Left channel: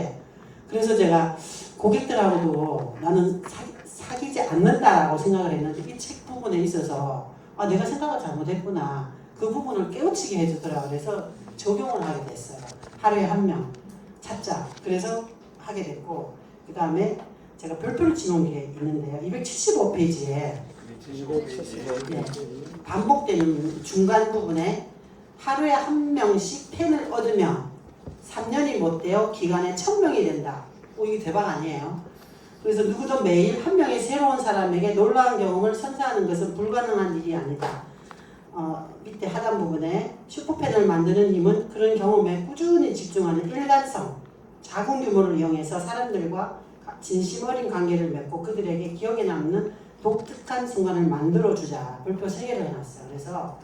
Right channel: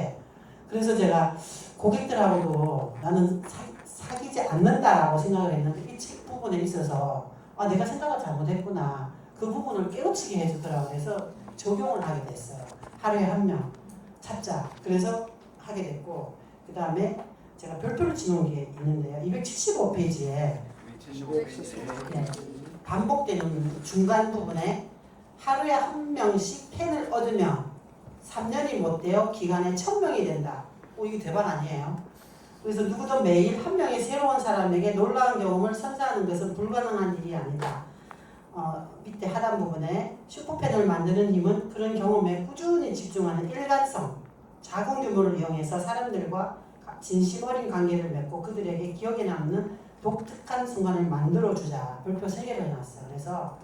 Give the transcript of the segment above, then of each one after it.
있는데 그래서 제가 고객들하고도 나는 사귀지 않는다라고 생각을 했는데 이 책 부분에 있어서 아 내가 생각을 잘못했구나 그 부분을 깨우치게 해주더라고요. 그래서 적용을 하게 됐어요. 하루에 한 명 찾자. 그래서 하게 됐고 그 다음에 제가 별표를 지놓은 게 있는데요. 275페이지에 반복되는 중간 부분에 하루에 한 명씩 펜을 얻으면 3년이 못 되어 기간에 1000명이 된다. 이게 대박 아니에요? 그래서 누구도 매일 한 명의 새로운 사람에게 놀라운 경험을 선사하는 것은 불가능한 일이 아니다. 밑에 하단 부분에 슈퍼펜을 만드는 힘은 그런 경험에 꾸준히 집중하는 일관성, 작은 규모를 이용해서 사람들과 진심 어린 관계를 맺고 그들에게 기억에 남는 독특한 순간을 만들어주자. 별표 3개를 해놨어요. 그래서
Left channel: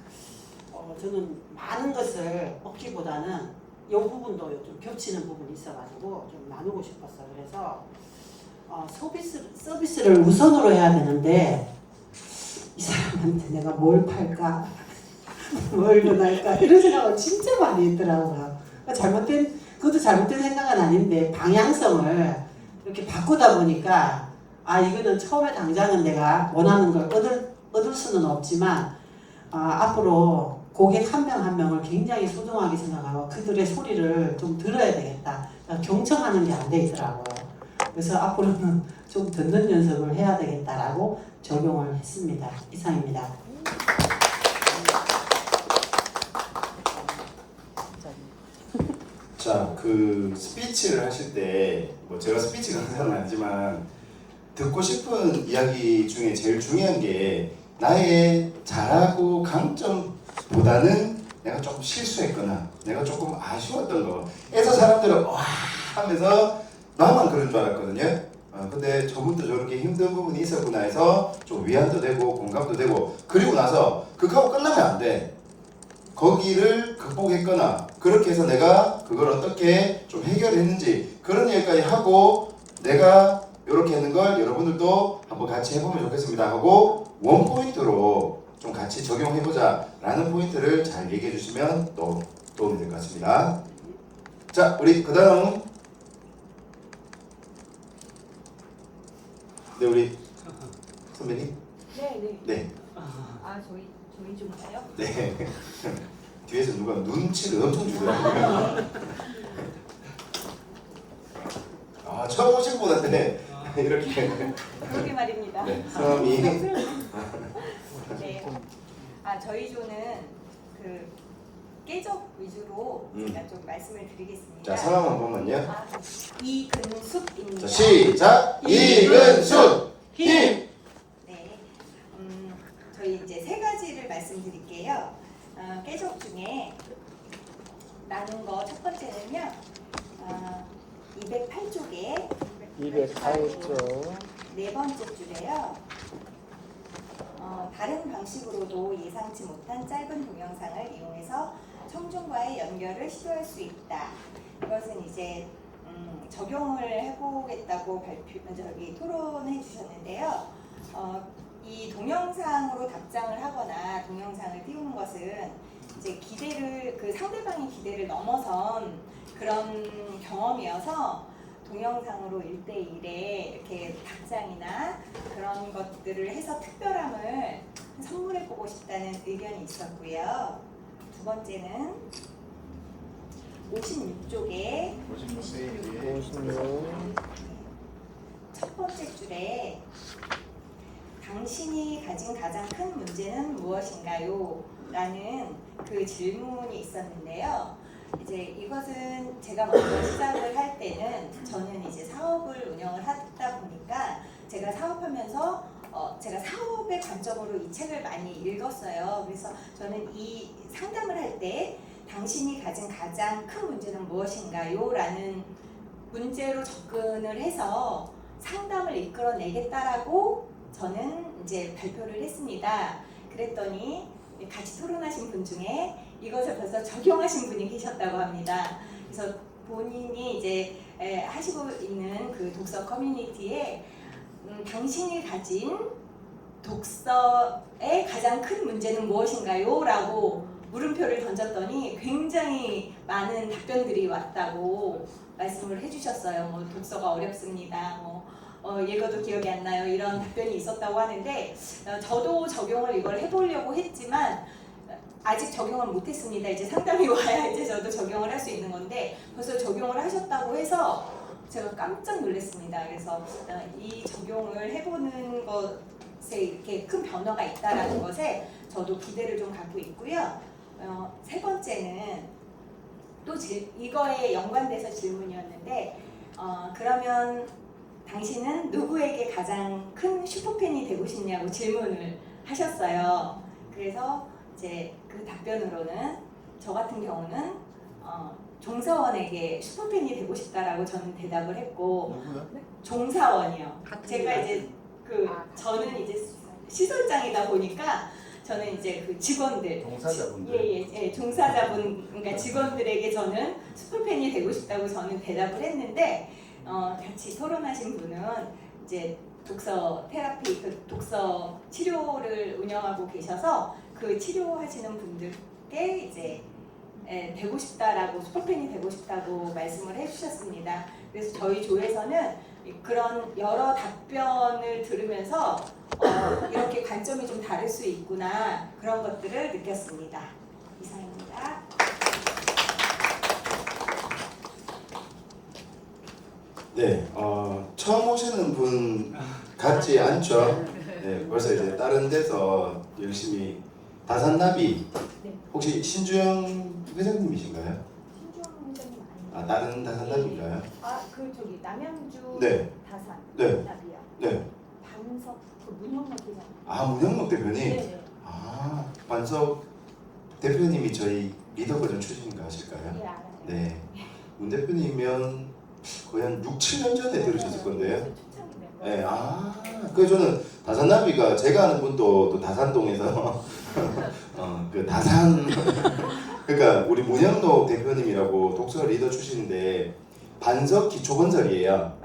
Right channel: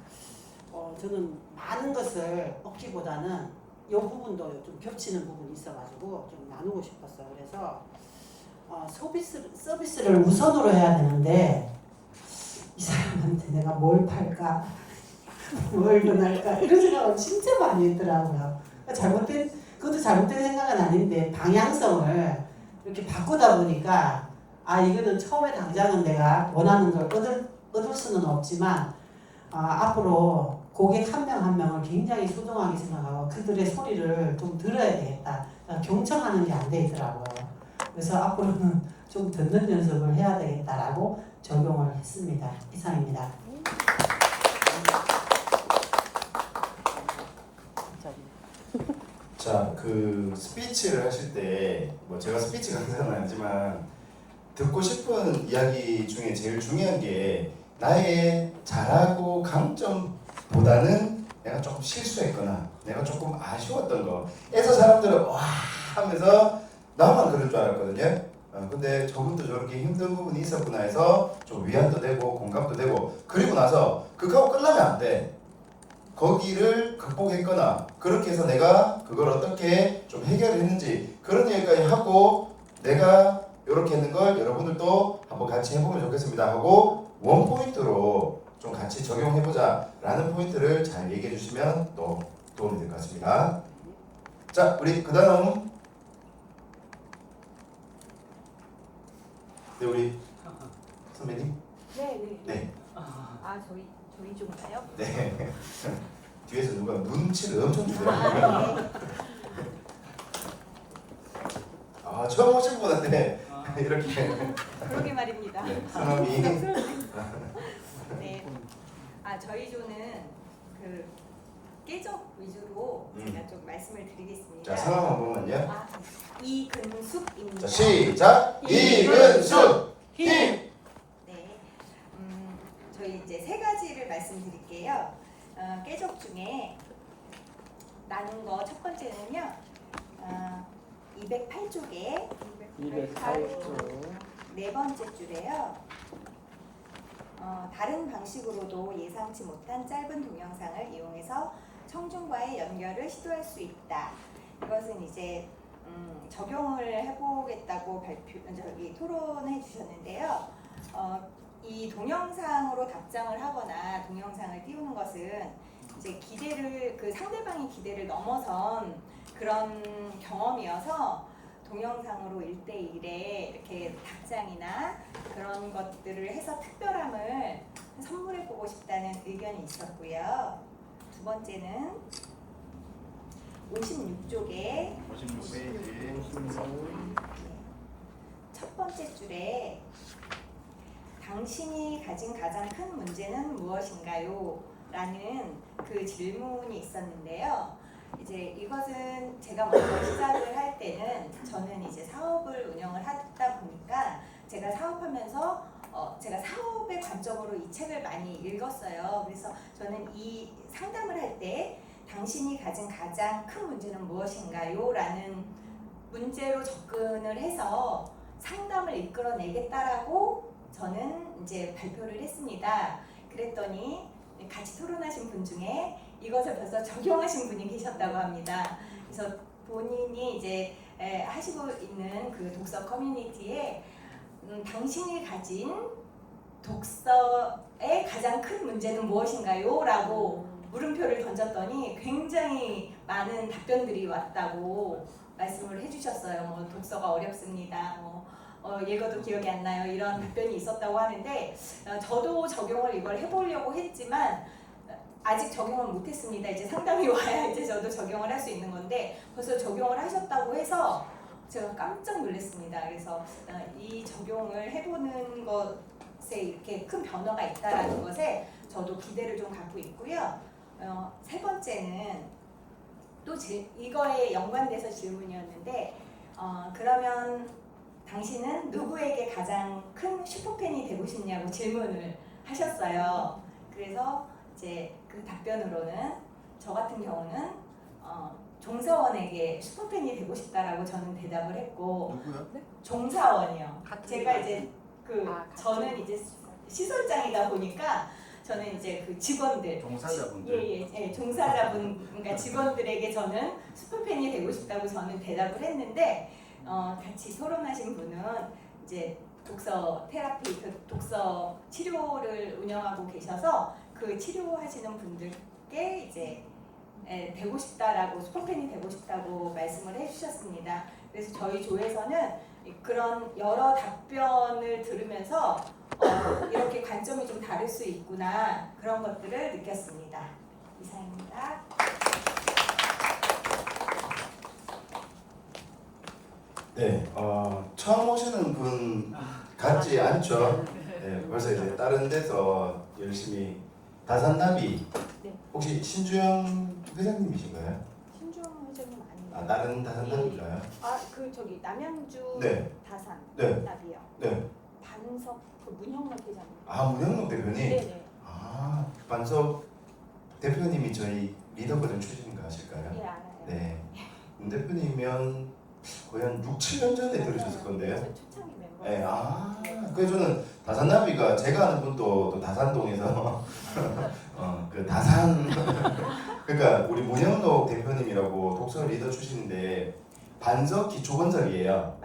저는 많은 것을 얻기보다는 이 부분도 좀 겹치는 부분이 있어가지고 좀 나누고 싶었어요. 그래서 서비스를 우선으로 해야 되는데 이 사람한테 내가 뭘 팔까? 뭘 권할까? 이런 생각을 진짜 많이 했더라고요. 그것도 잘못된 생각은 아닌데 방향성을 이렇게 바꾸다 보니까 아 이거는 처음에 당장은 내가 원하는 걸 얻을 수는 없지만 앞으로 고객 한 명 한 명을 굉장히 소중하게 생각하고 그들의 소리를 좀 들어야 되겠다. 경청하는 게 안 되더라고요. 그래서 앞으로는 좀 듣는 연습을 해야 되겠다라고 적용을 했습니다. 이상입니다. 자, 그 스피치를 하실 때 뭐 제가 스피치 강사는 아니지만 듣고 싶은 이야기 중에 제일 중요한 게 나의 잘하고 강점보다는 내가 조금 실수했거나 내가 조금 아쉬웠던 거에서 사람들은 와 하면서 나만 그런 줄 알았거든요. 근데 저분도 저렇게 힘든 부분이 있었구나 해서 좀 위안도 되고 공감도 되고 그리고 나서 그거하고 끝나면 안 돼. 거기를 극복했거나 그렇게 해서 내가 그걸 어떻게 좀 해결했는지 그런 얘기까지 하고 내가 이렇게 했는 걸 여러분들도 한번 같이 해보면 좋겠습니다 하고 원포인트로 좀 같이 적용해보자 라는 포인트를 잘 얘기해 주시면 또 도움이 될 것 같습니다. 자, 우리 그 다음 네, 우리 선배님. 네. 저희 좀가요? 네. 뒤에서 누가 눈치를 엄청 주더라고요. 처음 오신 분한테 이렇게. 그러게 말입니다. 네, 성함이. 네. 저희 조는 그 깨적 위주로 제가 좀 말씀을 드리겠습니다. 자, 성함 한 번만요. 이근숙입니다. 자, 시작. 이근숙 힘. 네. 저희 이제 3가지를 말씀드릴게요. 깨적 중에 나눈 거 첫 번째는요. 208쪽에 208쪽 네 번째 줄에요. 다른 방식으로도 예상치 못한 짧은 동영상을 이용해서 청중과의 연결을 시도할 수 있다. 이것은 이제 적용을 해보겠다고 토론해 주셨는데요. 이 동영상으로 답장을 하거나 동영상을 띄우는 것은 이제 그 상대방의 기대를 넘어선 그런 경험이어서 동영상으로 1대1에 이렇게 답장이나 그런 것들을 해서 특별함을 선물해보고 싶다는 의견이 있었고요. 두 번째는 56쪽에 첫 번째 줄에 당신이 가진 가장 큰 문제는 무엇인가요? 라는 그 질문이 있었는데요. 이제 이것은 제가 먼저 시작을 할 때는 저는 이제 사업을 운영을 하다 보니까 제가 사업하면서 제가 사업의 관점으로 이 책을 많이 읽었어요. 그래서 저는 이 상담을 할 때 당신이 가진 가장 큰 문제는 무엇인가요? 라는 문제로 접근을 해서 상담을 이끌어내겠다라고 저는 이제 발표를 했습니다. 그랬더니 같이 토론하신 분 중에 이것을 벌써 적용하신 분이 계셨다고 합니다. 그래서 본인이 이제 하시고 있는 그 독서 커뮤니티에 당신이 가진 독서의 가장 큰 문제는 무엇인가요? 라고 물음표를 던졌더니 굉장히 많은 답변들이 왔다고 말씀을 해주셨어요. 뭐 독서가 어렵습니다. 읽어도 기억이 안 나요. 이런 답변이 있었다고 하는데 저도 적용을 이걸 해보려고 했지만 아직 적용을 못했습니다. 이제 상담이 와야 이제 저도 적용을 할 수 있는 건데 벌써 적용을 하셨다고 해서 제가 깜짝 놀랐습니다. 그래서 이 적용을 해보는 것에 이렇게 큰 변화가 있다라는 것에 저도 기대를 좀 갖고 있고요. 세 번째는 또 이거에 연관돼서 질문이었는데 그러면 당신은 누구에게 가장 큰 슈퍼팬이 되고 싶냐고 질문을 하셨어요. 그래서 이제 그 답변으로는 저 같은 경우는 종사원에게 슈퍼팬이 되고 싶다라고 저는 대답을 했고 누구요? 종사원이요. 제가 이제 저는 이제 시설장이다 보니까 저는 이제 그 직원들, 종사자분들. 종사자분, 그러니까 직원들에게 저는 슈퍼팬이 되고 싶다고 저는 대답을 했는데 같이 토론하신 분은 이제 독서 테라피, 그 독서 치료를 운영하고 계셔서 그 치료하시는 분들께 이제 되고 싶다라고 슈퍼팬이 되고 싶다고 말씀을 해주셨습니다. 그래서 저희 조에서는 그런 여러 답변을 들으면서 이렇게 관점이 좀 다를 수 있구나 그런 것들을 느꼈습니다. 이상입니다. 네, 처음 오시는 분 같지 않죠? 네, 벌써 이제 다른 데서 열심히 다산나비 혹시 신주영 회장님이신가요? 신주영 선생님 아니에요? 아, 다른 다산나비인가요? 그 저기 남양주 네. 다산 네. 나비요. 네. 반석 그 문영락 회장. 아, 문영록 대표님. 네네. 아, 반석 대표님이 저희 리더 버전 출신인가 하실까요? 예, 알아요. 네. 문 대표님이면 거의 한 6, 7년 전에 들으셨을 건데요. 초창기 멤버. 네, 그래서 저는 다산나비가 제가 아는 분도 또 다산동에서 그 다산 그러니까 우리 문영록 대표님이라고 독서 리더 출신인데 반석 기초건설이에요. 맞아요.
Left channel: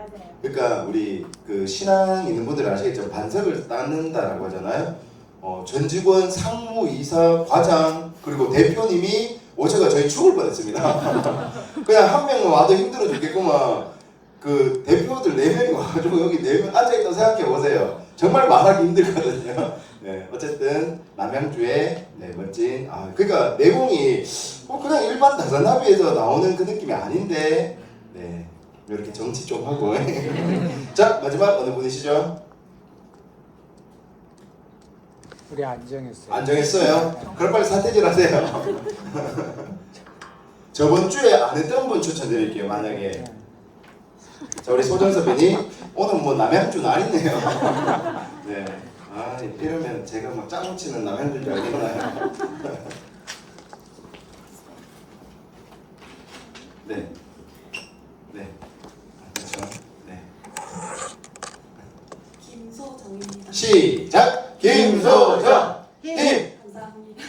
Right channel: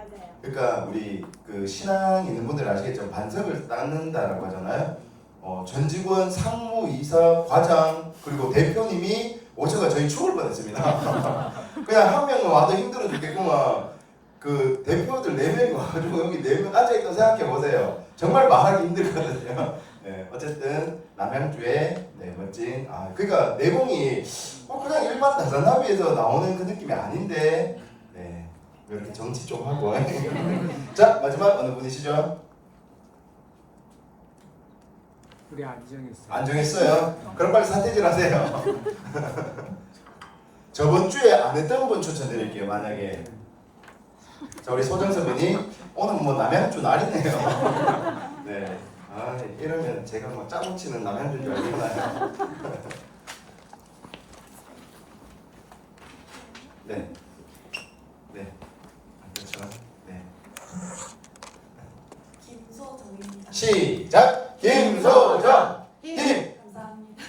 그러니까 우리 그 신앙 있는 분들 아시겠죠? 반석을 쌓는다라고 하잖아요. 전 직원, 상무이사, 과장 그리고 대표님이 오셔가 저희 죽을 뻔했습니다. 그냥 한 명만 와도 힘들어 죽겠구만. 그 대표들 4명이 와가지고 여기 4명 앉아있다고 생각해 보세요. 정말 말하기 힘들거든요. 네, 어쨌든 남양주의 멋진 그러니까 내공이 그냥 일반 다산나비에서 나오는 그 느낌이 아닌데 네, 이렇게 정치 좀 하고 자 마지막 어느 분이시죠? 우리 안 정했어요. 안 정했어요? 그럼 빨리 사퇴질 하세요. 저번 주에 안 했던 분 추천드릴게요. 만약에 자 우리 소정섭 분이 오늘 뭐 남양주 날이네요. 네. 이러면 제가 뭐 짜증 치는 남양주인 줄 알겠나요? 네. 네. 그렇죠. 네. 김소정입니다. 시작. 김소정. 김. 감사합니다.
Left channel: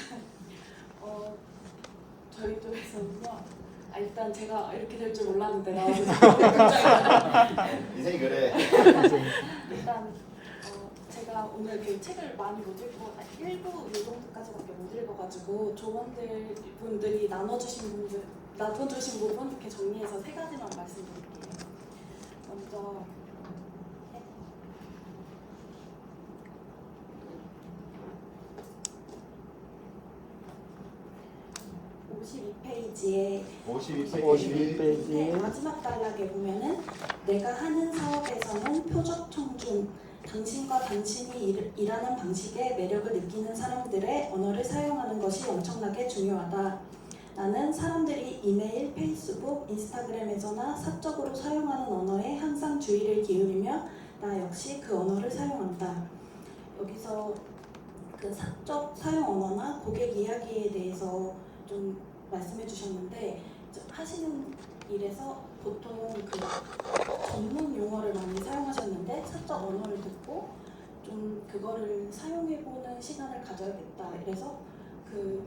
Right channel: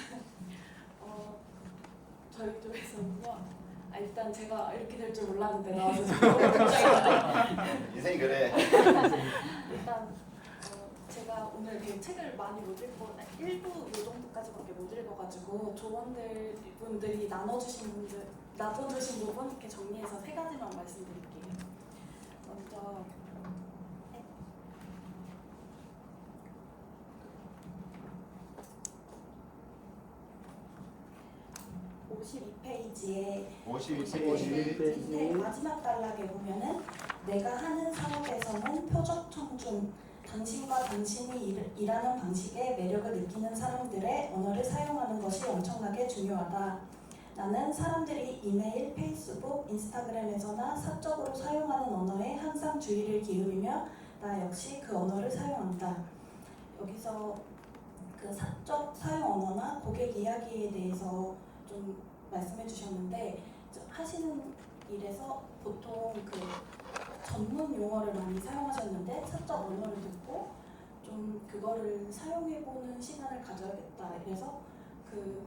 저희 쪽에서는요. 일단 제가 이렇게 될 줄 몰랐는데 나와서 굉장히 인생이 그래. 일단 제가 오늘 그 책을 많이 못 읽고 1부 이 정도까지밖에 못 읽어가지고 조원들 분들이 나눠주신 부분 이렇게 정리해서 3가지만 말씀드릴게요. 먼저 52페이지에 52페이지. 마지막 단락에 보면은 내가 하는 사업에서는 표적 청중, 당신과 당신이 일하는 방식에 매력을 느끼는 사람들의 언어를 사용하는 것이 엄청나게 중요하다. 나는 사람들이 이메일, 페이스북, 인스타그램에서나 사적으로 사용하는 언어에 항상 주의를 기울이며 나 역시 그 언어를 사용한다. 여기서 그 사적 사용 언어나 고객 이야기에 대해서 좀 말씀해 주셨는데 하시는 일에서 보통 그 전문 용어를 많이 사용하셨는데 사적 언어를 듣고 좀 그거를 사용해보는 시간을 가져야겠다. 그래서 그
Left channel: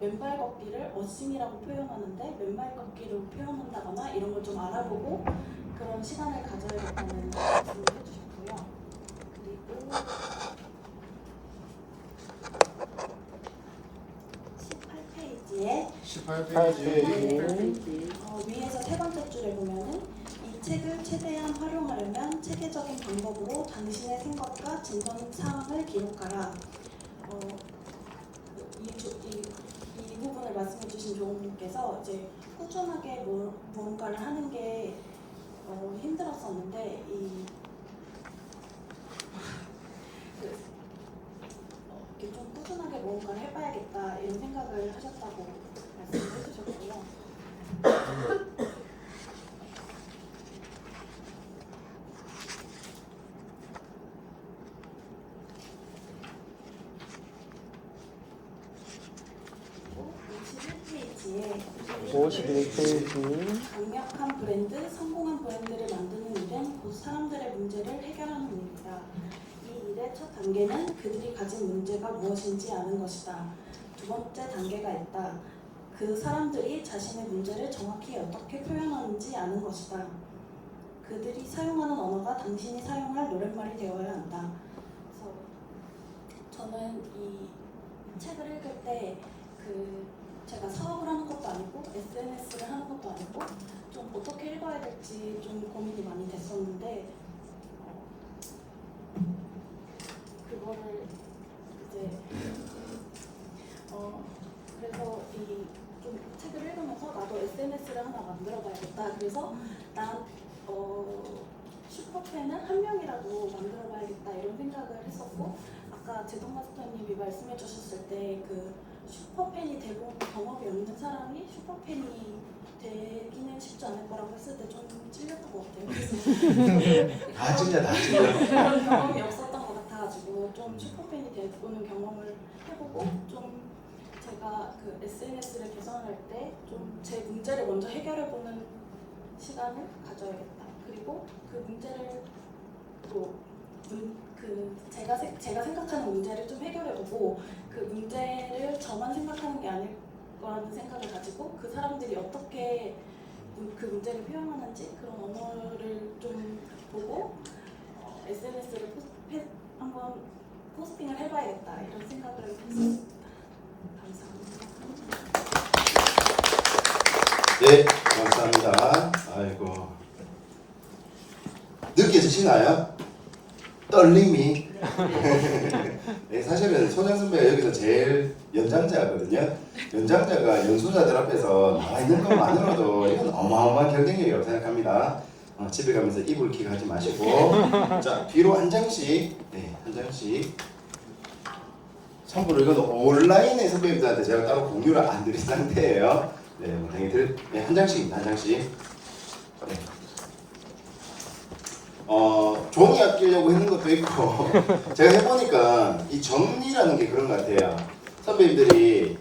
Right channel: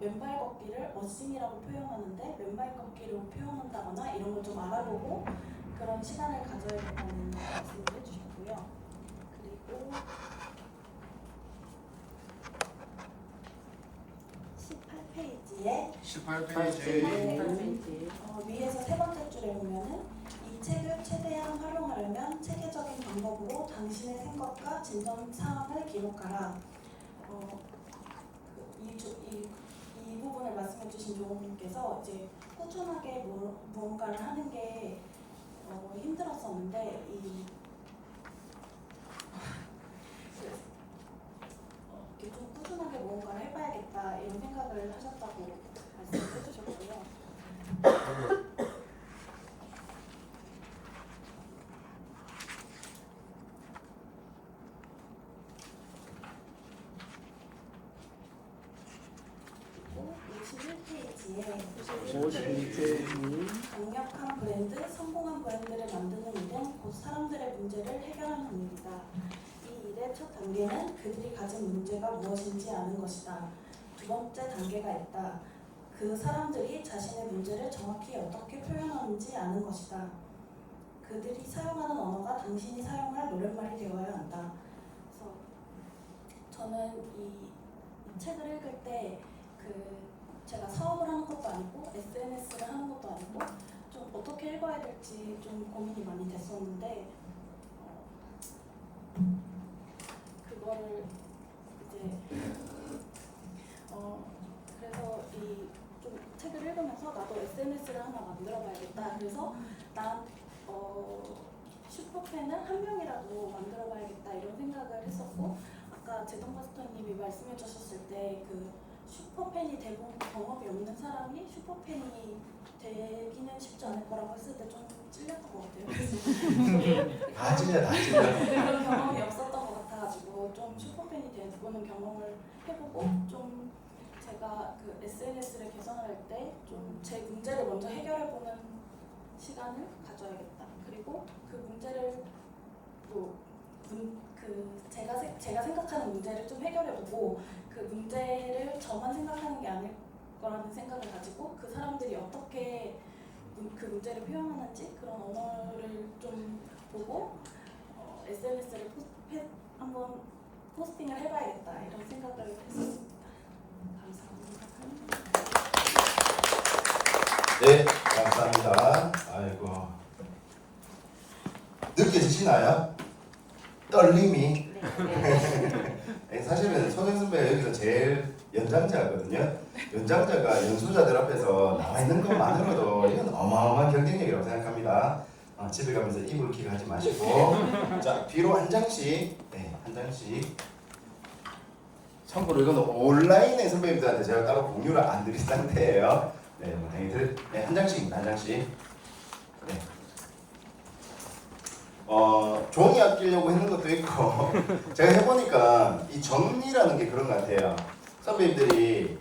맨발 걷기를 어심이라고 표현하는데 맨발 걷기로 표현한다거나 이런 걸 좀 알아보고 그런 시간을 가져야겠다는 말씀을 해주셨고요. 그리고 18 18페이지에 18페이지. 위에서 세 번째 줄에 보면은 이 책을 최대한 활용하려면 체계적인 방법으로 당신의 생각과 진전 상황을 기록하라. 이 부분을 말씀해주신 조원님께서 이제 꾸준하게 무언가를 하는 게 힘들었었는데 이렇게 좀 꾸준하게 무언가를 해봐야겠다 이런 생각을 하셨다고 말씀을 해주셨고요. 그리고 51페이지에 51페이지 강력한 브랜드, 성공한 브랜드를 만드는 일은 곧 사람들의 문제를 해결하는 일이다. 이 일의 첫 단계는 그들이 가진 문제가 무엇인지 아는 것이다. 두 번째 단계가 있다. 그 사람들이 자신의 문제를 정확히 어떻게 표현하는지 아는 것이다. 그들이 사용하는 언어가 당신이 사용할 노랫말이 되어야 한다. 그래서 저는 이 책을 읽을 때 제가 사업을 하는 것도 아니고 SNS를 하는 것도 아니고 좀 어떻게 읽어야 될지 좀 고민이 많이 됐었는데 그거를 이제 그래서 이 좀 책을 읽으면서 나도 SNS를 하나 만들어봐야겠다. 그래서 난 슈퍼팬은 한 명이라도 만들어봐야겠다 이런 생각을 했었고 아까 제동 마스터님이 말씀해 주셨을 때 그 슈퍼팬이 되고 경험이 없는 사람이 슈퍼팬이 되기는 쉽지 않을 거라고 했을 때 좀 찔렸던 것 같아요. 다 찔려. 그런 경험이 없었던 것 같아가지고 좀 슈퍼팬이 되고는 경험을 해보고 좀 제가 그 SNS를 개선할 때 좀 제 문제를 먼저 해결해보는 시간을 가져야겠다. 그리고 그 문제를 또 제가 생각하는 문제를 좀 해결해보고 그 문제를 저만 생각하는 게 아닐 거라는 생각을 가지고 그 사람들이 어떻게 그 문제를 표현하는지 그런 언어를 좀 보고 SNS를 한번 포스팅을 해봐야겠다 이런 생각을 했습니다. 감사합니다. 네, 감사합니다. 아이고. 느껴지시나요? 떨림이. 네, 사실은 소장 선배가 여기서 제일 연장자거든요. 연장자가 연수자들 앞에서 나와 있는 것만으로도 이건 어마어마한 경쟁력이라고 생각합니다. 집에 가면서 이불킥 하지 마시고 자 뒤로 한 장씩 한 장씩 참고로 이건 온라인의 선배님들한테 제가 따로 공유를 안 드린 상태예요. 네, 당연히 한 장씩입니다. 한 장씩. 네. 종이 아끼려고 했는 것도 있고 제가 해보니까 이 정리라는 게 그런 것 같아요. 선배님들이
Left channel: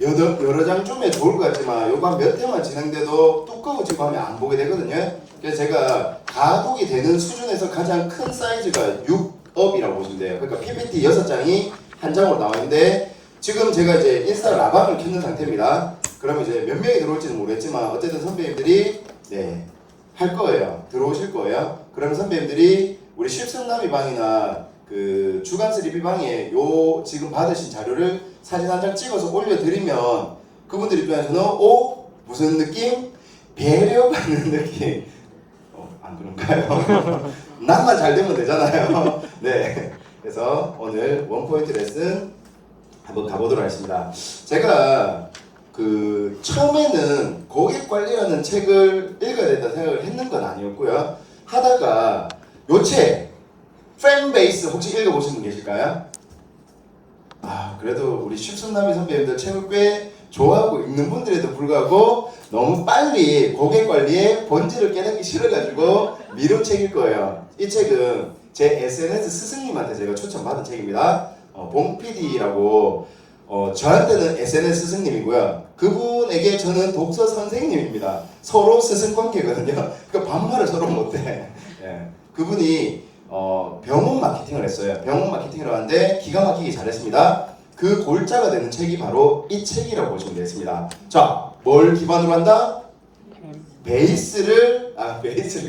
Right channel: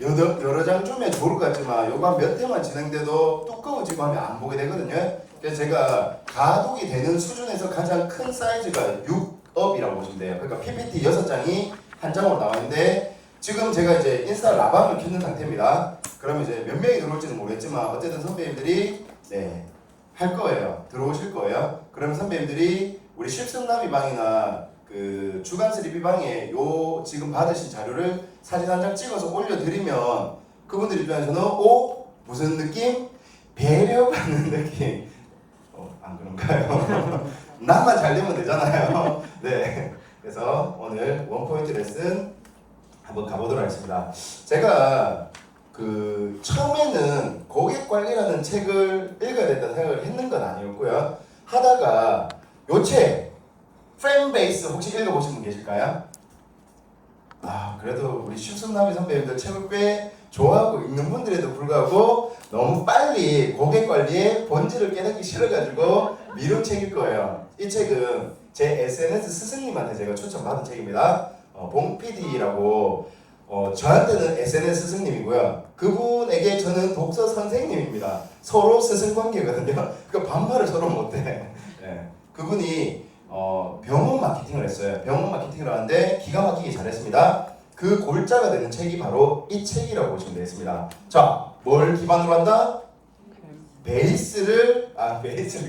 여러 장 주면 좋을 것 같지만 요거 한 몇 회만 진행돼도 두꺼워지고 하면 안 보게 되거든요. 그래서 제가 가독이 되는 수준에서 가장 큰 사이즈가 6업이라고 보시면 돼요. 그러니까 PPT 6장이 한 장으로 나왔는데 지금 제가 이제 인스타 라방을 켜는 상태입니다. 그러면 이제 몇 명이 들어올지는 모르겠지만 어쨌든 선배님들이 할 거예요. 들어오실 거예요. 그러면 선배님들이 우리 실습남이 방이나 그 주간스 리뷰 방에 요 지금 받으신 자료를 사진 한 장 찍어서 올려드리면 그분들 입장에서는 무슨 느낌? 배려받는 느낌. 안 그런가요? 나만 잘 되면 되잖아요. 네. 그래서 오늘 원포인트 레슨 한번 가보도록 하겠습니다. 제가 그 처음에는 고객 관리라는 책을 읽어야 된다 생각을 했는 건 아니었고요. 하다가 요 책 팬베이스 혹시 읽어보신 분 계실까요? 그래도 우리 쉽순남이 선배님들 책을 꽤 좋아하고 읽는 분들에도 불구하고 너무 빨리 고객 관리의 본질을 깨닫기 싫어가지고 미룬 책일 거예요. 이 책은 제 SNS 스승님한테 제가 추천받은 책입니다. 봉 PD라고 저한테는 SNS 스승님이고요. 그분에게 저는 독서 선생님입니다. 서로 스승 관계거든요. 그 반말을 서로 못해. 네. 그분이 병원 마케팅을 했어요. 병원 마케팅을 하는데 기가 막히게 잘했습니다. 그 골자가 되는 책이 바로 이 책이라고 보시면 되겠습니다. 자, 뭘 기반으로 한다? 베이스를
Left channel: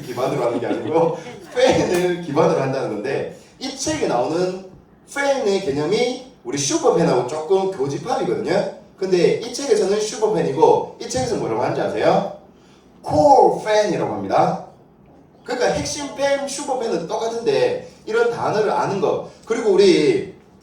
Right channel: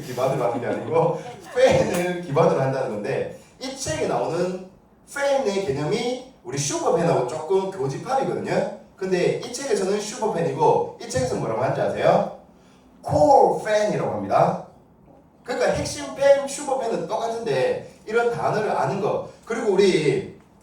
기반으로 하는 게 아니고 팬을 기반으로 한다는 건데 이 책에 나오는 팬의 개념이 우리 슈퍼팬하고 조금 교집합이거든요. 근데 이 책에서는 슈퍼팬이고 이 책에서 뭐라고 하는지 아세요? 코어 팬이라고 합니다. 그러니까 핵심 팬, 슈퍼팬은 똑같은데 이런 단어를 아는 거. 그리고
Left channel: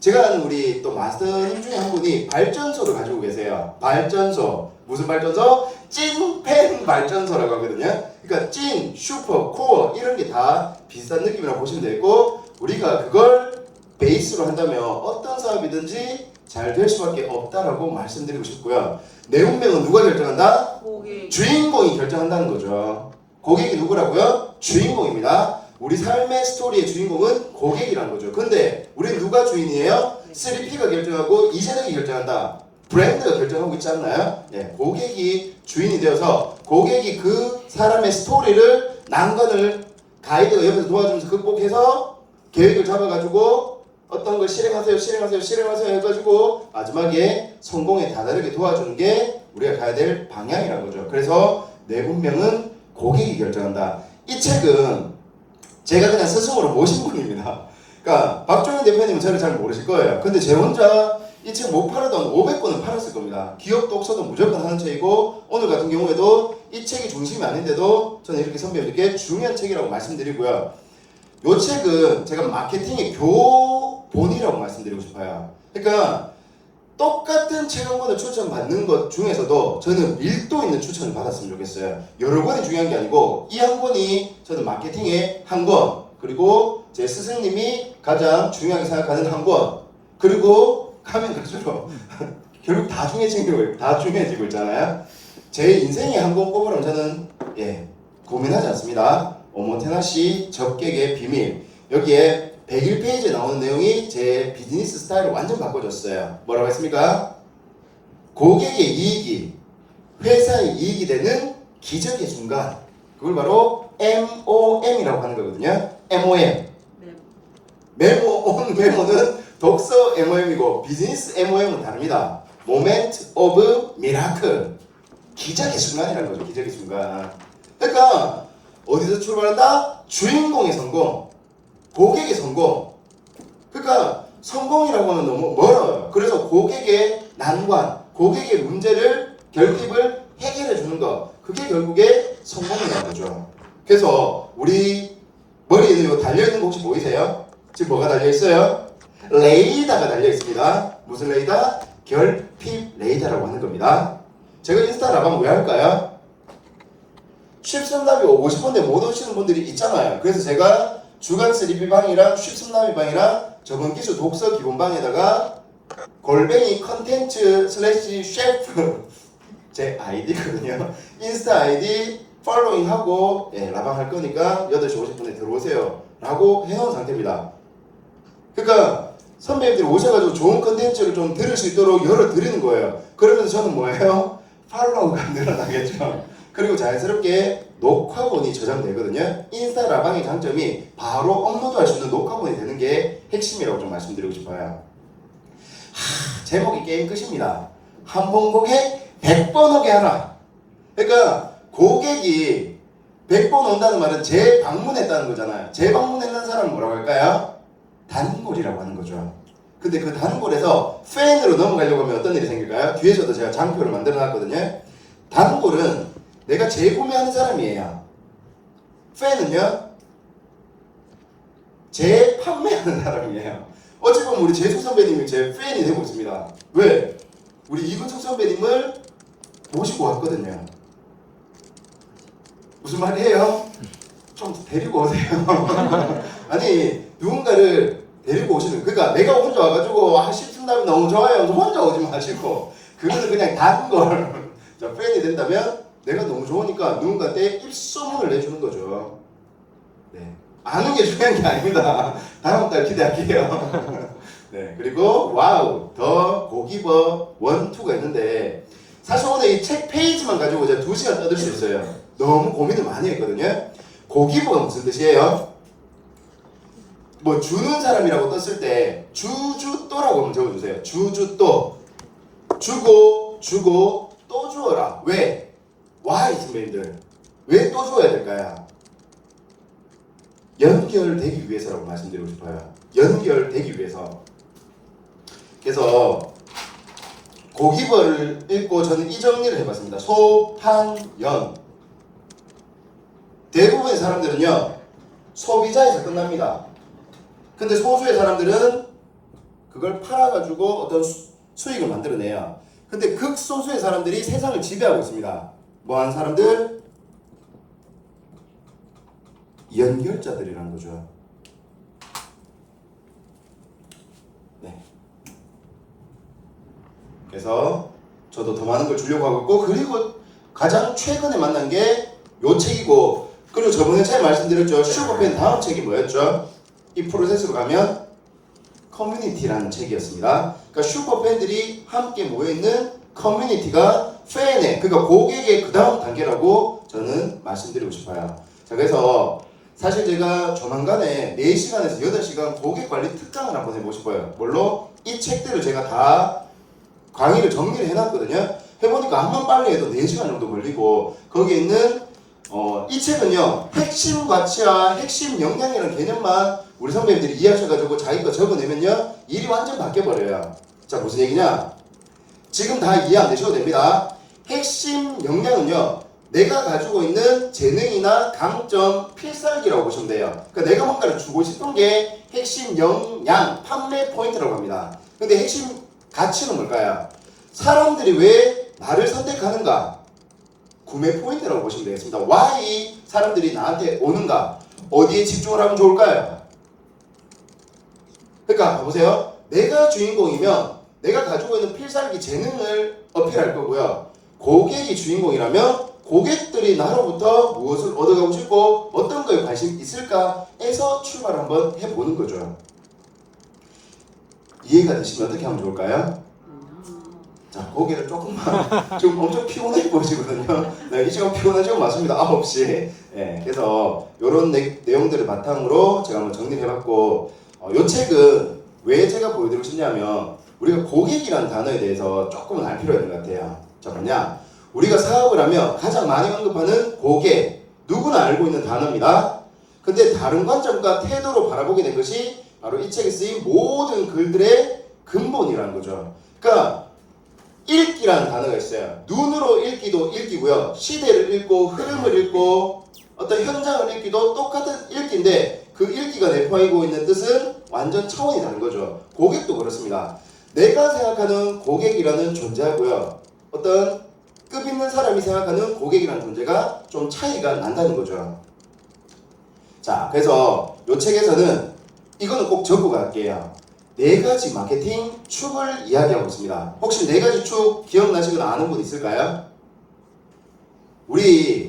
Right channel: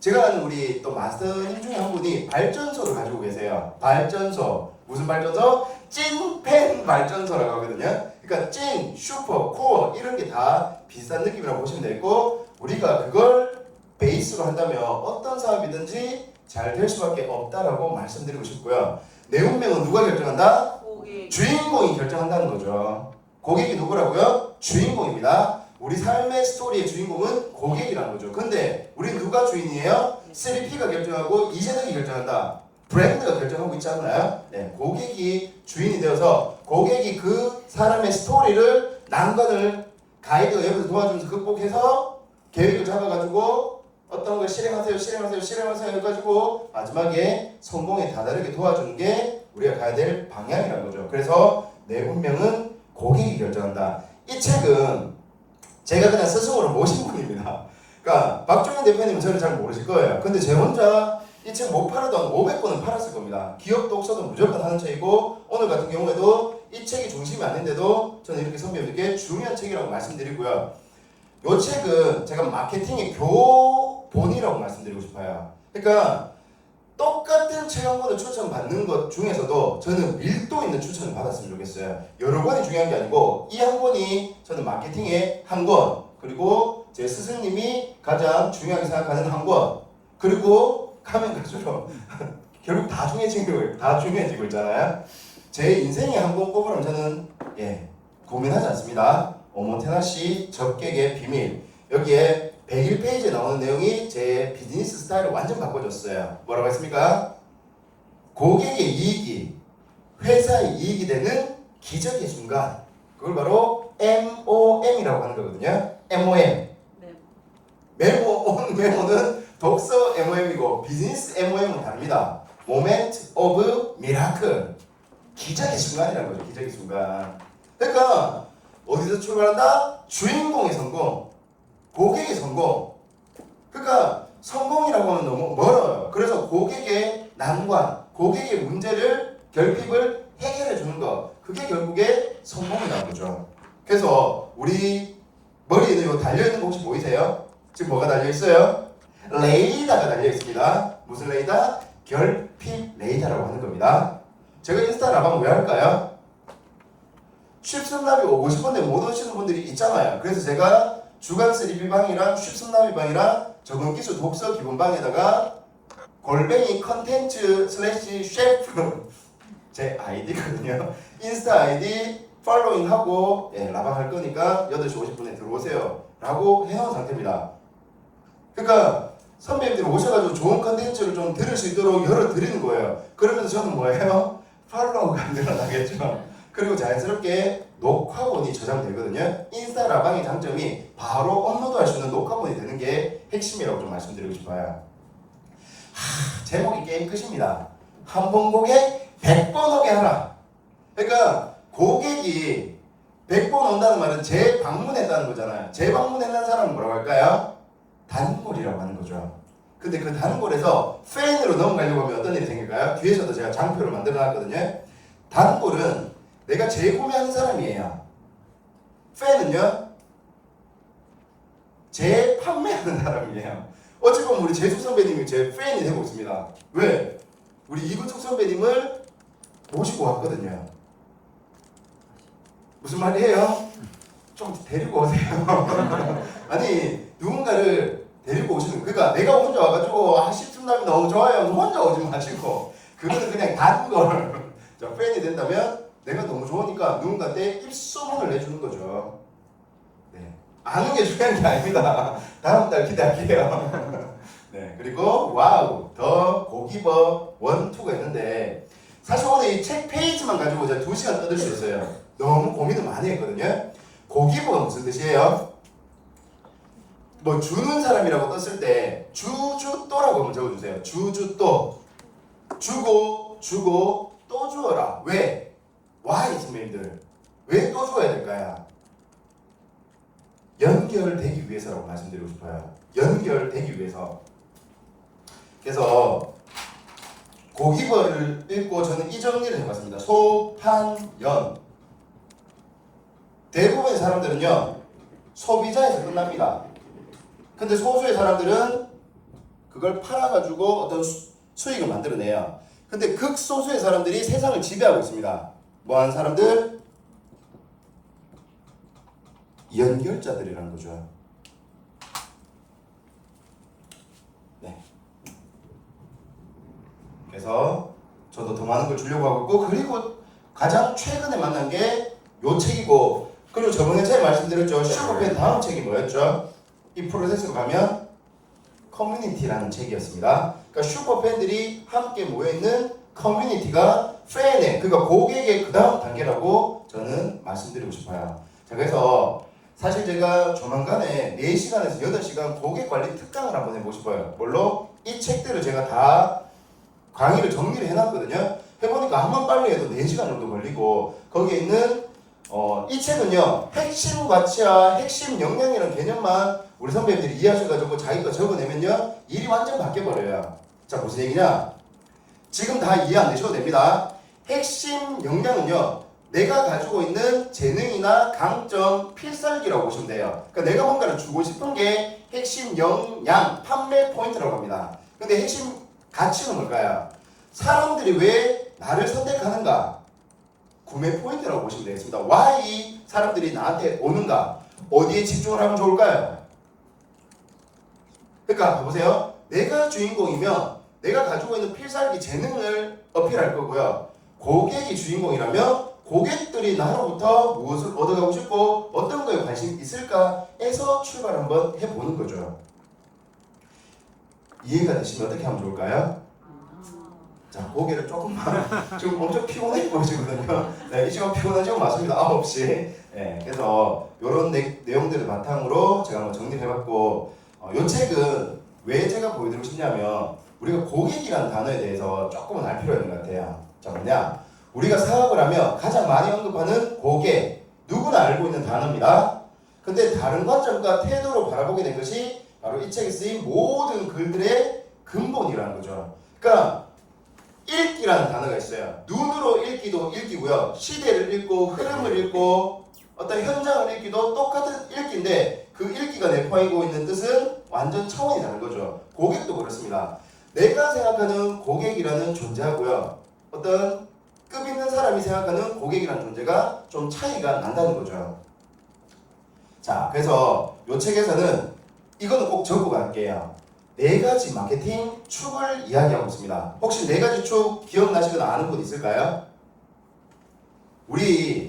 제가 아는 우리 또 마스터님 중에 한 분이 발전소를 가지고 계세요. 발전소. 무슨 발전소? 찐팬 발전소라고 하거든요. 그러니까 찐, 슈퍼, 코어 이런 게 다 비슷한 느낌이라고 보시면 되고 우리가 그걸 베이스로 한다면 어떤 사업이든지 잘 될 수밖에 없다라고 말씀드리고 싶고요. 내 운명은 누가 결정한다? 주인공이 결정한다는 거죠. 고객이 누구라고요? 주인공입니다. 우리 삶의 스토리의 주인공은 고객이라는 거죠. 근데 우리는 누가 주인이에요? 3P가 결정하고 이재덕이 결정한다. 브랜드가 결정하고 있지 않나요? 네, 고객이 주인이 되어서 고객이 그 사람의 스토리를 난관을 가이드가 옆에서 도와주면서 극복해서 계획을 잡아가지고 어떤 걸 실행하세요 해가지고 마지막에 성공에 다다르게 도와주는 게 우리가 가야 될 방향이라는 거죠. 그래서 내 운명은 고객이 결정한다. 이 책은 제가 그냥 스승으로 모신 분입니다. 그러니까 박종현 대표님은 저를 잘 모르실 거예요. 근데 제 혼자 이 책 못 팔아도 한 500권은 팔았을 겁니다. 기업 독서도 무조건 하는 책이고 오늘 같은 경우에도 이 책이 중심이 아닌데도 저는 이렇게 선배님들께 중요한 책이라고 말씀드리고요. 이 책은 제가 마케팅의 교본이라고 말씀드리고 싶어요. 그러니까 똑같은 책 한 권을 추천받는 것 중에서도 저는 밀도 있는 추천을 받았으면 좋겠어요. 여러 권이 중요한 게 아니고 이 한 권이 저는 마케팅의 한 권, 그리고 제 스승님이 가장 중요하게 생각하는 한 권, 그리고 가면 갈수록 결국 다 중요해지고 있잖아요. 제 인생의 한 권 꼽으라면 저는 고민하지 않습니다. 오모테나시 적객의 비밀. 여기에 101페이지에 나오는 내용이 제 비즈니스 스타일을 완전 바꿔줬어요. 뭐라고 했습니까? 고객의 이익이 회사의 이익이 되는 기적의 순간. 그걸 바로 MOM이라고 하는 거거든요. MOM. 메모는 독서 MOM이고 비즈니스 MOM은 다릅니다. Moment of Miracle. 기적의 순간이라는 거죠. 기적의 순간. 그러니까 어디서 출발한다? 주인공의 성공, 고객의 성공. 그러니까 성공이라고 하면 너무 멀어요. 그래서 고객의 난관, 고객의 문제를 결핍을 해결해 주는 것, 그게 결국에 성공이라는 거죠. 그래서 우리 머리에는 이거 달려 있는 거 혹시 보이세요? 지금 뭐가 달려 있어요? 레이더가 달려 있습니다. 무슨 레이더? 결핍 레이더라고 하는 겁니다. 제가 인스타 라방 왜 할까요? 쉽순남이 오고 싶은데 못 오시는 분들이 있잖아요. 그래서 제가 주간 3B방이랑 쉽순남이 방이랑 적응기술 독서 기본방에다가 골뱅이 컨텐츠 슬래시 셰프 제 아이디거든요. 인스타 아이디 팔로잉하고 라방 할 거니까 8시 50분에 들어오세요 라고 해놓은 상태입니다. 그러니까 선배님들이 오셔가지고 좋은 컨텐츠를 좀 들을 수 있도록 열어드리는 거예요. 그러면서 저는 뭐예요? 팔로워가 늘어나겠죠. 그리고 자연스럽게 녹화본이 저장되거든요. 인스타 라방의 장점이 바로 업로드할 수 있는 녹화본이 되는 게 핵심이라고 좀 말씀드리고 싶어요. 제목이 게임 끝입니다. 한 번 고객 100번 오게 하라. 그러니까 고객이 100번 온다는 말은 재방문했다는 거잖아요. 재방문했는 사람은 뭐라고 할까요? 단골이라고 하는 거죠. 근데 그 단골에서 팬으로 넘어가려고 하면 어떤 일이 생길까요? 뒤에서도 제가 장표를 만들어 놨거든요. 단골은 내가 재구매하는 사람이에요. 팬은요? 재판매하는 사람이에요. 어찌 보면 우리 재수 선배님이 제 팬이 되고 있습니다. 왜? 우리 이근숙 선배님을 모시고 왔거든요. 무슨 말이에요? 좀 데리고 오세요. 아니 누군가를 데리고 오시는, 그러니까 내가 혼자 와가지고 십순남이 너무 좋아요 혼자 오지 마시고 그거는 그냥 단골 팬이 된다면 내가 너무 좋으니까 누군가한테 입소문을 내주는 거죠. 네. 아는 게 중요한 게 아닙니다. 다음 달 기대할게요. 네. 그리고 와우 더 고기버 1, 2가 있는데 사실 오늘 이 책 페이지만 가지고 제가 2시간 떠들 수 있어요. 너무 고민을 많이 했거든요. 고기버가 무슨 뜻이에요? 뭐 주는 사람이라고 떴을 때 주주또라고 한번 적어주세요. 주주또. 주고 또 주어라. 왜? Why 선배님들? 왜 또 줘야 될까요? 연결되기 위해서라고 말씀드리고 싶어요. 연결되기 위해서. 그래서 고기벌을 읽고 저는 이 정리를 해봤습니다. 소한연. 대부분의 사람들은요 소비자에서 끝납니다. 근데 소수의 사람들은 그걸 팔아가지고 어떤 수익을 만들어내요. 근데 극소수의 사람들이 세상을 지배하고 있습니다. 뭐하는 사람들? 연결자들이라는 거죠. 네. 그래서 저도 더 많은 걸 주려고 하고 있고, 그리고 가장 최근에 만난 게 요 책이고, 그리고 저번에 제가 말씀드렸죠. 슈퍼팬 다음 책이 뭐였죠? 이 프로세스로 가면 커뮤니티라는 책이었습니다. 그러니까 슈퍼팬들이 함께 모여있는 커뮤니티가 팬의, 그러니까 고객의 그 다음 단계라고 저는 말씀드리고 싶어요. 자, 그래서 사실 제가 조만간에 4시간에서 8시간 고객 관리 특강을 한번 해보고 싶어요. 물론 이 책들을 제가 다 강의를 정리를 해놨거든요. 해보니까 한번 빨리 해도 4시간 정도 걸리고, 거기에 있는 이 책은요 핵심 가치와 핵심 역량이라는 개념만 우리 선배님들이 이해하셔가지고 자기가 적어내면요 일이 완전 바뀌어버려요. 자, 무슨 얘기냐? 지금 다 이해 안 되셔도 됩니다. 핵심 역량은요 내가 가지고 있는 재능이나 강점, 필살기라고 보시면 돼요. 그러니까 내가 뭔가를 주고 싶은 게 핵심 역량, 판매 포인트라고 합니다. 근데 핵심 가치는 뭘까요? 사람들이 왜 나를 선택하는가? 구매 포인트라고 보시면 되겠습니다. why 사람들이 나한테 오는가? 어디에 집중을 하면 좋을까요? 그러니까 봐보세요. 내가 주인공이면 내가 가지고 있는 필살기 재능을 어필할 거고요. 고객이 주인공이라면 고객들이 나로부터 무엇을 얻어가고 싶고 어떤 거에 관심이 있을까 해서 출발을 한번 해보는 거죠. 이해가 되시면 어떻게 하면 좋을까요? 자, 고개를 조금만 지금 엄청 피곤해 보시거든요. 네, 이 시간 피곤하시고 맞습니다. 9시. 네, 그래서 이런 내용들을 바탕으로 제가 한번 정리를 해봤고, 이 책은 왜 제가 보여드리고 싶냐면 우리가 고객이라는 단어에 대해서 조금은 알 필요가 있는 것 같아요. 자, 뭐냐? 우리가 사업을 하면 가장 많이 언급하는 고객, 누구나 알고 있는 단어입니다. 근데 다른 관점과 태도로 바라보게 된 것이 바로 이 책에 쓰인 모든 글들의 근본이라는 거죠. 그러니까 읽기라는 단어가 있어요. 눈으로 읽기도 읽기고요. 시대를 읽고 흐름을 읽고 어떤 현장을 읽기도 똑같은 읽기인데 그 읽기가 내포하고 있는 뜻은 완전 차원이 다른 거죠. 고객도 그렇습니다. 내가 생각하는 고객이라는 존재하고요. 어떤 급 있는 사람이 생각하는 고객이라는 존재가 좀 차이가 난다는 거죠. 자, 그래서 이 책에서는 이거는 꼭 적고 갈게요. 4가지 마케팅 축을 이야기하고 있습니다. 혹시 4가지 축 기억나시거나 아는 분 있을까요?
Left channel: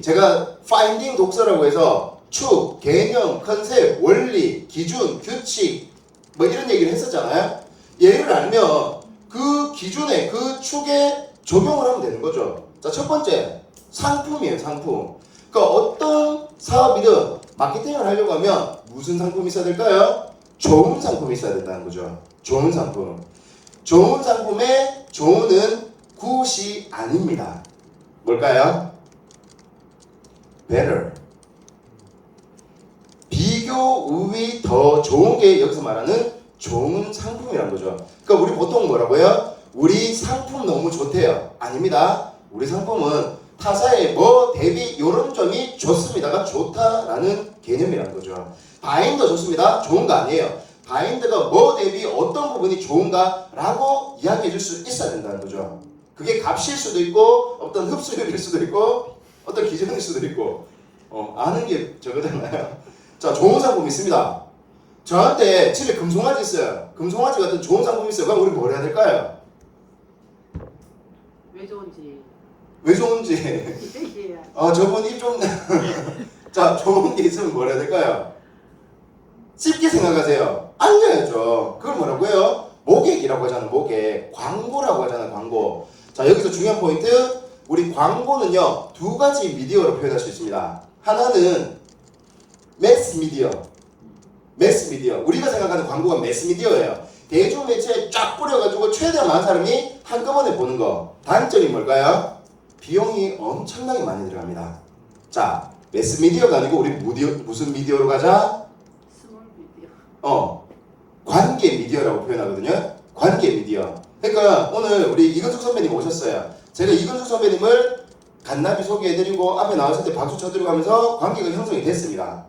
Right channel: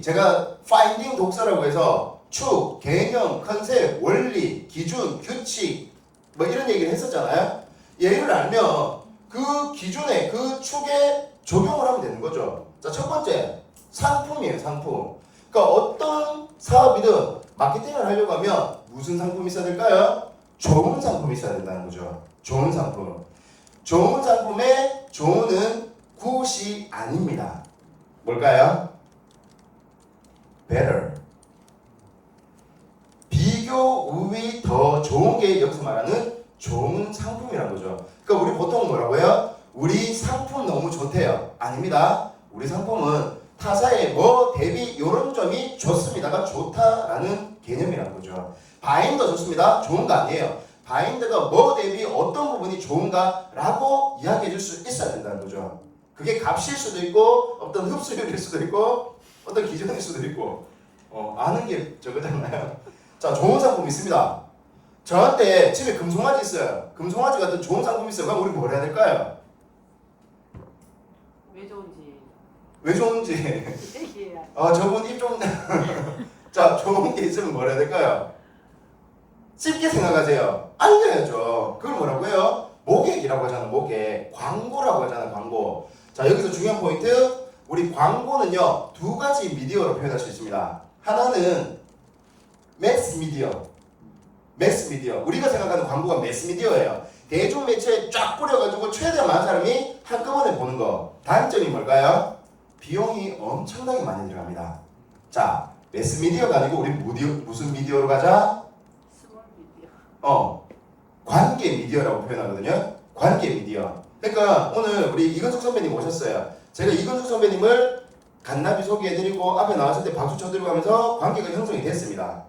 제가 파인딩 독서라고 해서 축, 개념, 컨셉, 원리, 기준, 규칙 뭐 이런 얘기를 했었잖아요. 얘를 알면 그 기준에 그 축에 적용을 하면 되는 거죠. 자, 첫 번째 상품이에요. 상품. 그러니까 어떤 사업이든 마케팅을 하려고 하면 무슨 상품이 있어야 될까요? 좋은 상품이 있어야 된다는 거죠. 좋은 상품. 좋은 상품의 좋은은 굿이 아닙니다. 뭘까요? better. 비교, 우위, 더 좋은 게 여기서 말하는 좋은 상품이라는 거죠. 그러니까 우리 보통 뭐라고요? 우리 상품 너무 좋대요. 아닙니다. 우리 상품은 타사의 뭐 대비 이런 점이 좋습니다가 좋다라는 개념이라는 거죠. 바인더 좋습니다. 좋은 거 아니에요. 바인더가 뭐 대비 어떤 부분이 좋은가라고 이야기해 줄 수 있어야 된다는 거죠. 그게 값일 수도 있고 어떤 흡수율일 수도 있고 어떤 기준일 수도 있고 아는 게 저거잖아요. 자, 좋은 상품 있습니다. 저한테 집에 금송아지 있어요. 금송아지 같은 좋은 상품 있어요. 그럼 우리 뭘 해야 될까요? 왜 좋은지 왜 좋은지 저분 입좀 자, 좋은 게 있으면 뭘 해야 될까요? 쉽게 생각하세요. 알려야죠. 그걸 뭐라고 해요? 모객이라고 하잖아요. 모객. 광고라고 하잖아요. 광고. 자, 여기서 중요한 포인트. 우리 광고는요 2가지 미디어로 표현할 수 있습니다. 하나는 매스 미디어. 매스 미디어. 우리가 생각하는 광고가 매스 미디어예요. 대중 매체에 쫙 뿌려가지고 최대한 많은 사람이 한꺼번에 보는 거. 단점이 뭘까요? 비용이 엄청나게 많이 들어갑니다. 자, 매스 미디어가 아니고 우리 무슨 미디어로 가자? 스몰 미디어 관계 미디어라고 표현하거든요. 관계 미디어. 그러니까 오늘 우리 이근숙 선배님 오셨어요. 제가 이근숙 선배님을 간나비 소개해드리고 앞에 나왔을 때 박수 쳐드리고 하면서 관계가 형성이 됐습니다.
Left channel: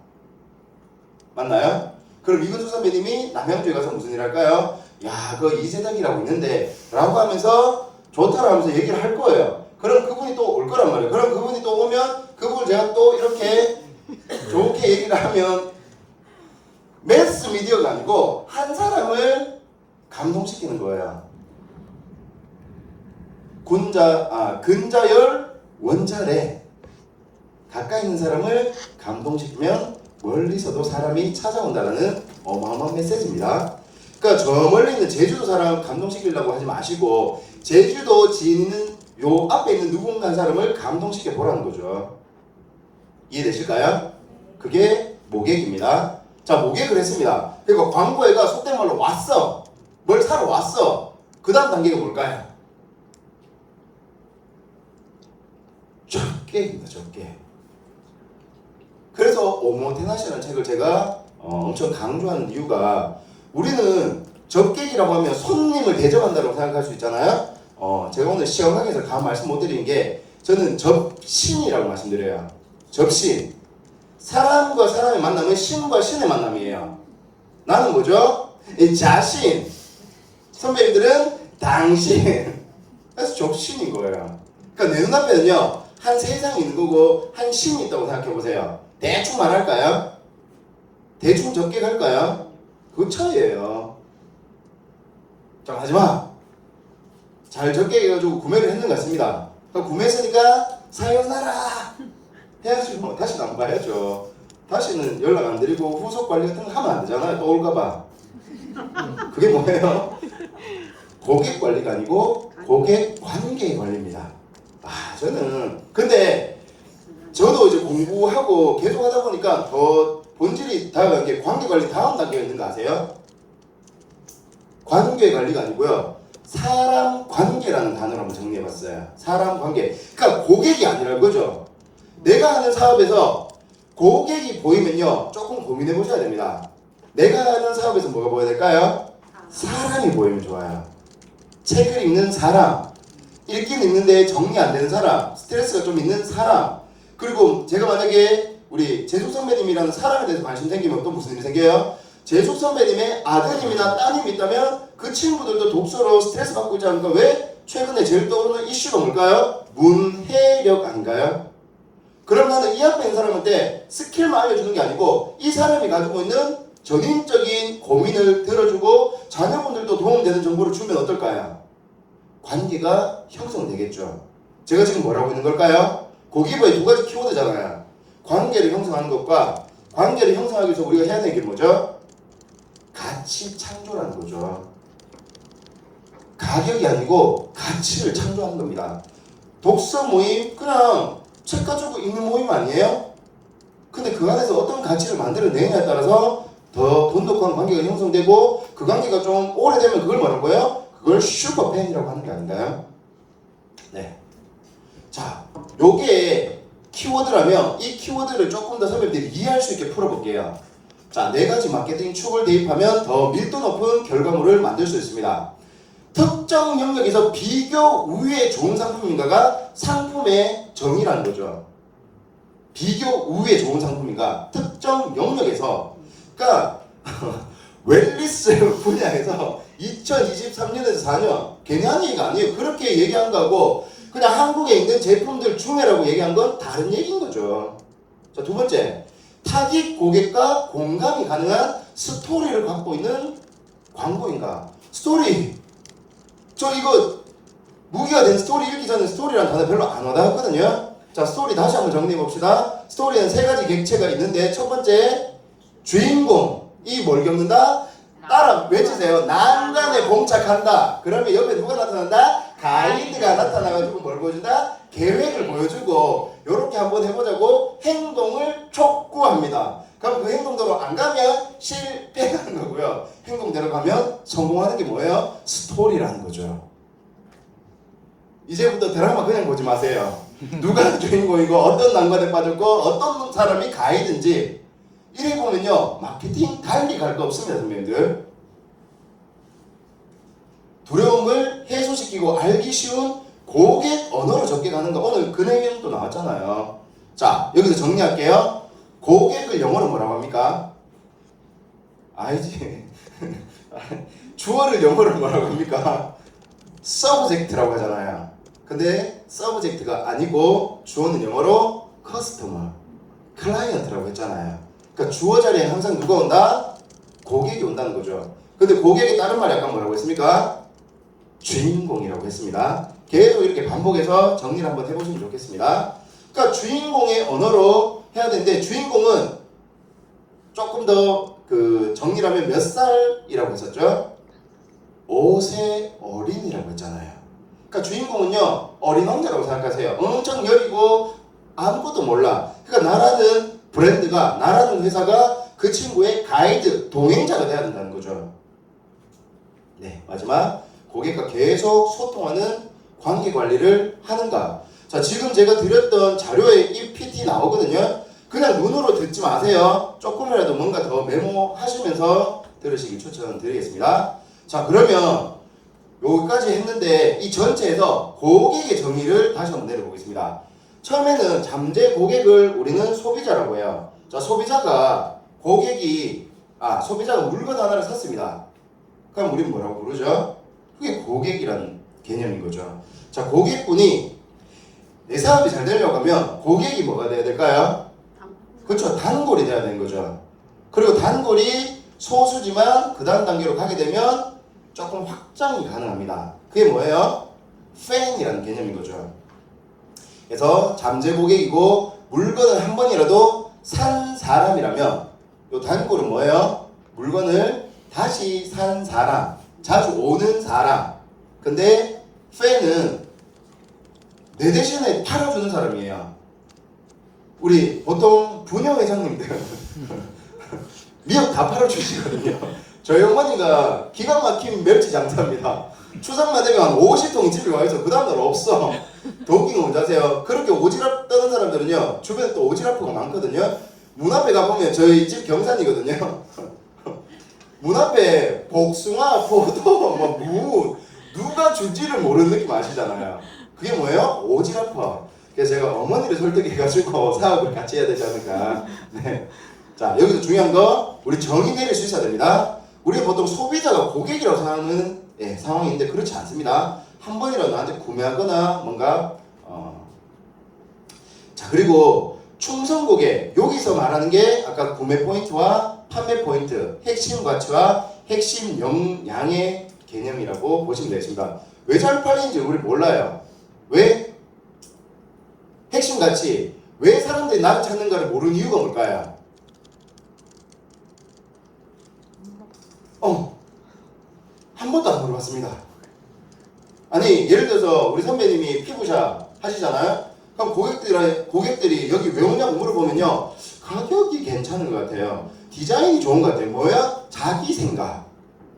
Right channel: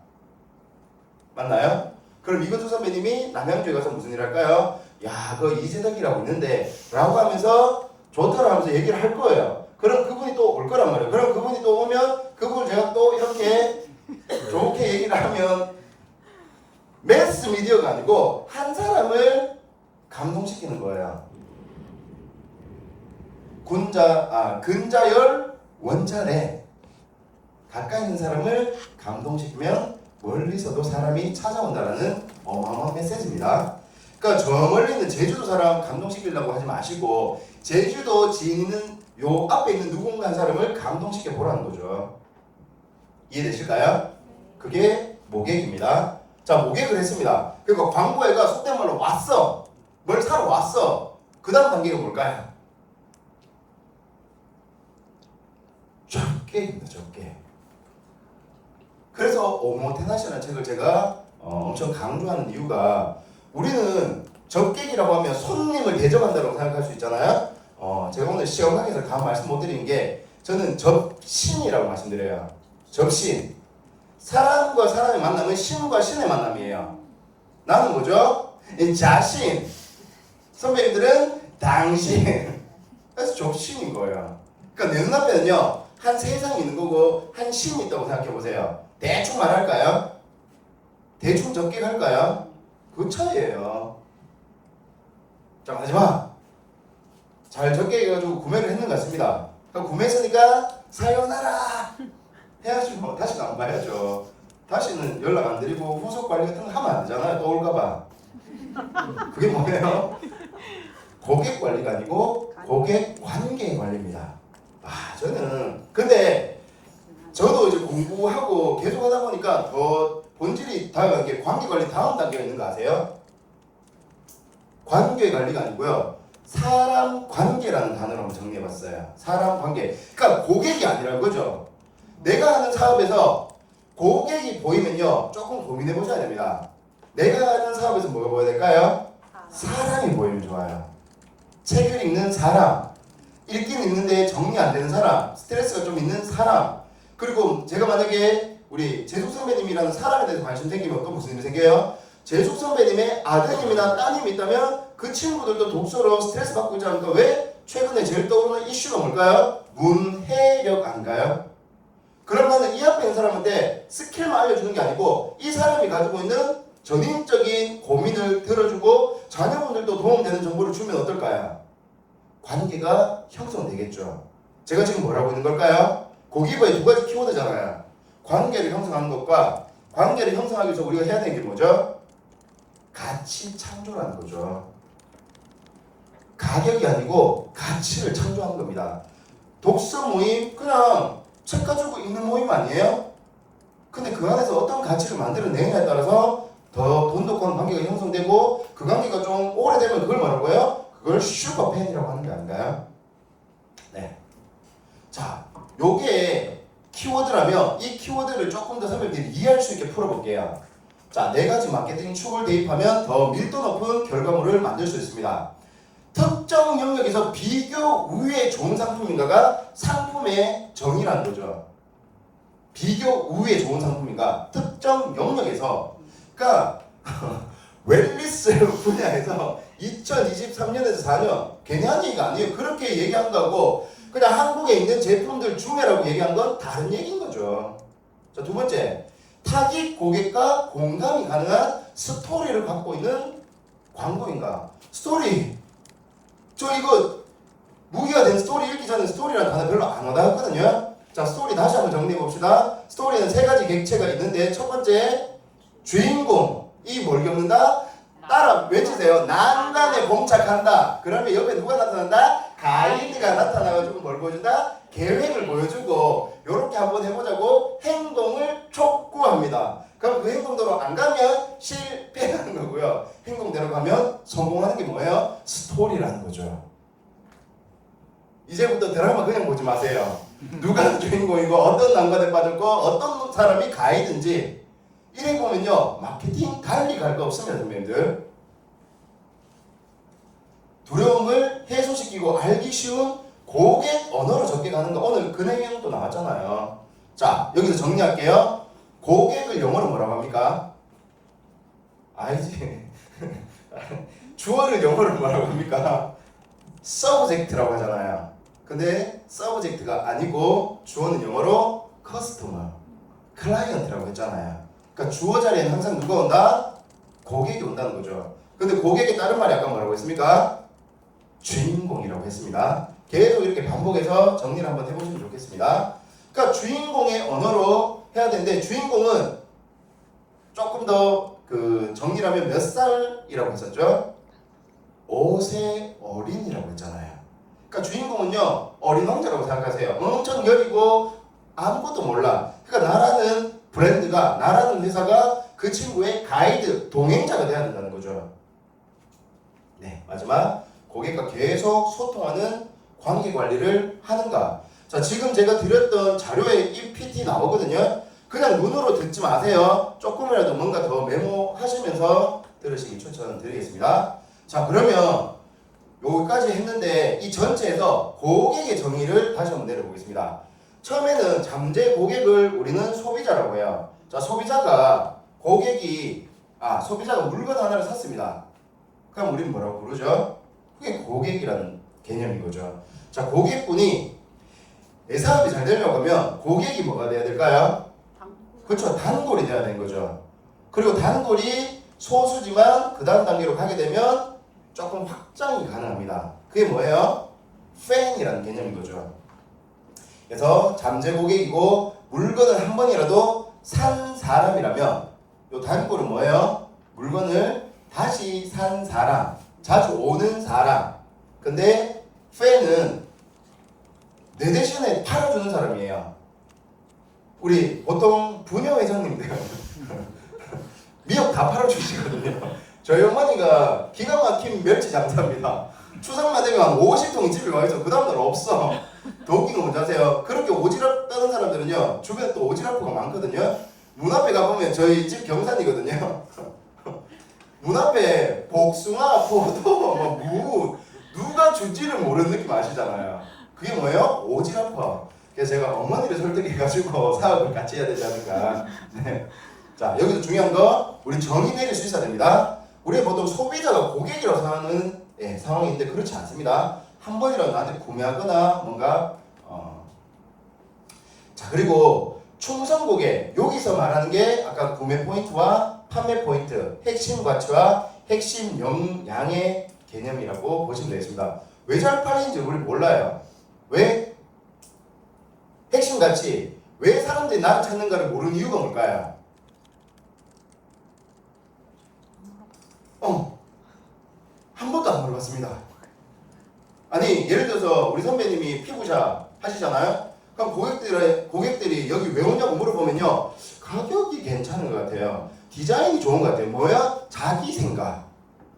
맞나요? 그럼 이근숙 선배님이 남양주에 가서 무슨 일 할까요? 야, 그 이세덕이라고 있는데 라고 하면서 좋다고 하면서 얘기를 할 거예요. 그럼 그분이 또 올 거란 말이에요. 그럼 그분이 또 오면 그분을 제가 또 이렇게 좋게 얘기를 하면 매스 미디어가 아니고 한 사람을 감동시키는 거예요. 근자열 원자래. 가까이 있는 사람을 감동시키면 멀리서도 사람이 찾아온다는 어마어마한 메시지입니다. 그러니까 저 멀리 있는 제주도 사람 감동시키려고 하지 마시고 제주도 지인 있는 요 앞에 있는 누군가 한 사람을 감동시켜 보라는 거죠. 이해되실까요? 그게 모객입니다. 자, 모객을 했습니다. 그리고 광고회가 속된 말로 왔어. 뭘 사러 왔어. 그 다음 단계가 뭘까요? 접객입니다. 접객. 그래서 오모테나시라는 책을 제가 엄청 강조하는 이유가 우리는 접객이라고 하면 손님을 대접한다고 생각할 수 있잖아요. 제가 오늘 시험 강의에서 감 말씀 못 드린 게 저는 접신이라고 말씀드려요. 접신. 사람과 사람의 만남은 신과 신의 만남이에요. 나는 뭐죠? 자신. 선배님들은 당신. 그래서 접신인 거예요. 그러니까 내 눈앞에는요. 한 세상이 있는 거고 한 신이 있다고 생각해 보세요. 대충 말할까요? 대충 접객할까요? 그 차이예요. 자, 마지막. 잘 접객해가지고 구매를 했는 것 같습니다. 그러니까 구매했으니까 사요나라 해야죠. 다시는 안 봐야죠. 다시는 연락 안 드리고 후속 관리 같은 거 하면 안 되잖아요. 또 올까봐. 그게 뭐예요? 고객 관리가 아니고 고객 관계 관리입니다. 저는 근데 저도 이제 공부하고 계속 하다 보니까 더 본질이 다가간 게 관계 관리 다음 단계가 있는 거 아세요? 관계 관리가 아니고요. 사람 관계라는 단어를 한번 정리해봤어요. 사람 관계. 그러니까 고객이 아니라 그거죠. 내가 하는 사업에서 고객이 보이면요. 조금 고민해 보셔야 됩니다. 내가 하는 사업에서 뭐가 보여야 될까요? 사람이 보이면 좋아요. 책을 읽는 사람. 읽긴 읽는데 정리 안 되는 사람. 스트레스가 좀 있는 사람. 그리고 제가 만약에 우리 재숙 선배님이라는 사람에 대해서 관심 생기면 또 무슨 일이 생겨요? 재숙 선배님의 아드님이나 따님이 있다면 그 친구들도 독서로 스트레스 받고 있지 않을까? 왜? 최근에 제일 떠오르는 이슈가 뭘까요? 문해력 아닌가요? 그럼 나는 이 앞에 있는 사람한테 스킬만 알려주는 게 아니고 이 사람이 가지고 있는 전인적인 고민을 들어주고 자녀분들도 도움되는 정보를 주면 어떨까요? 관계가 형성되겠죠. 제가 지금 뭘 하고 있는 걸까요? 고기부의 두 가지 키워드잖아요. 관계를 형성하는 것과 관계를 형성하기 위해서 우리가 해야 되는 게 뭐죠? 가치 창조라는 거죠. 가격이 아니고 가치를 창조하는 겁니다. 독서 모임 그냥 책 가지고 읽는 모임 아니에요? 근데 그 안에서 어떤 가치를 만들어내냐에 따라서 더 돈독한 관계가 형성되고 그 관계가 좀 오래되면 그걸 뭐라고요? 그걸 슈퍼팬이라고 하는 게 아닌가요? 네. 자, 요게 키워드라면 이 키워드를 조금 더 선배님들이 이해할 수 있게 풀어볼게요. 자, 4가지 마케팅 축을 대입하면 더 밀도 높은 결과물을 만들 수 있습니다. 특정 영역에서 비교 우위에 좋은 상품인가가 상품의 정의라는 거죠. 비교 우위에 좋은 상품인가? 특정 영역에서. 그러니까 웰리스 분야에서 2023년에서 4년 괜히 한 얘기가 아니에요. 그렇게 얘기한 거하고 그냥 한국에 있는 제품들 중에라고 얘기한 건 다른 얘기인 거죠. 자, 두 번째. 타깃 고객과 공감이 가능한 스토리를 갖고 있는 광고인가? 스토리. 저 이거 무기가 된 스토리 읽기 전에 스토리라는 단어 별로 안 와닿았거든요. 자, 스토리 다시 한번 정리해 봅시다. 스토리는 3가지 객체가 있는데 첫 번째 주인공이 뭘 겪는다? 따라 외치세요. 난간에 봉착한다. 그러면 옆에 누가 나타난다? 가이드가 나타나가지고 뭘 보여준다? 계획을 보여주고 요렇게 한번 해보자고 행동을 촉구합니다. 그럼 그 행동대로 안 가면 실패하는 거고요. 행동대로 가면 성공하는 게 뭐예요? 스토리라는 거죠. 이제부터 드라마 그냥 보지 마세요. 누가 주인공이고 어떤 난관에 빠졌고 어떤 사람이 가이드인지 이래 보면요. 마케팅 달리 갈 거 없습니다. 선배님들. 두려움을 해소시키고 알기 쉬운 고객 언어로 접근하는 거. 오늘 그 내용도 나왔잖아요. 자, 여기서 정리할게요. 고객을 영어로 뭐라고 합니까? 알지? 주어를 영어로 뭐라고 합니까? subject라고 하잖아요. 근데 subject가 아니고 주어는 영어로 customer, client라고 했잖아요. 그러니까 주어 자리에 항상 누가 온다? 고객이 온다는 거죠. 근데 고객이 다른 말이 아까 뭐라고 했습니까? 주인공이라고 했습니다. 계속 이렇게 반복해서 정리를 한번 해보시면 좋겠습니다. 그러니까 주인공의 언어로 해야 되는데 주인공은 조금 더 그 정리를 하면 몇 살이라고 했었죠? 5세 어린이라고 했잖아요. 그러니까 주인공은요 어린 왕자라고 생각하세요. 엄청 여리고 아무것도 몰라. 그러니까 나라는 브랜드가 나라는 회사가 그 친구의 가이드, 동행자가 돼야 된다는 거죠. 네, 마지막 고객과 계속 소통하는 관계 관리를 하는가. 자, 지금 제가 드렸던 자료에 이 PT 나오거든요. 그냥 눈으로 듣지 마세요. 조금이라도 뭔가 더 메모하시면서 들으시기 추천드리겠습니다. 자, 그러면 여기까지 했는데 이 전체에서 고객의 정의를 다시 한번 내려보겠습니다. 처음에는 잠재 고객을 우리는 소비자라고 해요. 자, 소비자가 물건 하나를 샀습니다. 그럼 우리는 뭐라고 부르죠? 그게 고객이라는 개념인 거죠. 자, 고객분이 내 사업이 잘 되려고 하면 고객이 뭐가 돼야 될까요? 그렇죠. 단골이 돼야 되는 거죠. 그리고 단골이 소수지만 그 다음 단계로 가게 되면 조금 확장이 가능합니다. 그게 뭐예요? 팬이라는 개념인 거죠. 그래서 잠재 고객이고 물건을 한 번이라도 산 사람이라면 요 단골은 뭐예요? 물건을 다시 산 사람, 자주 오는 사람. 근데 팬은 내 대신에 팔아주는 사람이에요. 우리 보통 부녀 회장님들 미역 다 팔아주시거든요. 저희 어머니가 기가 막힌 멸치 장사입니다. 추석만 되면 한 50통 집에 와있어. 그 다음날 없어. 더 웃긴 거 뭔지 아세요? 그렇게 오지랖 떠는 사람들은요 주변에 또 오지랖가 많거든요. 문 앞에 가보면 저희 집 경산이거든요. 문 앞에 복숭아, 포도, 무 누가 줄지를 모르는 느낌 아시잖아요. 그게 뭐예요? 오지랖. 그래서 제가 어머니를 설득해가지고 사업을 같이 해야 되지 않을까. 네. 자, 여기서 중요한 거 우리 정의 내릴 수 있어야 됩니다. 우리 보통 소비자가 고객이라고 생각하는 상황인데 그렇지 않습니다. 한 번이라도 나한테 구매하거나 뭔가 자, 그리고 충성 고객, 여기서 말하는 게 아까 구매 포인트와 판매 포인트, 핵심 가치와 핵심 역량의 개념이라고 보시면 되겠습니다. 왜 잘 팔리는지 우리 몰라요. 왜? 핵심 가치, 왜 사람들이 나를 찾는가를 모르는 이유가 뭘까요? 한 번도 안 물어봤습니다. 아니, 예를 들어서 우리 선배님이 피부샵 하시잖아요? 그럼 고객들이 여기 왜 오냐고 물어보면요, 가격이 괜찮은 것 같아요. 디자인이 좋은 것 같아요. 뭐야? 자기 생각.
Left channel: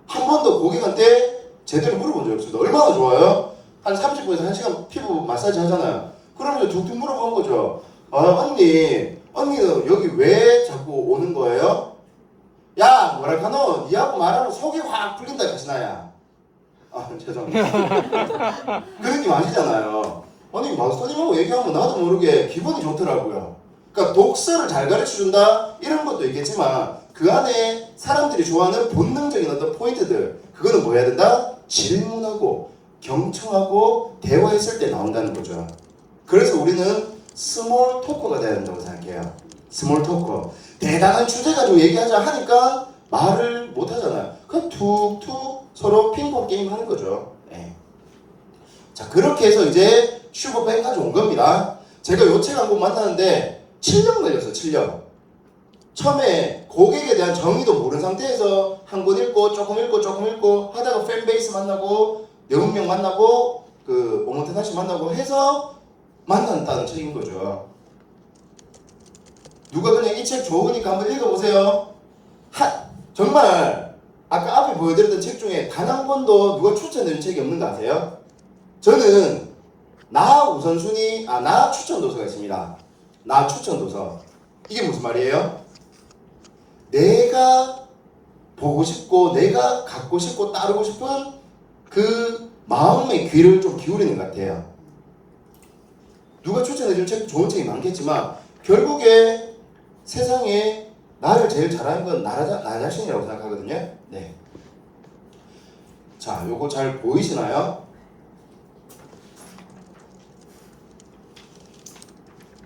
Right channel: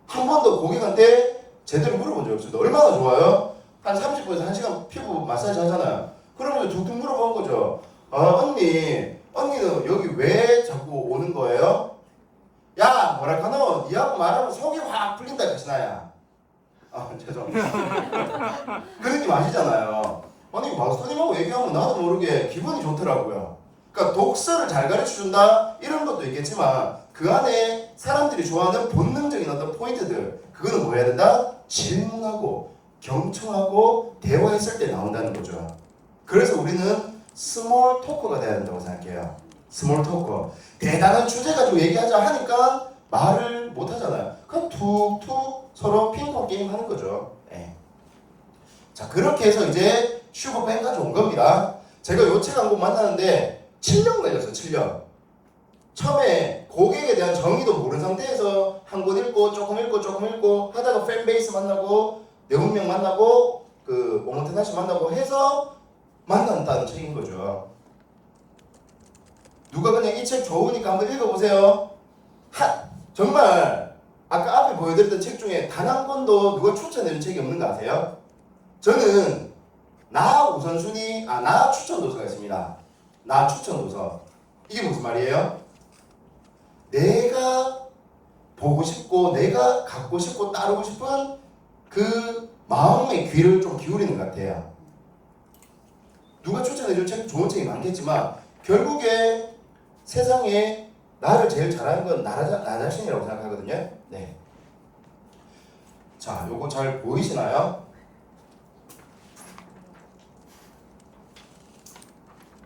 한 번도 고객한테 제대로 물어본 적이 없습니다. 얼마나 좋아요? 한 30분에서 1시간 피부 마사지 하잖아요. 그러면 툭툭 물어본 거죠. 언니는 여기 왜 자꾸 오는 거예요? 야, 뭐랄까노? 니하고 말하면 속이 확 풀린다, 가시나야. 죄송합니다. 그 느낌 아시잖아요. 아니, 마스터님하고 얘기하면 나도 모르게 기분이 좋더라고요. 그러니까 독서를 잘 가르쳐준다? 이런 것도 있겠지만 그 안에 사람들이 좋아하는 본능적인 어떤 포인트들, 그거는 뭐 해야 된다? 질문하고 경청하고 대화했을 때 나온다는 거죠. 그래서 우리는 스몰 토커가 돼야 된다고 생각해요. 스몰 토커. 대단한 주제 가지고 얘기하자 하니까 말을 못 하잖아요. 그럼 툭툭 서로 핑퐁 게임 하는 거죠. 네. 자, 그렇게 해서 이제 슈퍼팬까지 온 겁니다. 제가 요 책 한 권 만나는데 7년 걸렸어요. 7년. 처음에 고객에 대한 정의도 모르는 상태에서 한 권 읽고 조금 읽고 하다가 팬베이스 만나고 영웅명 만나고 그 오모테나시 만나고 해서 만난다는 책인 거죠. 누가 그냥 이 책 좋으니까 한번 읽어보세요. 정말 아까 앞에 보여드렸던 책 중에 단 한 권도 누가 추천해준 책이 없는 거 아세요? 저는 나 추천 도서가 있습니다. 나 추천 도서. 이게 무슨 말이에요? 내가 보고 싶고 내가 갖고 싶고 따르고 싶은 그 마음의 귀를 좀 기울이는 것 같아요. 누가 추천해줄 책 좋은 책이 많겠지만 결국에 세상에 나를 제일 잘하는 건 나 자신이라고 생각하거든요. 네. 자, 요거 잘 보이시나요?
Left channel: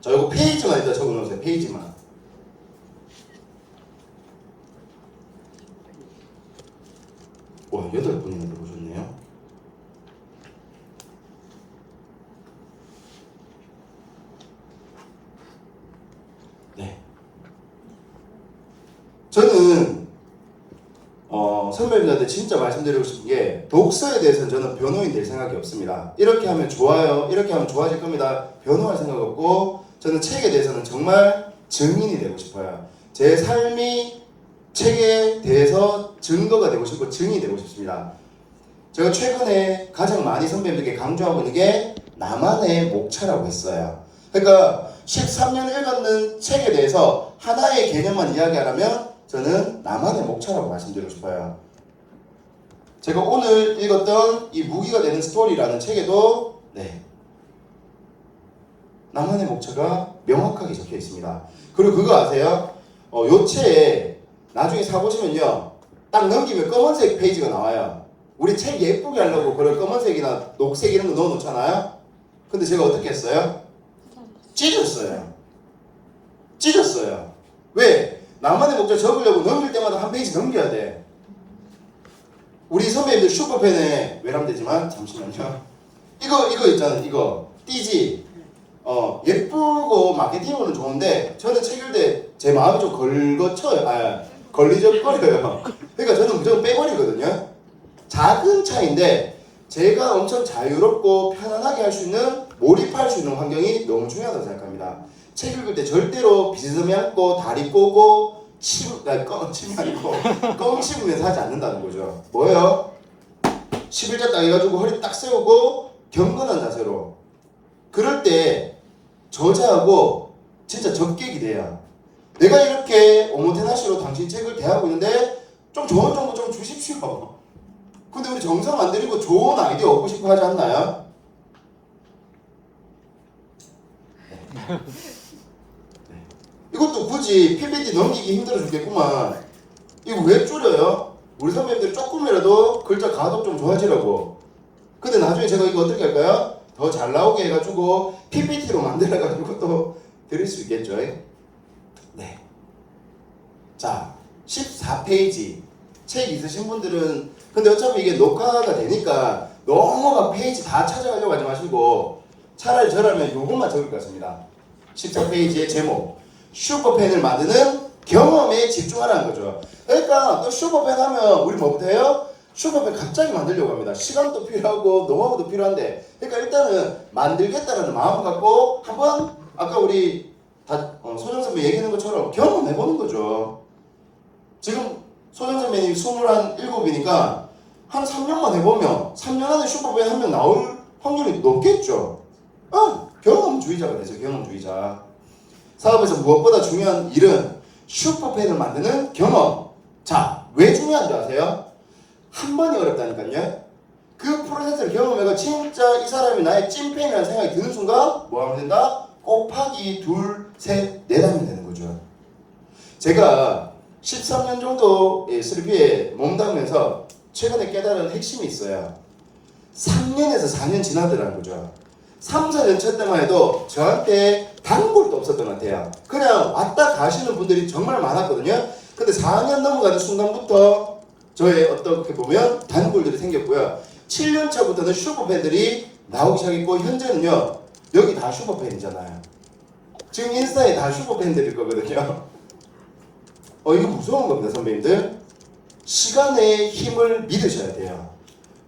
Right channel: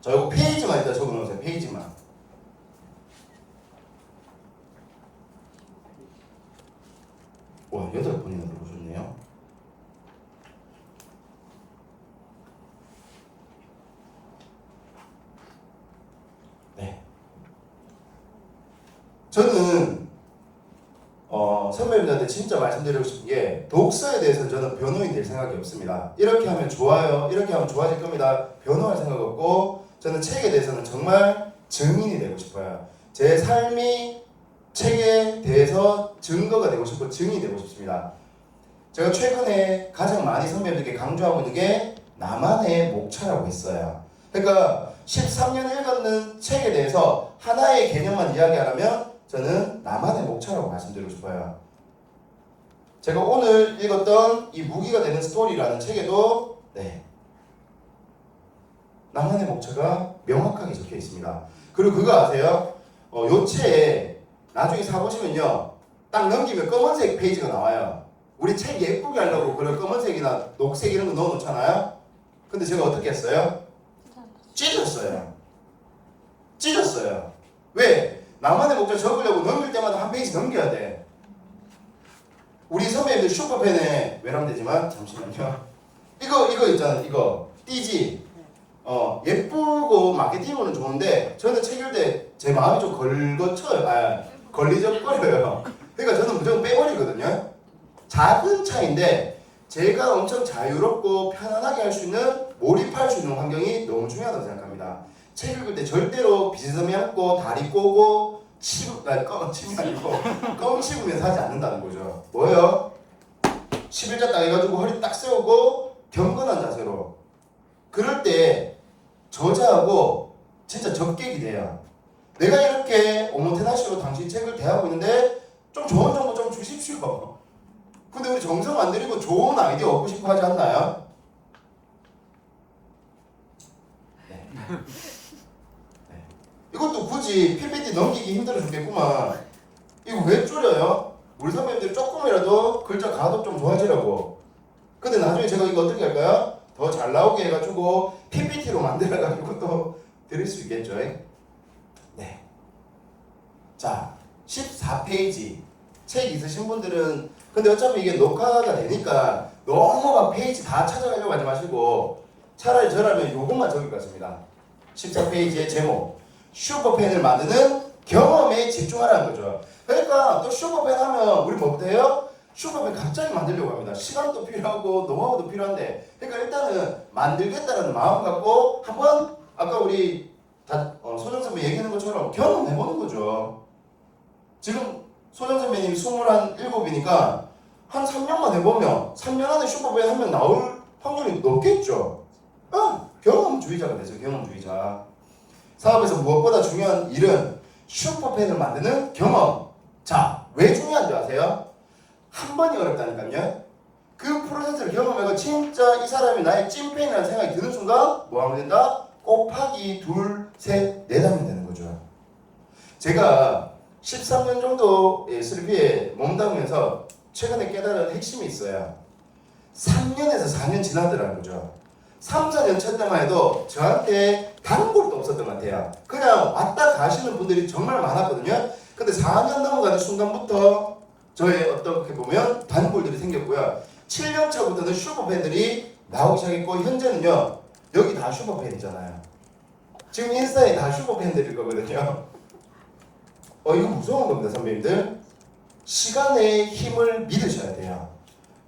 자, 요거 페이지만 일단 적어놓으세요. 페이지만. 와, 8분이나 들어오셨네요. 네. 저는 선배님들한테 진짜 말씀드리고 싶은 게 독서에 대해서는 저는 변호인 될 생각이 없습니다. 이렇게 하면 좋아요, 이렇게 하면 좋아질 겁니다. 변호할 생각 없고 저는 책에 대해서는 정말 증인이 되고 싶어요. 제 삶이 책에 대해서 증거가 되고 싶고 증인이 되고 싶습니다. 제가 최근에 가장 많이 선배님들께 강조하고 있는 게 나만의 목차라고 했어요. 그러니까 13년 읽었는 책에 대해서 하나의 개념만 이야기하라면 저는 나만의 목차라고 말씀드리고 싶어요. 제가 오늘 읽었던 이 무기가 되는 스토리라는 책에도 나만의 목차가 명확하게 적혀 있습니다. 그리고 그거 아세요? 요 책에 나중에 사보시면요, 딱 넘기면 검은색 페이지가 나와요. 우리 책 예쁘게 하려고 그런 검은색이나 녹색 이런 거 넣어놓잖아요. 근데 제가 어떻게 했어요? 찢었어요. 왜? 나만의 목차 적으려고 넘길 때마다 한 페이지 넘겨야 돼. 우리 선배님들 슈퍼펜에 외람되지만 잠시만요. 이거 있잖아요. 이거 띠지. 예쁘고 마케팅으로는 좋은데 저는 책 읽을 때 제 마음이 좀 걸리적거려요. 그러니까 저는 무조건 빼버리거든요. 작은 차이인데 제가 엄청 자유롭고 편안하게 할 수 있는, 몰입할 수 있는 환경이 너무 중요하다고 생각합니다. 책 읽을 때 절대로 비스듬히 앉고 다리 꼬고 침이 아니고 껌 씹으면서 하지 않는다는 거죠. 뭐예요? 11자 딱 해가지고 허리 딱 세우고 경건한 자세로. 그럴 때 저자하고 진짜 적객이 돼요. 내가 이렇게 오모테나시로 당신 책을 대하고 있는데 좀 조언 정도 좀 주십시오. 근데 우리 정성 안 들이고 좋은 아이디어 얻고 싶어 하지 않나요? 이것도 굳이 PPT 넘기기 힘들어 죽겠구만. 이거 왜 줄여요? 우리 선배님들 조금이라도 글자 가독 좀 좋아지라고. 근데 나중에 제가 이거 어떻게 할까요? 더 잘 나오게 해가지고 PPT로 만들어가지고 또 드릴 수 있겠죠. 네. 자, 14페이지. 책 있으신 분들은, 근데 어차피 이게 녹화가 되니까 너무 막 페이지 다 찾아가려고 하지 마시고 차라리 저라면 요것만 적을 것 같습니다. 14페이지의 제목, 슈퍼펜을 만드는 경험에 집중하라는 거죠. 그러니까 또 슈퍼펜 하면 우리 뭐부터 해요? 슈퍼펜 갑자기 만들려고 합니다. 시간도 필요하고 노하우도 필요한데, 그러니까 일단은 만들겠다라는 마음 갖고 한번 아까 우리 소정 선배 얘기하는 것처럼 경험해보는 거죠. 지금 소정 선배님 27이니까 한 3년만 해보면 3년 안에 슈퍼펜 한 명 나올 확률이 높겠죠. 경험주의자가 되죠. 경험주의자. 사업에서 무엇보다 중요한 일은 슈퍼펜을 만드는 경험. 자, 왜 중요한 줄 아세요? 한 번이 어렵다니까요. 그 프로세스를 경험해서 진짜 이 사람이 나의 찐팬이라는 생각이 드는 순간 뭐 하면 된다? 곱하기 2, 3, 4하면 되는 거죠. 제가 13년 정도 슬비에 몸담으면서 최근에 깨달은 핵심이 있어요. 3년에서 4년 지나더라는 거죠. 3, 4년 차 때만 해도 저한테 단골도 없었던 것 같아요. 그냥 왔다 가시는 분들이 정말 많았거든요. 근데 4년 넘어가는 순간부터 저의 어떻게 보면 단골들이 생겼고요. 7년 차부터는 슈퍼팬들이 나오기 시작했고, 현재는요, 여기 다 슈퍼팬이잖아요. 지금 인스타에 다 슈퍼팬들일 거거든요. 이거 무서운 겁니다, 선배님들. 시간의 힘을 믿으셔야 돼요.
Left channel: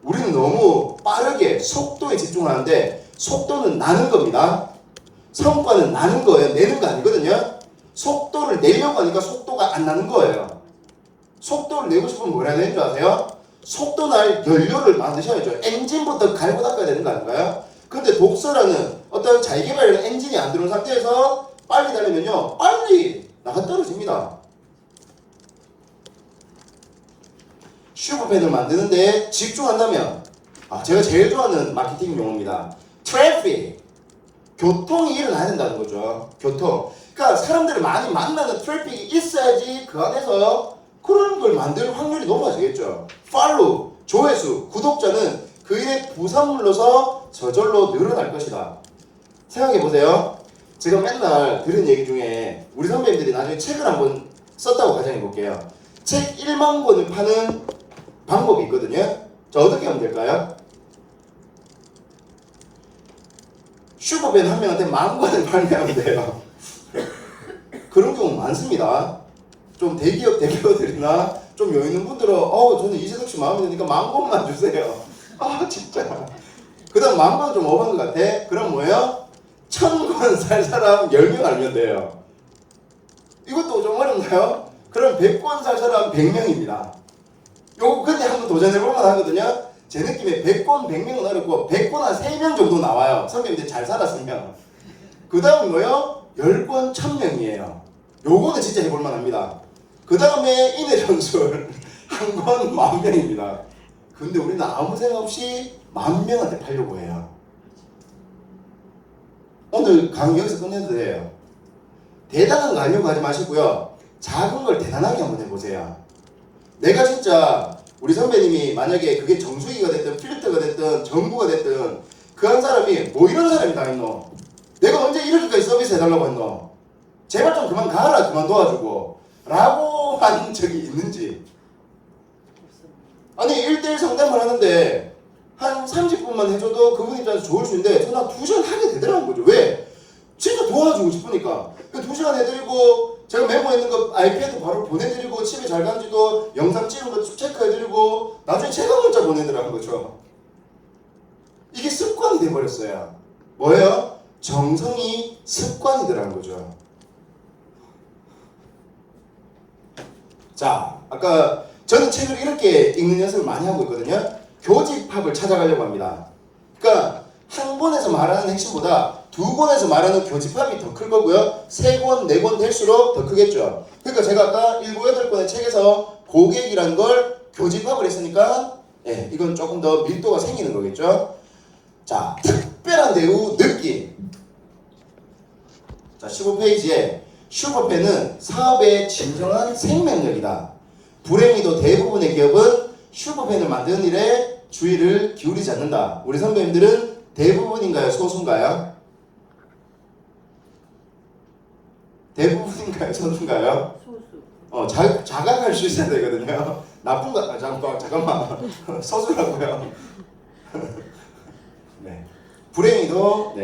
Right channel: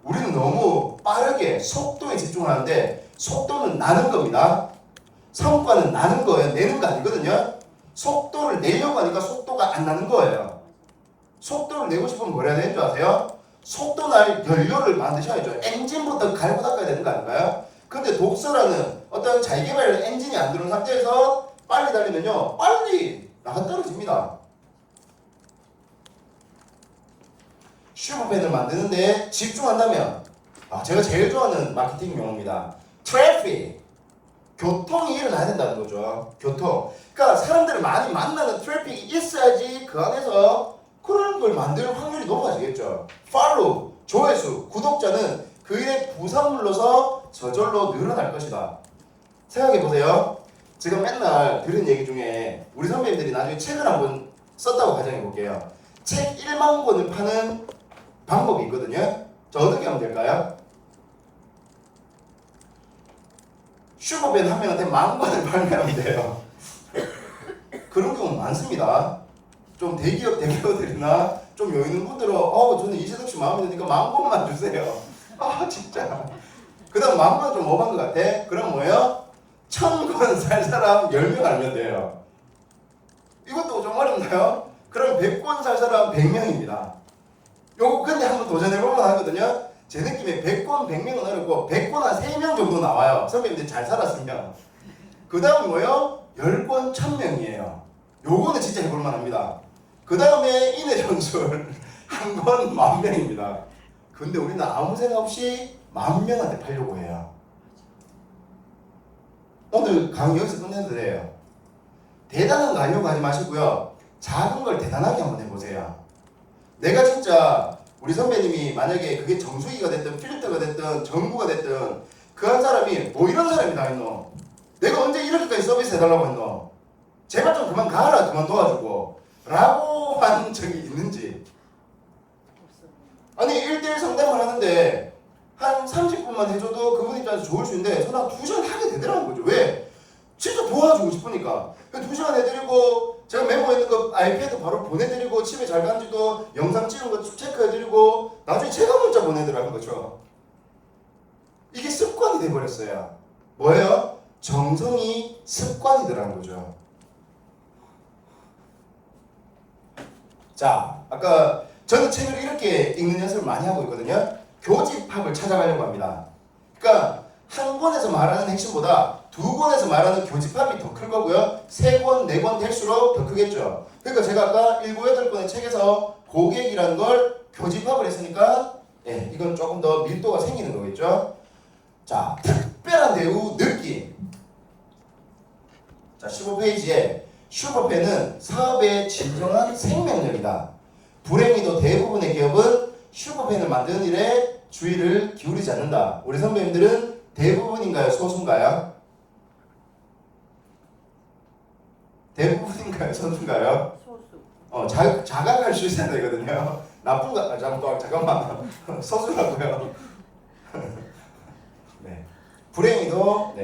우리는 너무 빠르게 속도에 집중하는데 속도는 나는 겁니다. 성과는 나는 거예요. 내는 거 아니거든요. 속도를 내려고 하니까 속도가 안 나는 거예요. 속도를 내고 싶으면 뭐라 해야 되는 줄 아세요? 속도 날 연료를 만드셔야죠. 엔진부터 갈고 닦아야 되는 거 아닌가요? 근데 독서라는 어떤 자기개발 엔진이 안 들어온 상태에서 빨리 달리면요, 빨리 나가 떨어집니다. 슈퍼펜을 만드는데 집중한다면 제가 제일 좋아하는 마케팅 용어입니다. 트래픽. 교통이 일어나야 된다는 거죠. 교통. 그러니까 사람들을 많이 만나는 트래픽이 있어야지 그 안에서 그런 걸 만들 확률이 높아지겠죠. 팔로우, 조회수, 구독자는 그 일의 부산물로서 저절로 늘어날 것이다. 생각해보세요. 제가 맨날 들은 얘기 중에 우리 선배님들이 나중에 책을 한번 썼다고 가정해볼게요. 책 1만 권을 파는 방법이 있거든요. 자, 어떻게 하면 될까요? 슈퍼밴 한 명한테 10,000권을 발매하면 돼요. 그런 경우는 많습니다. 좀 대기업들이나 좀 여유 있는 분들은 저는 이재석 씨 마음에 드니까 10,000권만 주세요. 진짜. 그 다음 10,000권 좀 오버한 것 같아. 그럼 뭐예요? 1,000권 살 사람 10명 알면 돼요. 이것도 좀 어렵나요? 그럼 100권 살 사람 100명입니다. 요거 근데 한번 도전해볼만 하거든요. 제 느낌에 100권 100명은 어렵고 100권 한 3명 정도 나와요. 선배님들 잘 살았으면. 그 다음이 뭐예요? 10권 1,000명이에요. 요거는 진짜 해볼만 합니다. 그 다음에 인해 전술 한 권 10,000명입니다. 근데 우리는 아무 생각 없이 10,000명한테 팔려고 해요. 오늘 강의 여기서 끝내도 돼요. 대단한 거 하려고 하지 마시고요. 작은 걸 대단하게 한번 해보세요. 내가 진짜 우리 선배님이 만약에 그게 정수기가 됐든 필터가 됐든 전구가 됐든 그 한 사람이 뭐 이런 사람이 다 있노? 내가 언제 이렇게까지 서비스 해달라고 했노? 제발 좀 그만 가라, 그만 도와주고 라고 한 적이 있는지. 아니 1대1 상담을 하는데 한 30분만 해줘도 그분 입장에서 좋을 수 있는데 저는 한 2시간 하게 되더라는 거죠. 왜? 진짜 도와주고 싶으니까. 2시간 해드리고 제가 메모했는 거 아이패드 바로 보내드리고 집에 잘 간지도 영상 찍은 거 체크해드리고 나중에 제가 문자 보내더라는 거죠. 이게 습관이 돼버렸어요. 뭐예요? 정성이 습관이더라는 거죠. 자, 아까 저는 책을 이렇게 읽는 연습을 많이 하고 있거든요. 교집합을 찾아가려고 합니다. 그러니까 한 권에서 말하는 핵심보다 2권에서 말하는 교집합이 더 클 거고요. 3권, 4권 될수록 더 크겠죠. 그러니까 제가 아까 7, 8권의 책에서 고객이라는 걸 교집합을 했으니까 이건 조금 더 밀도가 생기는 거겠죠. 자, 특별한 대우 느낌. 자, 15페이지에 슈퍼팬은 사업의 진정한 생명력이다. 불행히도 대부분의 기업은 슈퍼팬을 만드는 일에 주의를 기울이지 않는다. 우리 선배님들은 대부분인가요? 소수인가요? 대부분인가요? 소수인가요? 소수. 자각할 수 있어야 되거든요. 나쁜 거, 잠깐만. 소수라고요. 네. 불행히도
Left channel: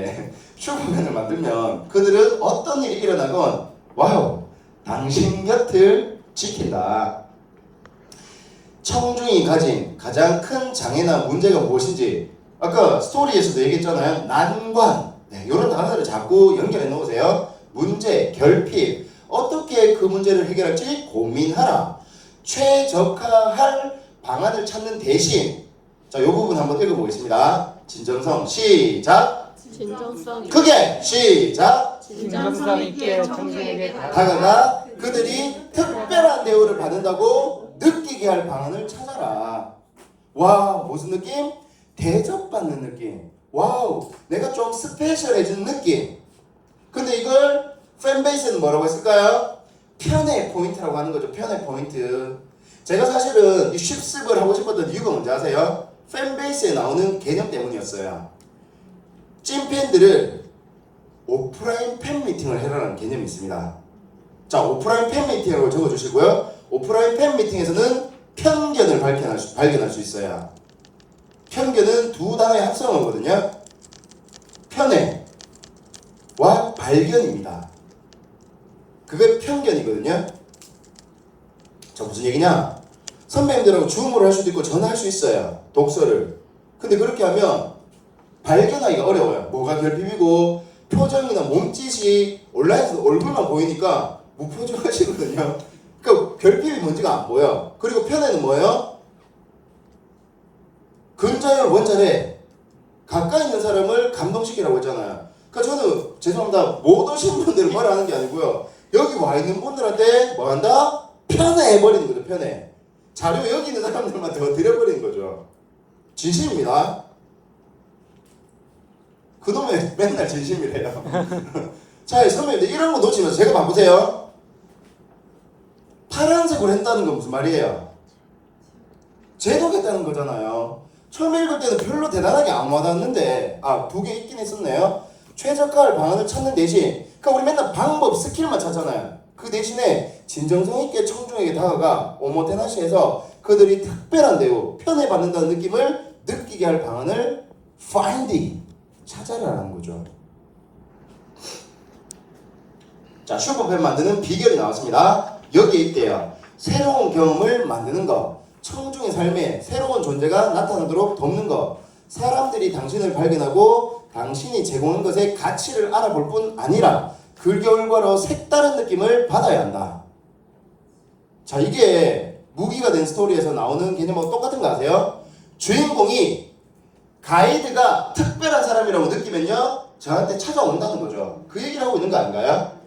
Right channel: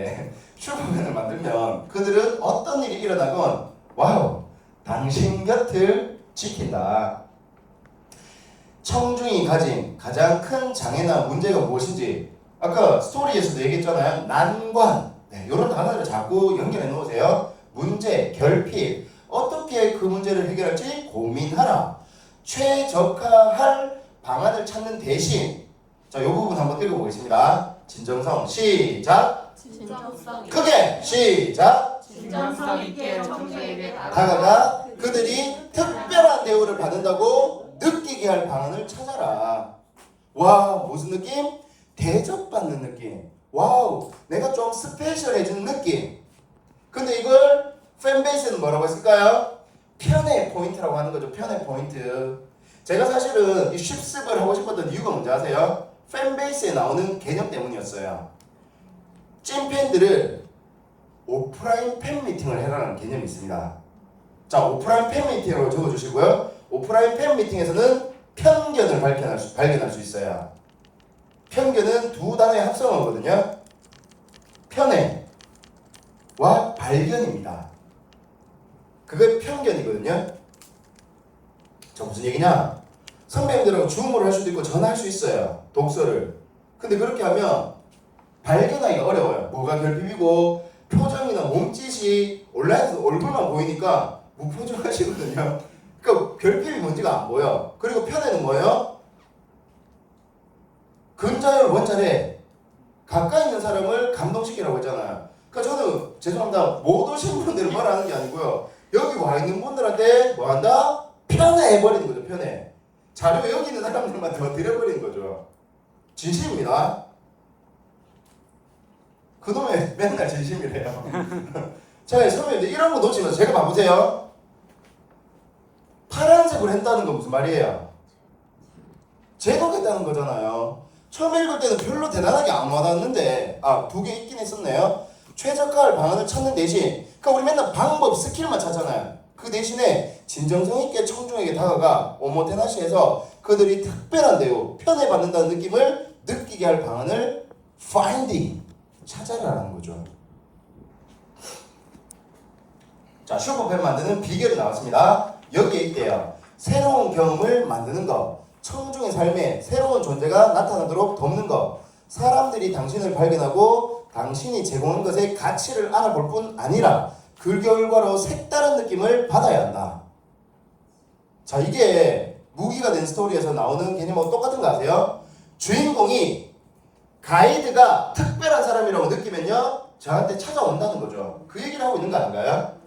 슈퍼맨을 만들면 그들은 어떤 일이 일어나건 와우, 당신 곁을 지킨다. 청중이 가진 가장 큰 장애나 문제가 무엇인지 아까 스토리에서도 얘기했잖아요. 난관. 이런 단어를 자꾸 연결해 놓으세요. 문제, 결핍. 어떻게 그 문제를 해결할지 고민하라. 최적화할 방안을 찾는 대신 자, 이 부분 한번 읽어보겠습니다. 진정성 시작. 진정성 크게 시작. 진정성 있게 청중에게 다가가 그들이 특별한 대우를 받는다고 느끼게 할 방안을 찾아라. 와, 무슨 느낌? 대접받는 느낌. 와우, 내가 좀 스페셜해진 느낌. 근데 이걸 팬베이스는 뭐라고 했을까요? 편의 포인트라고 하는 거죠. 편의 포인트. 제가 사실은 이 쉽습을 하고 싶었던 이유가 뭔지 아세요? 팬베이스에 나오는 개념 때문이었어요. 찐팬들을 오프라인 팬미팅을 해라는 개념이 있습니다. 자, 오프라인 팬미팅으로 적어주시고요. 오프라인 팬미팅에서는 편견을 발견할 수 있어요. 편견은 두 단어의 합성어거든요. 편애와 발견입니다. 그게 편견이거든요. 자, 무슨 얘기냐? 선배님들하고 줌으로 할 수도 있고 전화할 수 있어요. 독서를. 근데 그렇게 하면 발견하기가 어려워요. 뭐가 결핍이고 표정이나 몸짓이 온라인에서 얼굴만 보이니까 무표정하시거든요. 그러니까 결핍이 뭔지가 안 보여. 그리고 편애는 뭐예요? 근자열 원자래. 가까이 있는 사람을 감동시키라고 했잖아요. 그러니까 저는 죄송합니다. 못 오신 분들을 뭐라 하는 게 아니고요. 여기 와 있는 분들한테 뭐 한다? 편애해버리는 거죠. 편애. 자료 여기 있는 사람들만 더 드려버리는 거죠. 진심입니다. 그놈의 맨날 진심이래요. 자, 선배님들 이런 거 놓치면서 제가 봐보세요. 파란색으로 했다는 건 무슨 말이에요? 제독했다는 거잖아요. 처음 읽을 때는 별로 대단하게 안 와닿았는데 두 개 있긴 했었네요. 최적화할 방안을 찾는 대신 그러니까 우리 맨날 방법, 스킬만 찾잖아요. 그 대신에 진정성 있게 청중에게 다가가 오모테나시해서 그들이 특별한 대우, 편애받는다는 느낌을 느끼게 할 방안을 finding, 찾아라라는 거죠. 자, 슈퍼팬 만드는 비결이 나왔습니다. 여기에 있대요. 새로운 경험을 만드는 것, 청중의 삶에 새로운 존재가 나타나도록 돕는 것, 사람들이 당신을 발견하고 당신이 제공한 것의 가치를 알아볼 뿐 아니라 그 결과로 색다른 느낌을 받아야 한다. 자, 이게 무기가 된 스토리에서 나오는 개념하고 똑같은 거 아세요? 주인공이 가이드가 특별한 사람이라고 느끼면요 저한테 찾아온다는 거죠. 그 얘기를 하고 있는 거 아닌가요?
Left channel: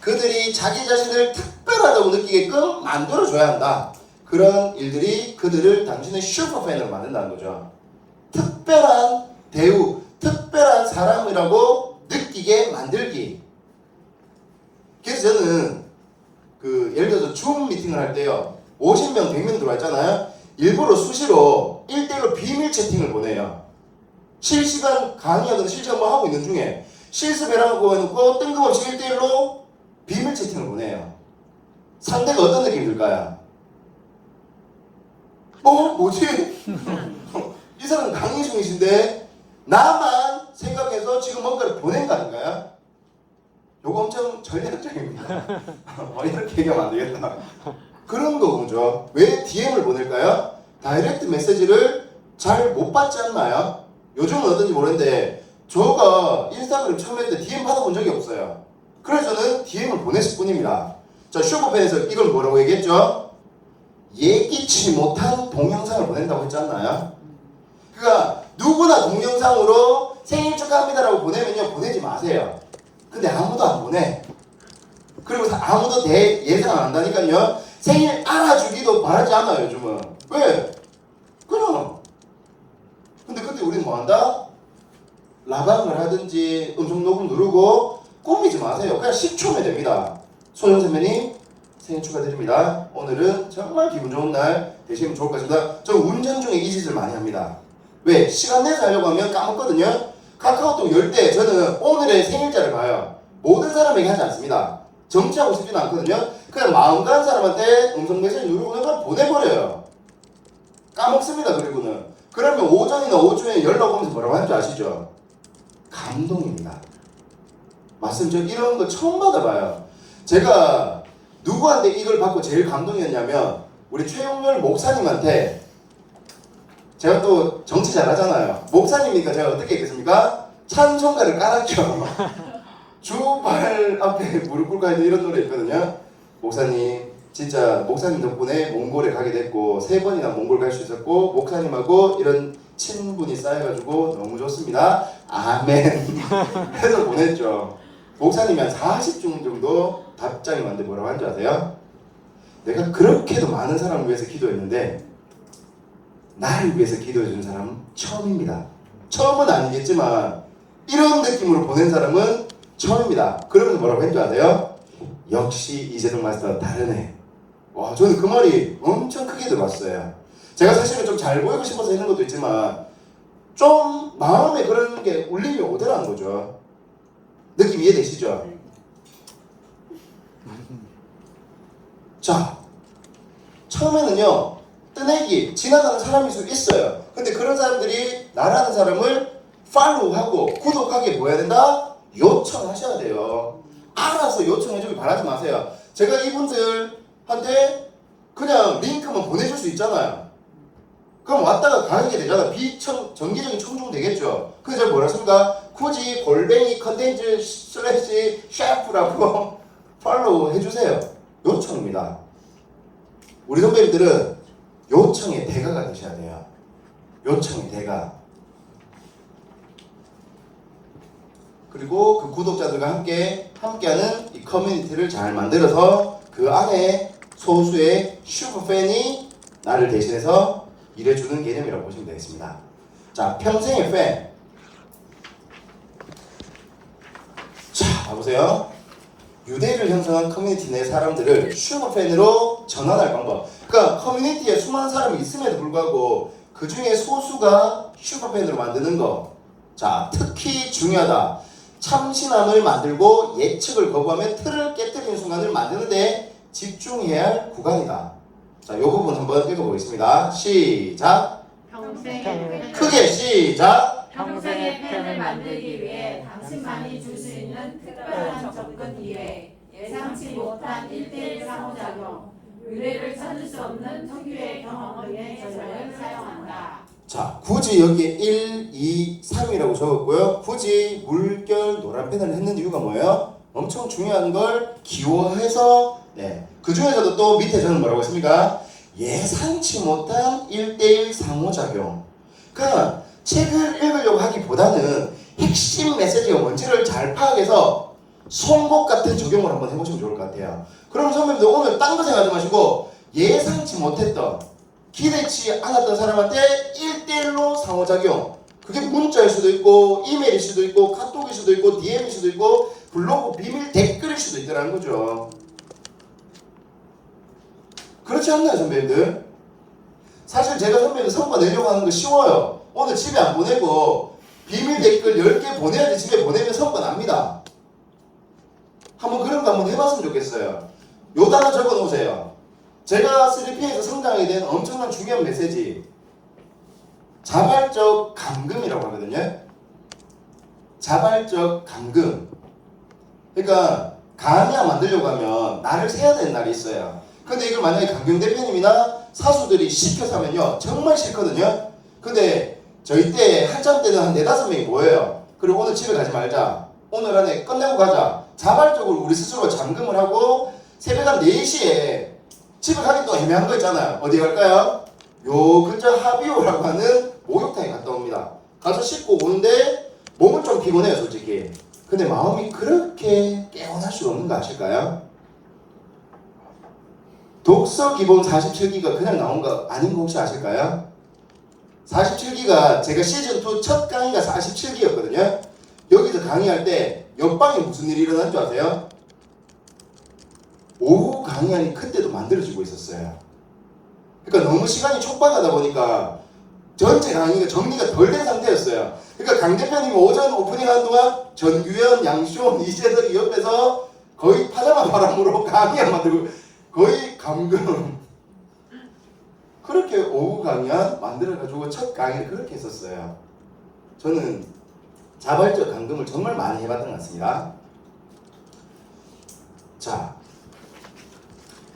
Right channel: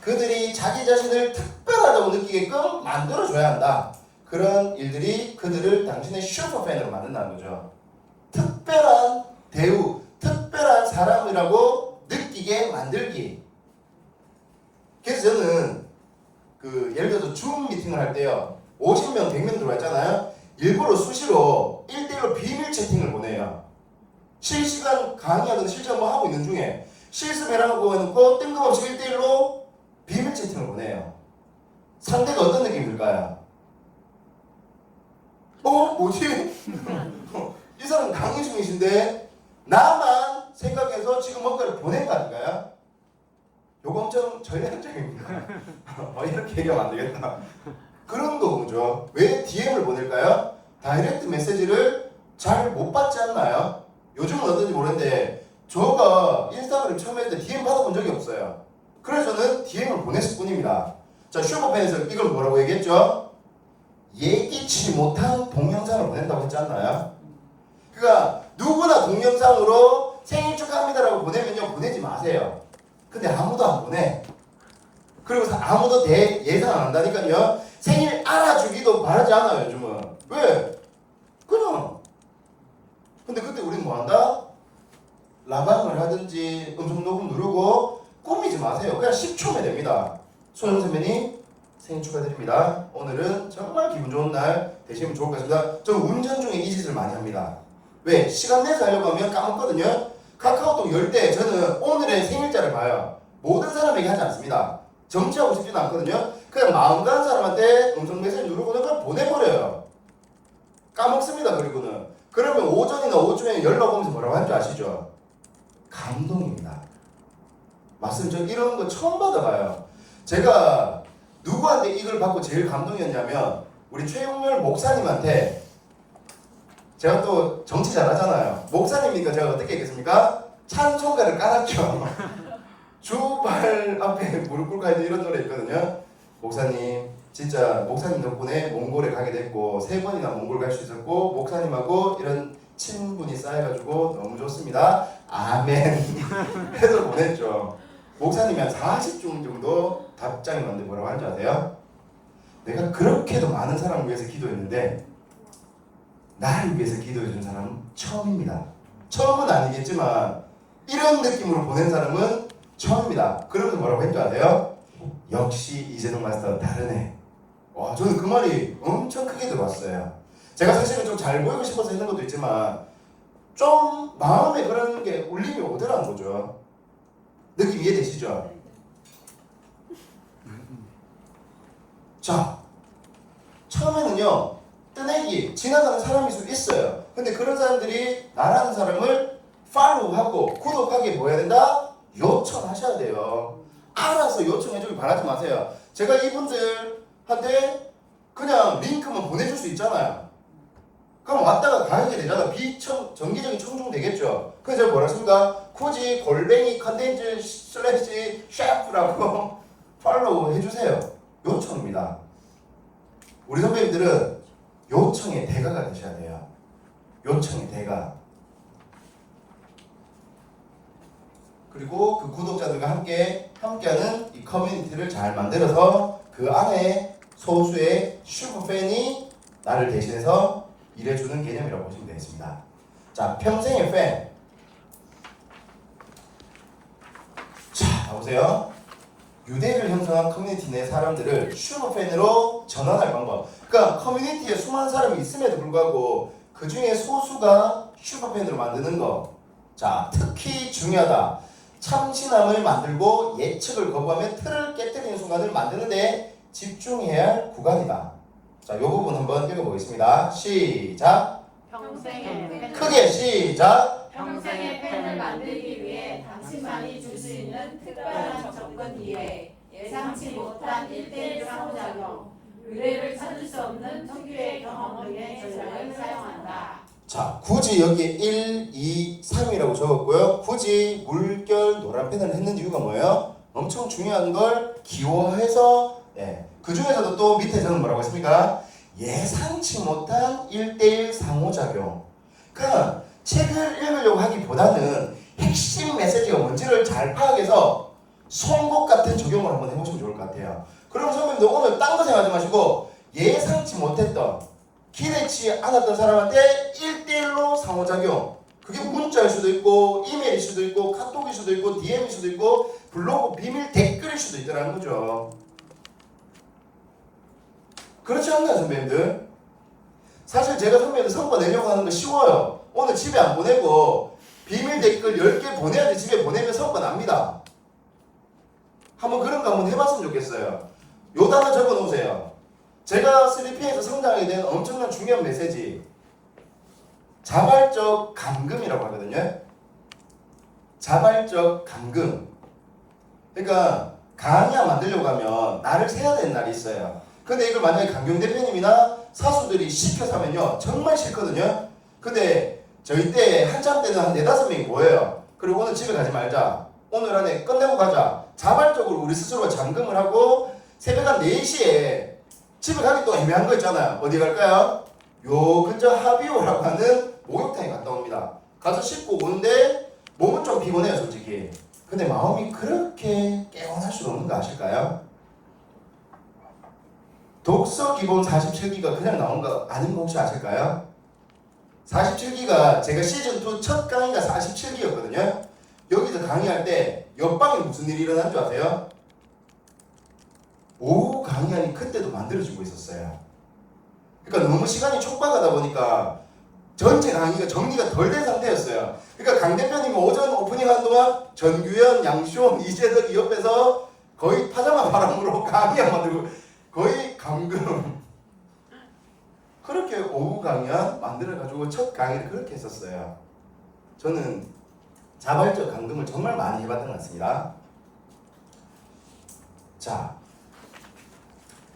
그들이 자기 자신을 특별하다고 느끼게끔 만들어줘야 한다. 그런 일들이 그들을 당신의 슈퍼팬으로 만든다는 거죠. 특별한 대우, 특별한 사람이라고 느끼게 만들기. 그래서 저는 예를 들어서 줌 미팅을 할 때요 50명, 100명 들어와 있잖아요. 일부러 수시로 1대1로 비밀 채팅을 보내요. 실시간 강의하거나 실시간 뭐 하고 있는 중에 실습해라고 해놓고 뜬금없이 1대1로 비밀 채팅을 보내요. 상대가 어떤 느낌이 들까요? 뭐지? 이 사람 강의 중이신데 나만 생각해서 지금 뭔가를 보낸 거 아닌가요? 요거 엄청 전략적입니다. 이렇게 얘기하면 안 되겠다. 그런 거죠. 왜 DM을 보낼까요? 다이렉트 메시지를 잘 못 받지 않나요? 요즘은 어떤지 모르는데 저가 인스타그램 처음 했을 때 DM 받아본 적이 없어요. 그래서 저는 DM을 보냈을 뿐입니다. 자, 슈퍼팬에서 이걸 뭐라고 얘기했죠? 예기치 못한 동영상을 보낸다고 했지 않나요? 그러니까 누구나 동영상으로 생일 축하합니다라고 보내면요 보내지 마세요. 근데 아무도 안 보내. 그리고 아무도 예상 안 한다니까요. 생일 알아주기도 바라지 않아요 요즘은. 왜? 그럼. 근데 그때 우리는 뭐 한다? 라방을 하든지 음성 녹음 누르고 꾸미지 마세요. 그냥 10초면 됩니다. 소영 선배님 생일 축하드립니다. 오늘은 정말 기분 좋은 날 되시면 좋을 것 같습니다. 저는 운전 중에 이 짓을 많이 합니다. 왜? 시간 내서 하려고 하면 까먹거든요. 카카오톡 열 때 저는 오늘의 생일자를 봐요. 모든 사람에게 하지 않습니다. 정치하고 싶지는 않거든요. 그냥 마음 가는 사람한테 음성 메시지 누르고 그냥 보내버려요. 까먹습니다. 그리고는 그러면 오전이나 오후에 연락 오면서 뭐라고 하는지 아시죠? 감동입니다. 맞습니다. 저 이런 거 처음 받아봐요. 제가 누구한테 이걸 받고 제일 감동이었냐면 우리 최용렬 목사님한테 제가 또 정치 잘하잖아요. 목사님이니까 제가 어떻게 했겠습니까? 찬송가를 깔았죠. 주발 앞에 무릎 꿇고 하는 이런 노래 있거든요. 목사님 진짜 목사님 덕분에 몽골에 가게 됐고 3번이나 몽골 갈 수 있었고 목사님하고 이런 친분이 쌓여가지고 너무 좋습니다. 아멘 해서 보냈죠. 목사님이 한 40중 정도 답장이 왔는데 뭐라고 하는지 아세요? 내가 그렇게도 많은 사람을 위해서 기도했는데 나를 위해서 기도해준 사람은 처음입니다. 처음은 아니겠지만 이런 느낌으로 보낸 사람은 처음입니다. 그러면 뭐라고 했는지 아세요? 역시 이재동 마스터 다르네. 와, 저는 그 말이 엄청 크게 들어왔어요. 제가 사실은 좀 잘 보이고 싶어서 했는 것도 있지만 좀 마음에 그런 게 울림이 오더라는 거죠. 느낌 이해되시죠? 자, 처음에는요 뜨내기, 지나가는 사람일 수 있어요. 근데 그런 사람들이 나라는 사람을 팔로우하고 구독하게 뭐 해야 된다? 요청하셔야 돼요. 알아서 요청해주길 바라지 마세요. 제가 이분들한테 그냥 링크만 보내줄 수 있잖아요. 그럼 왔다가 가게 되잖아. 정기적인 청중 되겠죠. 그래서 제가 뭐라 했습니까? 굳이 골뱅이 컨텐츠 / 샤프라고 팔로우 해주세요. 요청입니다. 우리 선배님들은 요청의 대가가 되셔야 돼요. 요청의 대가. 그리고 그 구독자들과 함께하는 이 커뮤니티를 잘 만들어서 그 안에 소수의 슈퍼팬이 나를 대신해서 일해주는 개념이라고 보시면 되겠습니다. 자, 평생의 팬. 자, 봐보세요. 유대를 형성한 커뮤니티 내 사람들을 슈퍼팬으로 전환할 방법. 그러니까 커뮤니티에 수많은 사람이 있음에도 불구하고 그 중에 소수가 슈퍼팬으로 만드는 거. 자, 특히 중요하다. 참신함을 만들고 예측을 거부하며 틀을 깨뜨리는 순간을 만드는데 집중해야 할 구간이다. 자, 이 부분 한번 읽어보겠습니다. 시작. 평생의 크게 시작. 평생의 팬을 만들기 위해 당신만이 줄 수 있는 특별한 접근 기회, 예상치 못한 1대1 상호작용, 의뢰를 찾을 수 없는 특유의 경험 등의 전략을 사용한다. 자, 굳이 여기에 1, 2, 3이라고 적었고요. 굳이 물결 노란 펜을 했는 이유가 뭐예요? 엄청 중요한 걸 기호해서 그 중에서도 또 밑에 저는 뭐라고 했습니까? 예상치 못한 1대1 상호작용. 그러니까 책을 읽으려고 하기보다는 핵심 메시지가 뭔지를 잘 파악해서 송곳 같은 적용을 한번 해보시면 좋을 것 같아요. 그럼 선배님들 오늘 딴 거 생각하지 마시고 예상치 못했던 기대치 않았던 사람한테 1대1로 상호작용. 그게 문자일 수도 있고 이메일일 수도 있고 카톡일 수도 있고 DM일 수도 있고 블로그 비밀 댓글일 수도 있다는 거죠. 그렇지 않나요 선배님들? 사실 제가 선배님들 성과 내려고 하는 거 쉬워요. 오늘 집에 안 보내고 비밀 댓글 10개 보내야지 집에 보내면 성과 납니다. 한번 그런 거 한번 해봤으면 좋겠어요. 요 단어 적어 놓으세요. 제가 3P에서 성장하게 된 엄청난 중요한 메시지. 자발적 감금이라고 하거든요. 자발적 감금. 그러니까 강의안 만들려고 하면 날을 세야 되는 날이 있어요. 근데 이걸 만약에 강경 대표님이나 사수들이 시켜서 하면요 정말 싫거든요. 근데 저희 때 한참 때는 한 4-5명이 모여요. 그리고 오늘 집에 가지 말자, 오늘 안에 끝내고 가자. 자발적으로 우리 스스로 잠금을 하고 새벽 한 4시에 집에 가기 또 애매한 거 있잖아요. 어디 갈까요? 요 근처 하비오라고 하는 목욕탕에 갔다 옵니다. 가서 씻고 오는데 몸은 좀 피곤해요 솔직히. 근데 마음이 그렇게 깨어날 수 없는 거 아실까요? 독서 기본 47기가 그냥 나온 거 아닌 거 혹시 아실까요? 47기가 제가 시즌2 첫 강의가 47기였거든요. 여기서 강의할 때 옆방에 무슨 일이 일어난 줄 아세요? 오후 강의안이 그때도 만들어지고 있었어요. 그러니까 너무 시간이 촉박하다 보니까 전체 강의가 정리가 덜 된 상태였어요. 그러니까 강 대표님이 오전 오프닝 한 동안 전규현, 양시원, 이재덕이 옆에서 거의 파자마 바람으로 강의안 만들고 거의 감금. 그렇게 오후 강의안 만들어가지고 첫 강의를 그렇게 했었어요. 저는 자발적 감금을 정말 많이 해봤던 것 같습니다. 자,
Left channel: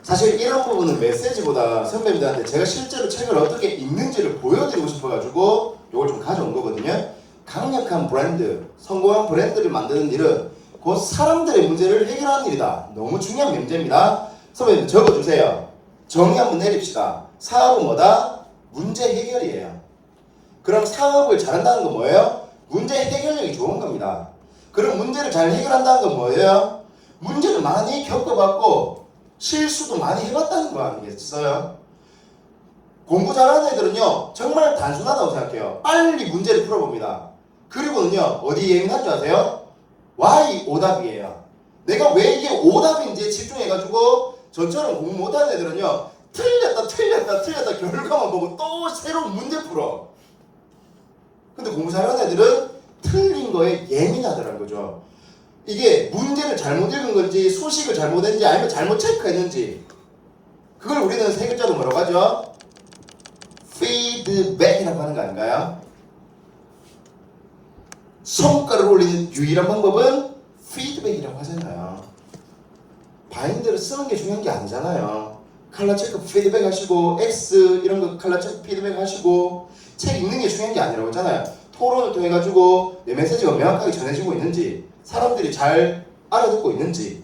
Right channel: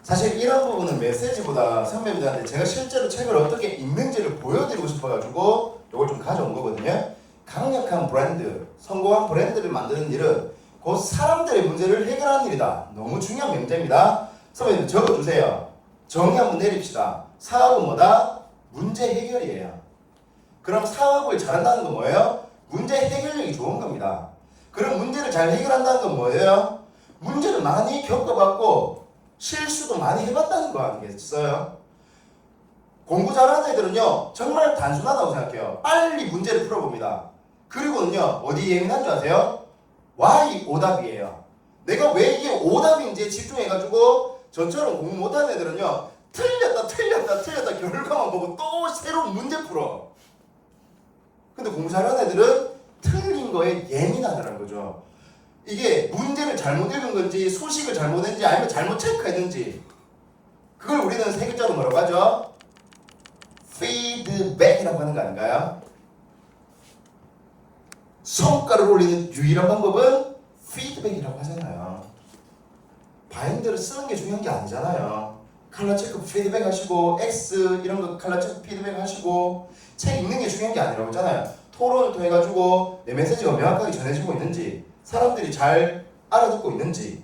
사실 이런 부분은 메시지보다 선배님들한테 제가 실제로 책을 어떻게 읽는지를 보여드리고 싶어가지고 이걸 좀 가져온 거거든요. 강력한 브랜드, 성공한 브랜드를 만드는 일은 곧 사람들의 문제를 해결하는 일이다. 너무 중요한 명제입니다. 선배님 적어주세요. 정의 한번 내립시다. 사업은 뭐다? 문제 해결이에요. 그럼 사업을 잘한다는 건 뭐예요? 문제 해결력이 좋은 겁니다. 그럼 문제를 잘 해결한다는 건 뭐예요? 문제를 많이 겪어봤고 실수도 많이 해봤다는 거 아니겠어요? 공부 잘하는 애들은요 정말 단순하다고 생각해요. 빨리 문제를 풀어봅니다. 그리고는요 어디 예민한 줄 아세요? Why 오답이에요. 내가 왜 이게 오답인지에 집중해가지고 저처럼 공부 못하는 애들은요 틀렸다 결과만 보고 또 새로운 문제 풀어. 근데 공부 잘하는 애들은 틀린 거에 예민하더라는 거죠. 이게 문제를 잘못 읽은 건지 소식을 잘못 했는지 아니면 잘못 체크했는지 그걸 우리는 세 글자로 뭐라고 하죠? 피드백이라고 하는 거 아닌가요? 성과를 올리는 유일한 방법은 피드백이라고 하잖아요. 바인드를 쓰는 게 중요한 게 아니잖아요. 컬러 체크 피드백 하시고 X 이런 거 컬러 체크 피드백 하시고 책 읽는 게 중요한 게 아니라고 했잖아요. 토론을 통해 가지고 내 메시지가 명확하게 전해지고 있는지 사람들이 잘 알아듣고 있는지.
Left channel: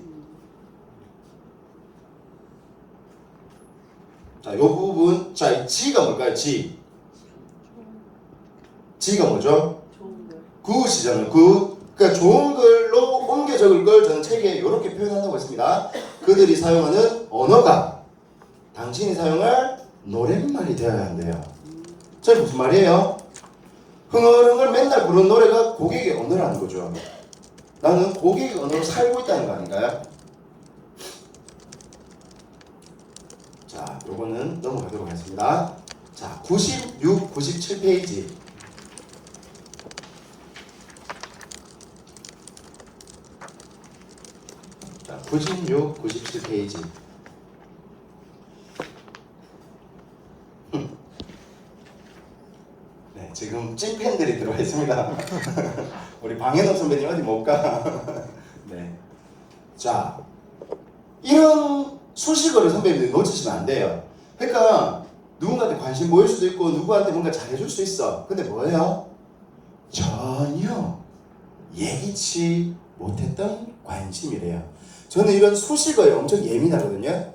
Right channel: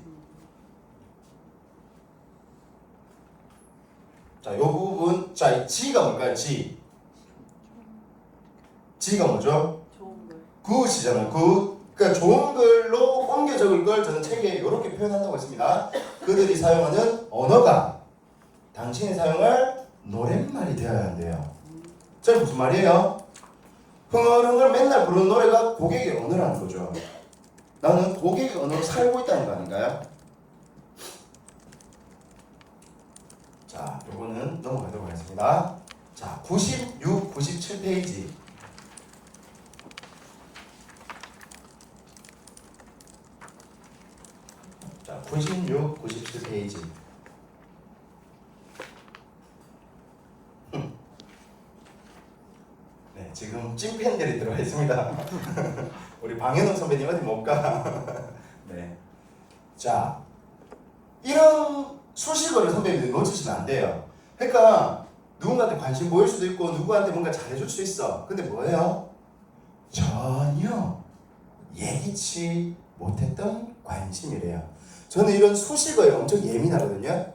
자, 요 부분. 자, G가 뭘까요? G가 뭐죠? 좋은 글. 굿이잖아요. 굿. 그러니까 좋은 글로 옮겨 적을 걸 저는 책에 이렇게 표현한다고 했습니다. 그들이 사용하는 언어가 당신이 사용할 노랫말이 되어야 한대요. 저게 무슨 말이에요? 흥얼흥얼 맨날 부르는 노래가 고객의 언어라는 거죠. 나는 고객의 언어로 살고 있다는 거 아닌가요? 자, 요거는 넘어가도록 하겠습니다. 자, 96, 97페이지. 자, 96, 97페이지. 네, 지금 찐팬들이 들어와 있습니다. 우리 방현욱 선배님 어디 못 가? 네. 자, 이런 수식어를 선배님들이 놓치시면 안 돼요. 그러니까 누군가한테 관심 보일 수도 있고 누구한테 뭔가 잘해줄 수 있어. 근데 뭐예요? 전혀 예기치 못했던 관심이래요. 저는 이런 수식어에 엄청 예민하거든요.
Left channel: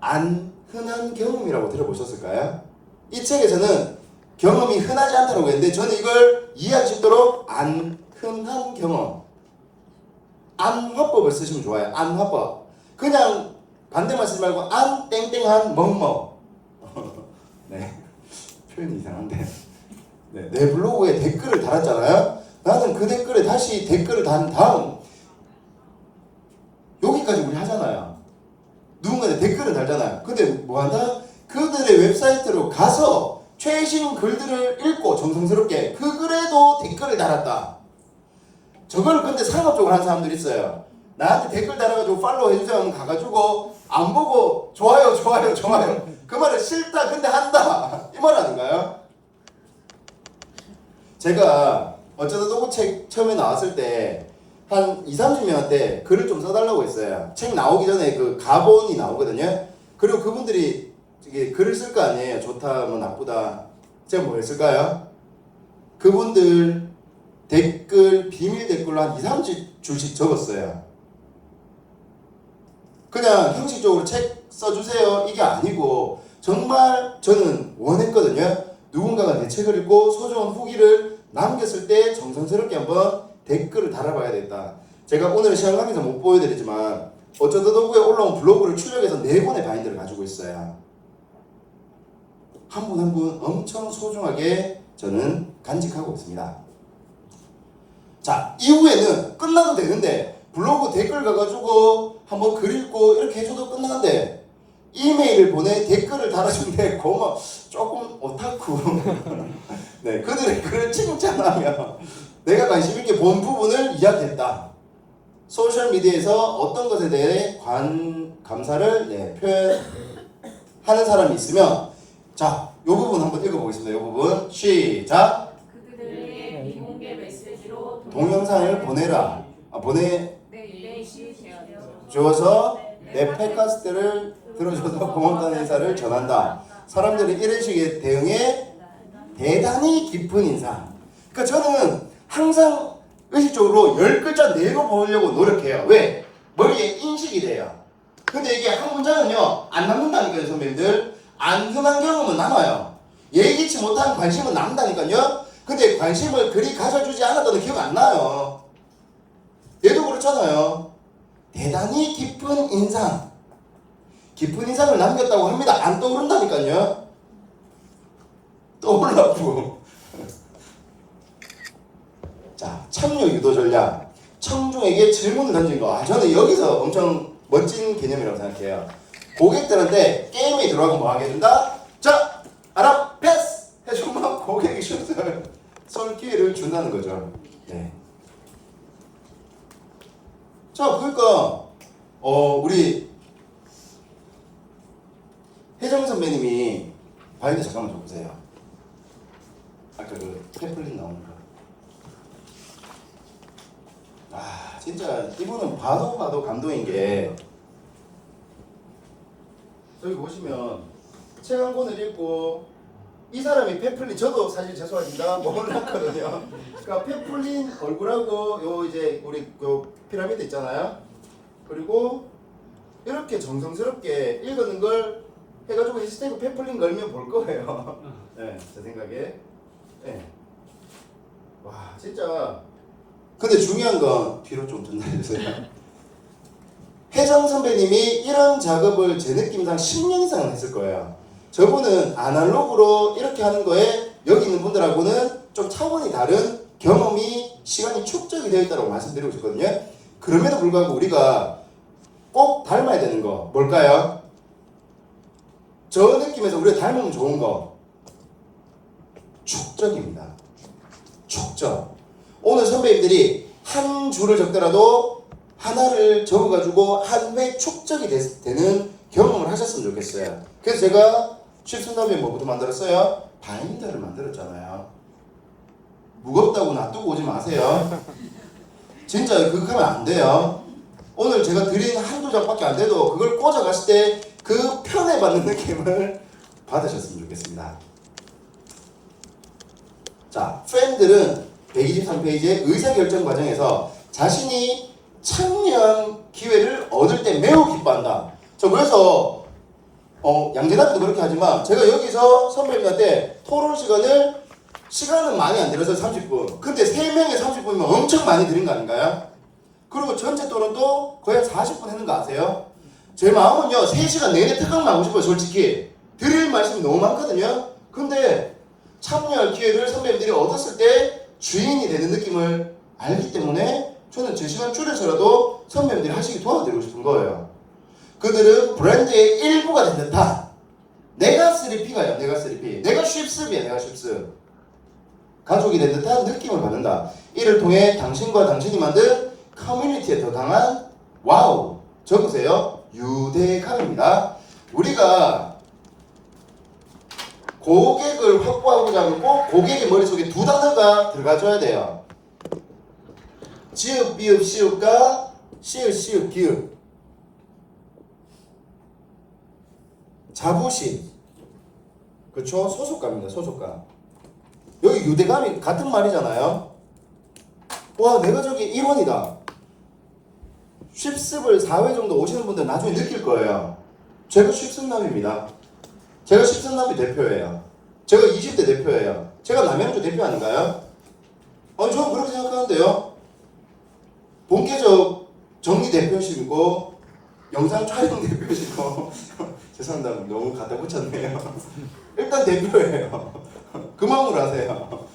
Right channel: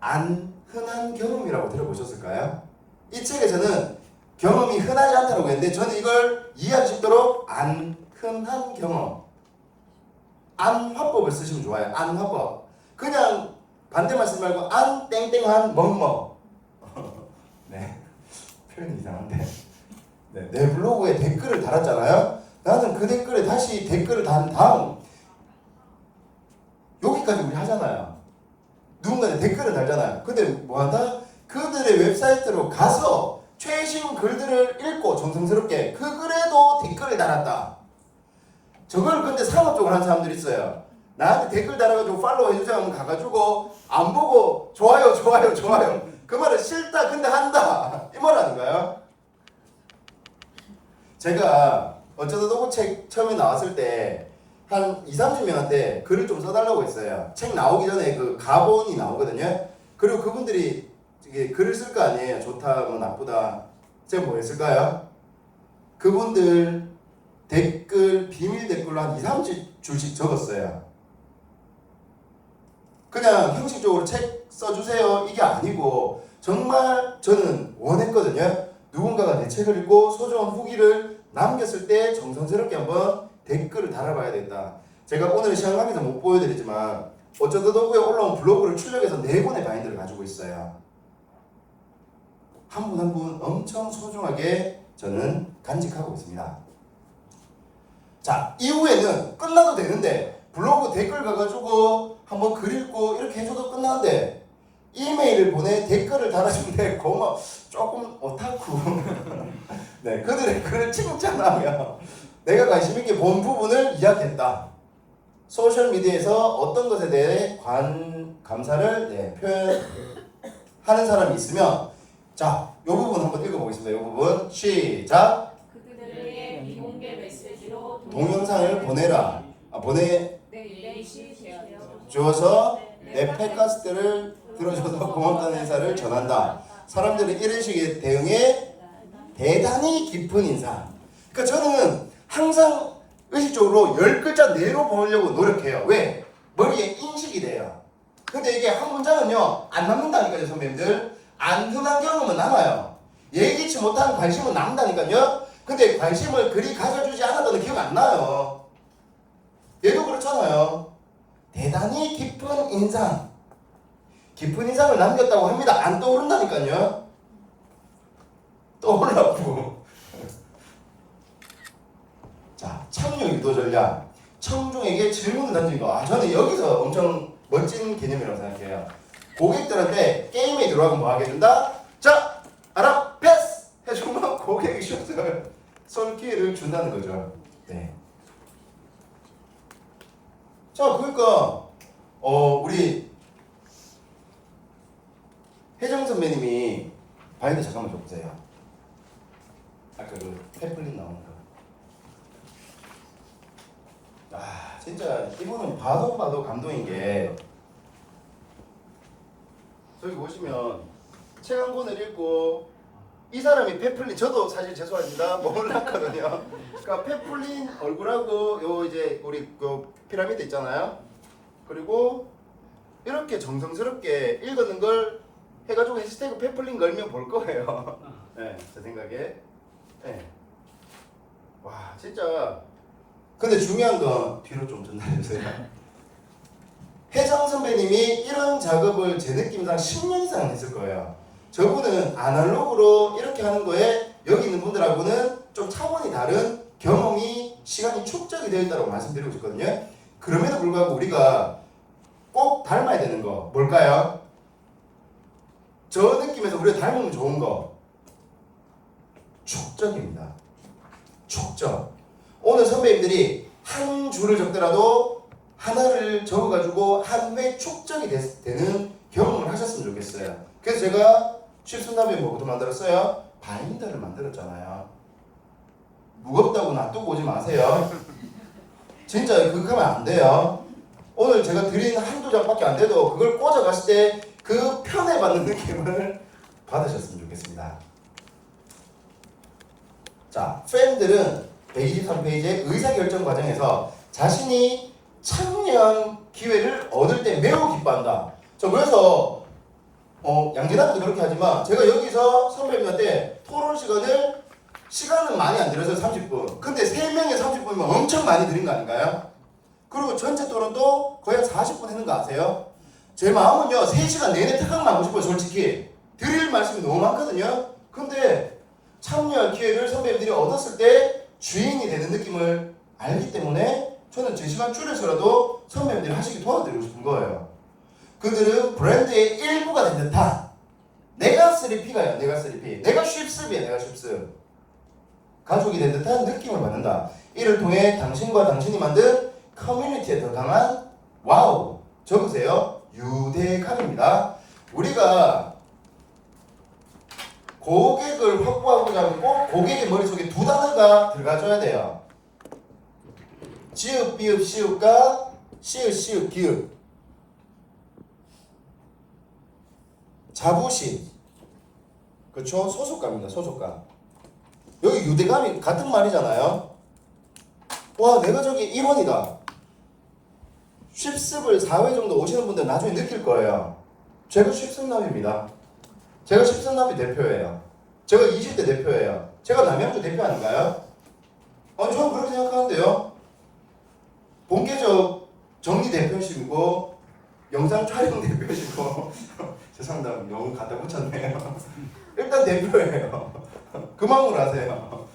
안 흔한 경험이라고 들어보셨을까요? 이 책에서는 경험이 흔하지 않다고 했는데 저는 이걸 이해할 수 있도록 안 흔한 경험, 안 화법을 쓰시면 좋아요. 안 화법. 그냥 반대만 쓰지 말고 안 땡땡한 뭐뭐. 네, 표현이 이상한데. 네, 내 블로그에 댓글을 달았잖아요. 나는 그 댓글에 다시 댓글을 단 다음 여기까지 우리 하잖아요. 누군가한테 댓글을 달잖아요. 근데 뭐한다? 그들의 웹사이트로 가서 최신 글들을 읽고 정성스럽게 그 글에도 댓글을 달았다. 저걸 근데 상업적으로 하는 사람들이 있어요. 나한테 댓글 달아가지고 팔로우 해주세요 하면 가가지고 안 보고 좋아요 좋아요 좋아요 그 말은 싫다 근데 한다 이 말 아닌가요? 제가 어쩌다 보고 책 처음에 나왔을 때 한 20-30명한테 글을 좀 써달라고 했어요. 책 나오기 전에 그 가본이 나오거든요. 그리고 그분들이 이게 글을 쓸 거 아니에요. 좋다 뭐 나쁘다. 제가 뭐 했을까요? 그분들 댓글 비밀 댓글로 한 2-30줄씩 적었어요. 그냥 형식적으로 책 써주세요 이게 아니고 정말 저는 원했거든요. 누군가가 내 책을 읽고 소중한 후기를 남겼을 때 정성스럽게 한번 댓글을 달아봐야 된다. 제가 오늘 시간 관계상 못 보여드리지만 어쩌다 도구에 올라온 블로그를 출력해서 4권의 바인드를 가지고 있어요. 한 분 한 분 엄청 소중하게 저는 간직하고 있습니다. 자, 이후에는 끝나도 되는데 블로그 댓글 가가지고 한번 글 읽고 이렇게 해줘도 끝나는데 이메일을 보내 댓글을 달아주는데 고마 조금 오타쿠 네, 그들의 글을 칭찬하며 내가 관심 있게 본 부분을 이야기했다. 소셜미디어에서 어떤 것에 대해 감사를 표현하는 사람이 있으면 자, 이 부분 한번 읽어보겠습니다. 이 부분 시작. 그들에게 비공개 메시지로 동영상을 보내라. 보내주어서 내 팟캐스트를 들어줘서 고맙다는 인사를 전한다. 사람들은 이런 식의 대응에 대단히 깊은 인사. 그러니까 저는 항상 의식적으로 10글자 내로 보려고 노력해요. 왜? 머리에 인식이 돼요. 근데 이게 한 문장은요 안 남는다니까요. 선배님들 안 흔한 경험은 남아요. 예기치 못한 관심은 남는다니까요. 근데 관심을 그리 가져주지 않았다는 기억 안 나요. 얘도 그렇잖아요. 대단히 깊은 인상, 깊은 인상을 남겼다고 합니다. 안 떠오른다니까요. 떠올라고. 자, 참여 유도 전략. 청중에게 질문을 던진 거. 저는 여기서 엄청 멋진 개념이라고 생각해요. 고객들한테 게임에 들어가면 뭐 하게 해준다? 자, 알아, 패스! 해주면 고객이 슛을 쏠 기회를 준다는 거죠. 네. 자, 그러니까 우리 혜정 선배님이 바인드 잠깐만 줘보세요. 아까 그 페플린 나오는 거. 아, 진짜 이분은 봐도 감동인 게 여기 보시면 책 한 권을 읽고 이 사람이 페플린, 저도 사실 죄송합니다 몰랐거든요. 그러니까 페플린 얼굴하고 요 이제 우리 그 피라미드 있잖아요. 그리고 이렇게 정성스럽게 읽었는 걸 해가지고 해시태그 페플린 걸면 볼 거예요. 네, 제 생각에. 네. 와, 진짜. 근데 중요한 건 뒤로 좀 전달해주세요. 혜정 선배님이 이런 작업을 제 느낌상 10년 이상은 했을 거예요. 저분은 아날로그로 이렇게 하는 거에 여기 있는 분들하고는 좀 차원이 다른 경험이 시간이 축적이 되어 있다고 말씀드리고 싶거든요. 그럼에도 불구하고 우리가 꼭 닮아야 되는 거 뭘까요? 저 느낌에서 우리가 닮으면 좋은 거 축적입니다. 축적. 오늘 선배님들이 한 줄을 적더라도 하나를 적어가지고 한 회 축적이 되는 경험을 하셨으면 좋겠어요. 그래서 제가 칩순나비에 뭐부터 만들었어요? 바인더를 만들었잖아요. 무겁다고 놔두고 오지 마세요. 진짜 그거 하면 안 돼요. 오늘 제가 드린 한두 장밖에 안 돼도 그걸 꽂아갔을 때 그 편애받는 느낌을 받으셨으면 좋겠습니다. 자, 팬들은 123페이지의 의사결정 과정에서 자신이 참여한 기회를 얻을 때 매우 기뻐한다. 저 그래서 양재남도 그렇게 하지만 제가 여기서 선배님한테 토론 시간은 많이 안 들여서 30분. 근데 3명에 30분이면 엄청 많이 드린 거 아닌가요? 그리고 전체 토론도 거의 40분 했는 거 아세요? 제 마음은요 3시간 내내 특강만 하고 싶어요. 솔직히 드릴 말씀이 너무 많거든요. 근데 참여할 기회를 선배님들이 얻었을 때 주인이 되는 느낌을 알기 때문에 저는 제 시간 줄여서라도 선배님들이 하시기 도와드리고 싶은 거예요. 그들은 브랜드의 일부가 된 듯한 내가 3P가요. 내가 3P. 내가 쉽습이야. 내가 쉽습. 가족이 된 듯한 느낌을 받는다. 이를 통해 당신과 당신이 만든 커뮤니티에 더 강한 와우. 적으세요. 유대감입니다. 우리가 고객을 확보하고자 하면 꼭 고객의 머릿속에 두 단어가 들어가줘야 돼요. 지읒, 비읒, 시읒과 시읒, 시읒, 기읒. 자부심. 그렇죠? 소속감입니다. 소속감. 여기 유대감이 같은 말이잖아요. 와, 내가 저기 1원이다. 쉽습을 4회 정도 오시는 분들 나중에 느낄 거예요. 제가 쉽습남입니다. 제가 쉽습남이 대표예요. 제가 20대 대표예요. 제가 남양주 대표 아닌가요? 아니, 저는 그렇게 생각하는데요. 본계적 정리 대표시고 영상 촬영 대표시고 죄송합니다. 너무 갖다 붙였네요. 일단 대표예요. 그 마음으로 하세요.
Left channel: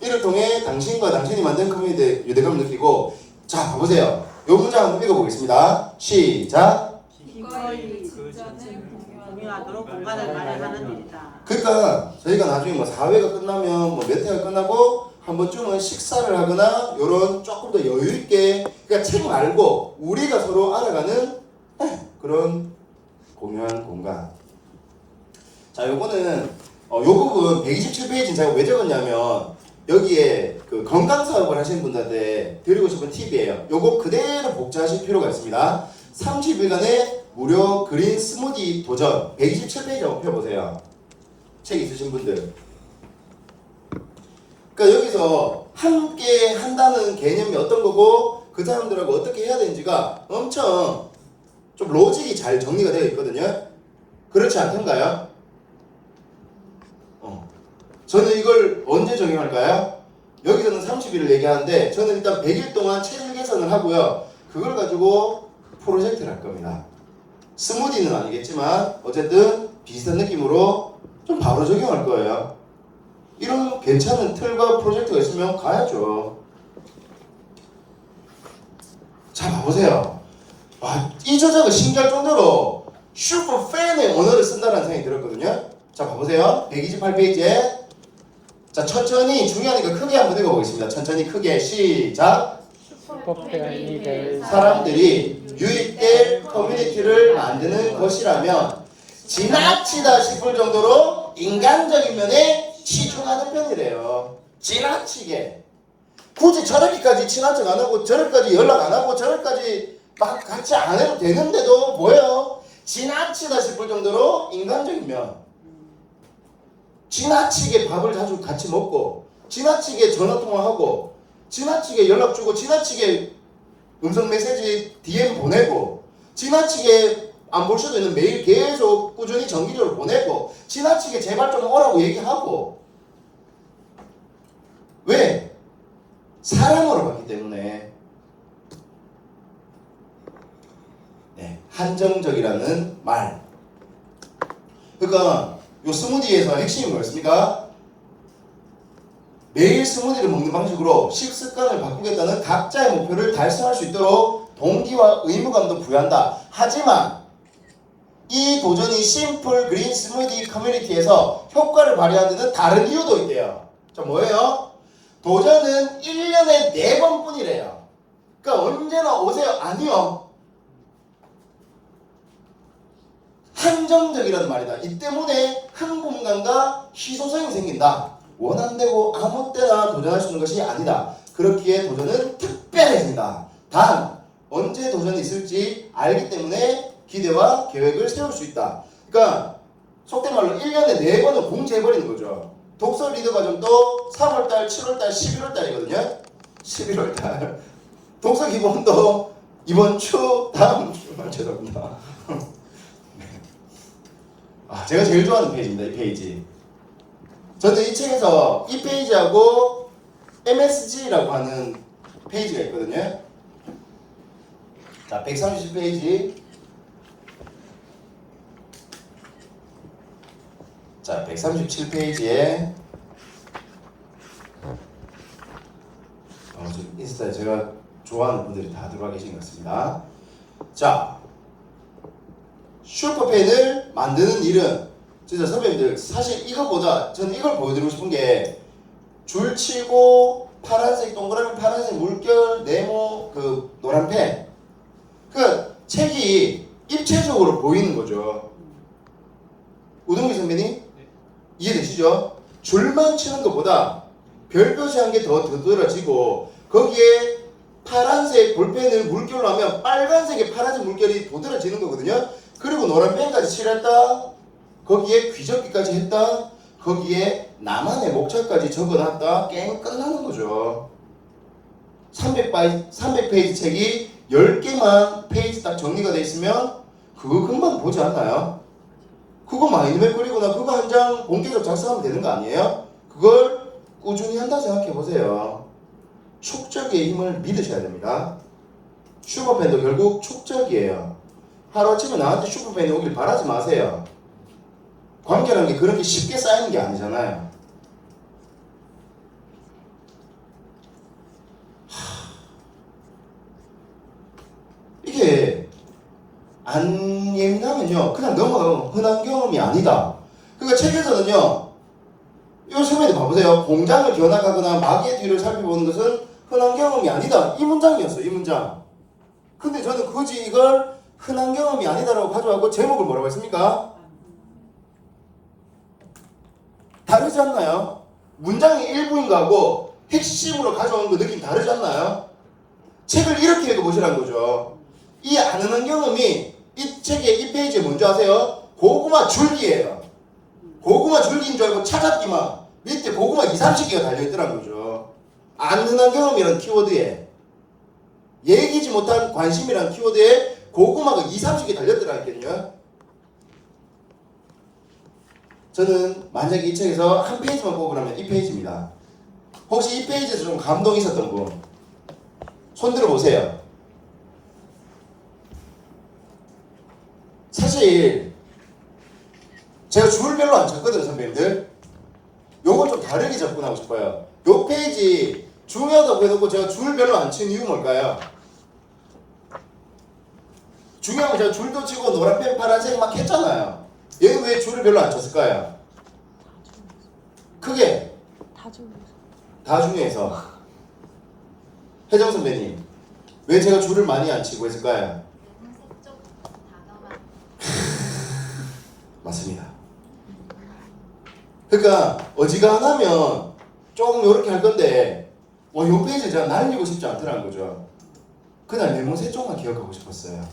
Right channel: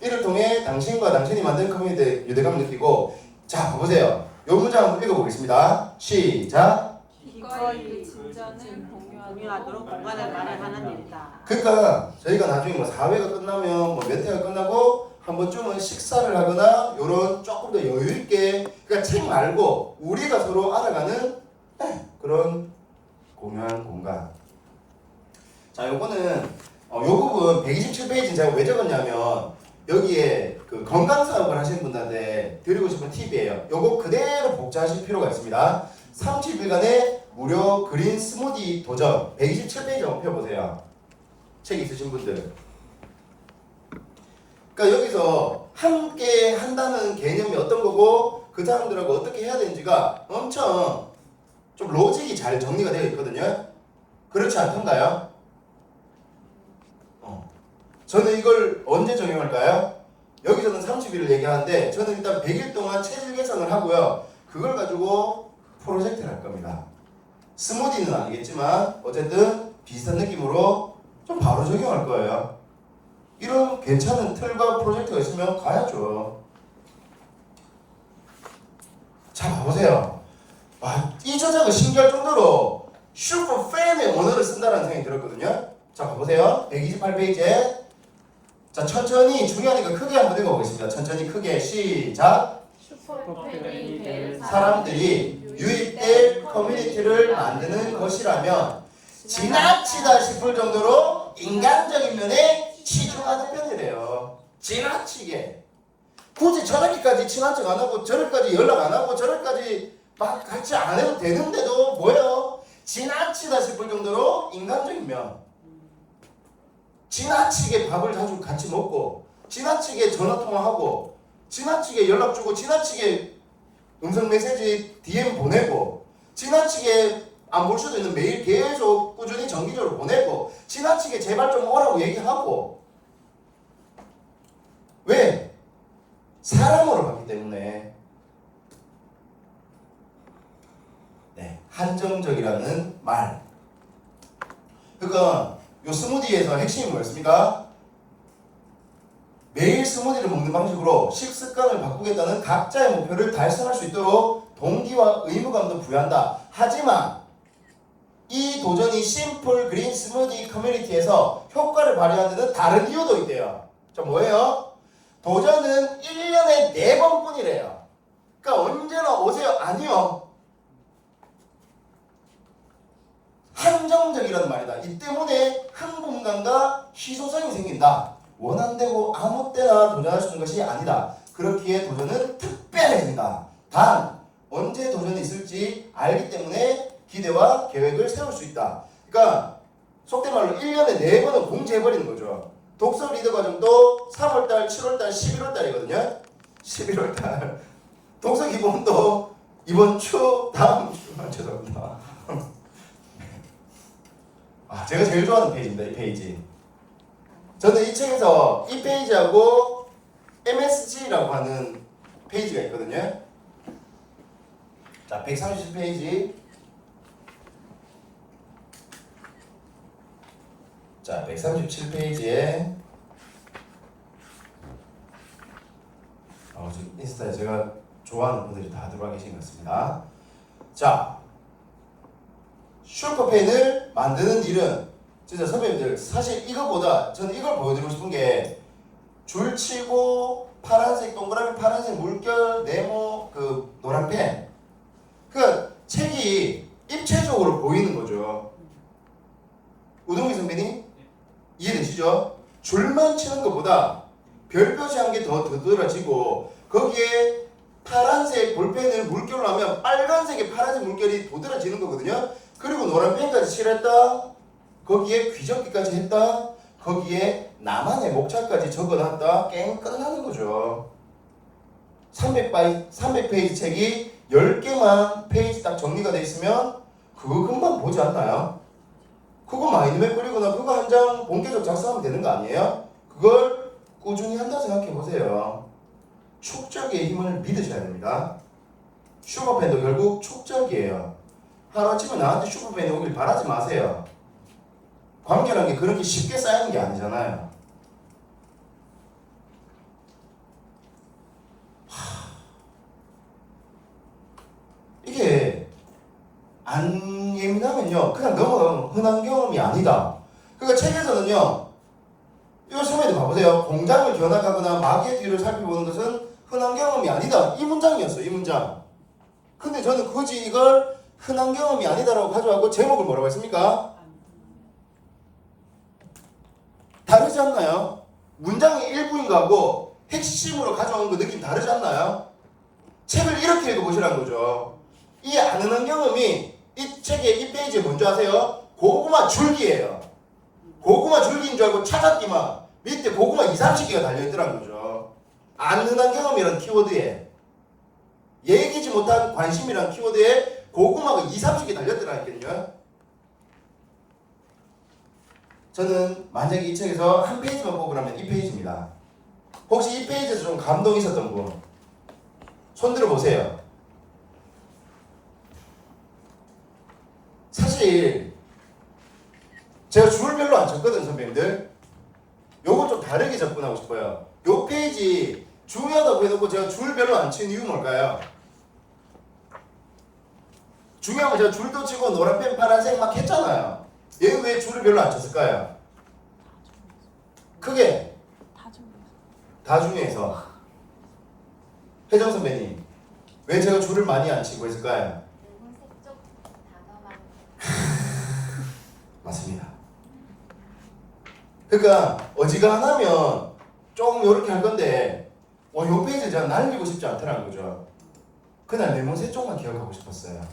이를 통해 당신과 당신이 만든 커뮤니티의 유대감을 느끼고, 자, 봐보세요. 이 문장 한번 읽어보겠습니다. 시작. 기꺼이 진전을 공유하도록 공간을 마련하는 일이다. 그러니까 저희가 나중에 뭐 4회가 끝나면 뭐 몇 회가 끝나고 한 번쯤은 식사를 하거나 요런 조금 더 여유 있게, 그러니까 책 말고 우리가 서로 알아가는 그런 공유한 공간. 자, 요거는 요 부분 127페이지는 제가 왜 적었냐면 여기에 그 건강 사업을 하시는 분들한테 드리고 싶은 팁이에요. 요거 그대로 복제하실 필요가 있습니다. 30일간의 무료 그린 스무디 도전 127페이지 한번 펴보세요. 책 있으신 분들. 그러니까 여기서 함께 한다는 개념이 어떤 거고 그 사람들하고 어떻게 해야 되는지가 엄청 좀 로직이 잘 정리가 되어 있거든요. 그렇지 않던가요? 저는 이걸 언제 적용할까요? 여기서는 30일을 얘기하는데 저는 일단 100일 동안 체질 개선을 하고요. 그걸 가지고 프로젝트를 할 겁니다. 스무디는 아니겠지만 어쨌든 비슷한 느낌으로 좀 바로 적용할 거예요. 이런 괜찮은 틀과 프로젝트가 있으면 가야죠. 자, 봐보세요. 와, 이 저자가 신기할 정도로 슈퍼 팬의 언어를 쓴다는 생각이 들었거든요. 자, 봐보세요. 128페이지에 자, 천천히 중요하니까 크게 한번 읽어보겠습니다. 천천히 크게 시작. 사람들이 유입될 커뮤니티를 만드는 것이라면 지나치다 싶을 정도로 인간적인 면에 치중하는 편이래요. 지나치게. 굳이 저렇게까지 친한 척 안 하고 저렇게까지 연락 안 하고 저렇게까지 막 같이 안 해도 되는데도 뭐예요? 지나치다 싶을 정도로 인간적인 면. 지나치게 밥을 자주 같이 먹고 지나치게 전화통화하고 지나치게 연락 주고 지나치게 음성 메시지 DM 보내고 지나치게 안 볼 수도 있는 메일 계속 꾸준히 정기적으로 보내고 지나치게 제발 좀 오라고 얘기하고. 왜? 사람으로 봤기 때문에. 네, 한정적이라는 말. 그러니까 요 스무디에서 핵심이 뭐였습니까? 매일 스무디를 먹는 방식으로 식습관을 바꾸겠다는 각자의 목표를 달성할 수 있도록 동기와 의무감도 부여한다. 하지만 이 도전이 심플 그린 스무디 커뮤니티에서 효과를 발휘하는 데는 다른 이유도 있대요. 자, 뭐예요? 도전은 1년에 4번 뿐이래요. 그러니까 언제나 오세요? 아니요. 한정적이라는 말이다. 이 때문에 흥분감과 희소성이 생긴다. 원한대로 아무 때나 도전할 수 있는 것이 아니다. 그렇기에 도전은 특별해진다. 단 언제 도전이 있을지 알기 때문에 기대와 계획을 세울 수 있다. 그러니까 속된 말로 1년에 4번은 공지해버리는 거죠. 독서 리더 과정도 3월달, 7월달, 11월달이거든요. 11월달 독서 기본도 이번 주 다음 주 죄송합니다. 제가 제일 좋아하는 페이지입니다. 이 페이지. 저는 이 책에서 이 페이지하고 MSG라고 하는 페이지가 있거든요. 자, 137페이지. 자, 137페이지에 인스타에 제가 좋아하는 분들이 다 들어와 계신 것 같습니다. 자, 슈퍼펜을 만드는 일은 진짜 선배님들 사실 이거보다 저는 이걸 보여드리고 싶은 게 줄치고 파란색 동그라미 파란색 물결 네모 그 노란 펜 그 책이 입체적으로 보이는 거죠. 우동기 선배님 이해되시죠? 줄만 치는 것보다 별표시한 게 더 두드러지고 거기에 파란색 볼펜을 물결로 하면 빨간색의 파란색 물결이 도드라지는 거거든요. 그리고 노란 펜까지 칠했다. 거기에 귀접기까지 했다. 거기에 나만의 목차까지 적어놨다. 게임 끝나는 거죠. 300페이지 책이 10개만 페이지 딱 정리가 돼 있으면 그거 금방 보지 않나요? 그거 마인드맵 그리거나 그거 한 장 본격적으로 작성하면 되는 거 아니에요? 그걸 꾸준히 한다 생각해 보세요. 축적의 힘을 믿으셔야 됩니다. 슈퍼펜도 결국 축적이에요. 하루아침에 나한테 슈퍼펜이 오길 바라지 마세요. 관계라는 게 그렇게 쉽게 쌓이는 게 아니잖아요. 이게 안 예민하면요 그냥 넘어가면 흔한 경험이 아니다. 그러니까 책에서는요 이거 선배들 봐보세요. 공장을 견학하거나 마개의 뒤를 살펴보는 것은 흔한 경험이 아니다. 이 문장이었어요. 이 문장. 근데 저는 굳이 이걸 흔한 경험이 아니다라고 가져가고 제목을 뭐라고 했습니까? 다르지 않나요? 문장의 일부인 거하고 핵심으로 가져온 거 느낌 다르지 않나요? 책을 이렇게 읽어보시라는 거죠. 이 안 흔한 경험이 이 책의 이 페이지에 뭔지 아세요? 고구마 줄기예요. 고구마 줄기인 줄 알고 찾았지만 밑에 고구마 2~30개가 달려있더라는 거죠. 안 흔한 경험이라는 키워드에 얘기지 못한 관심이라는 키워드에 고구마가 2~30개 달렸더라니까요. 저는 만약에 이 책에서 한 페이지만 뽑으라면 이 페이지입니다. 혹시 이 페이지에서 좀 감동이 있었던 분 손 들어보세요. 사실 제가 줄을 별로 안 쳤거든요, 선배님들. 요건 좀 다르게 접근하고 싶어요. 요 페이지 중요하다고 해놓고 제가 줄 별로 안 친 이유 뭘까요? 중요한 건 제가 줄도 치고 노란펜 파란색 막 했잖아요. 얘는 왜 줄을 별로 안 쳤을까요? 크게 다 중요해서. 혜정 선배님 왜 제가 줄을 많이 안 치고 했을까요? 맞습니다. 그러니까 어지간하면 조금 이렇게 할 건데 요 페이지 제가 날리고 싶지 않더라는 거죠. 그냥 레몬 세 쪽만 기억하고 싶었어요.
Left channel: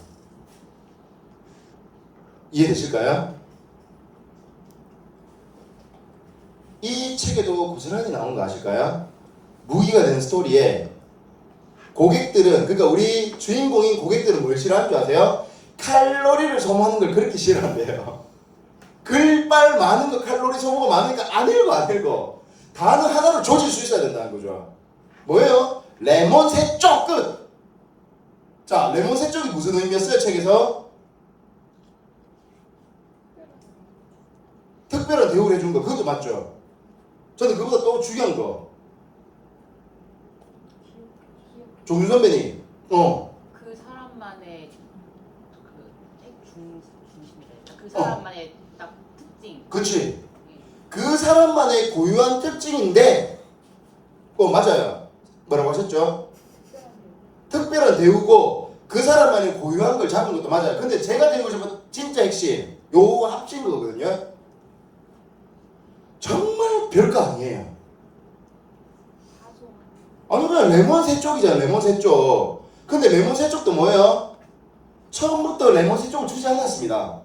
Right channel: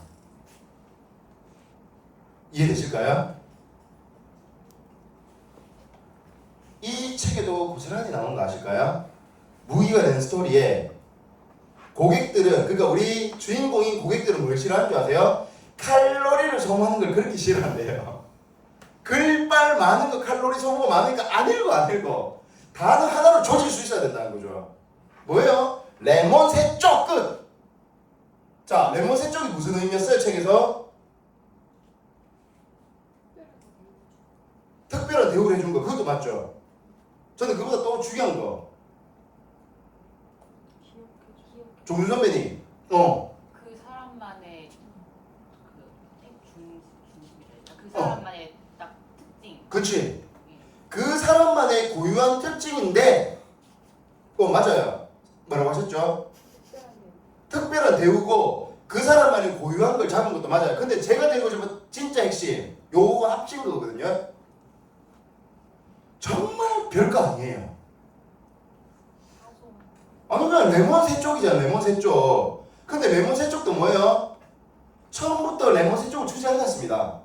이해되실까요? 이 책에도 고스란히 나오는 거 아실까요? 무기가 된 스토리에 고객들은 그러니까 우리 주인공인 고객들은 뭘 싫어하는 줄 아세요? 칼로리를 소모하는 걸 그렇게 싫어한대요. 글빨 많은 거 칼로리 소모가 많으니까 안 읽어. 단어 하나로 조질 수 있어야 된다는 거죠. 뭐예요? 레몬 세 쪽 끝. 자, 레몬 세 쪽이 무슨 의미였어요? 책에서 특별한 특별한 대우를 해준 거 그것도 맞죠? 저는 그보다 또 중요한 거 조윤 선배님 그 사람만의 그 사람만의 딱 특징. 그치 그 사람만의 고유한 특징인데 맞아요 뭐라고 하셨죠? 특별한 대우고 그 사람만의 고유한 걸 잡은 것도 맞아요. 근데 제가 드리고 싶은 진짜 핵심 요거 합친 거거든요. 정말 별거 아니에요. 아니 그냥 레몬 세 쪽이잖아. 레몬 세 쪽. 근데 레몬 세 쪽도 뭐예요? 처음부터 레몬 세 쪽을 주지 않았습니다.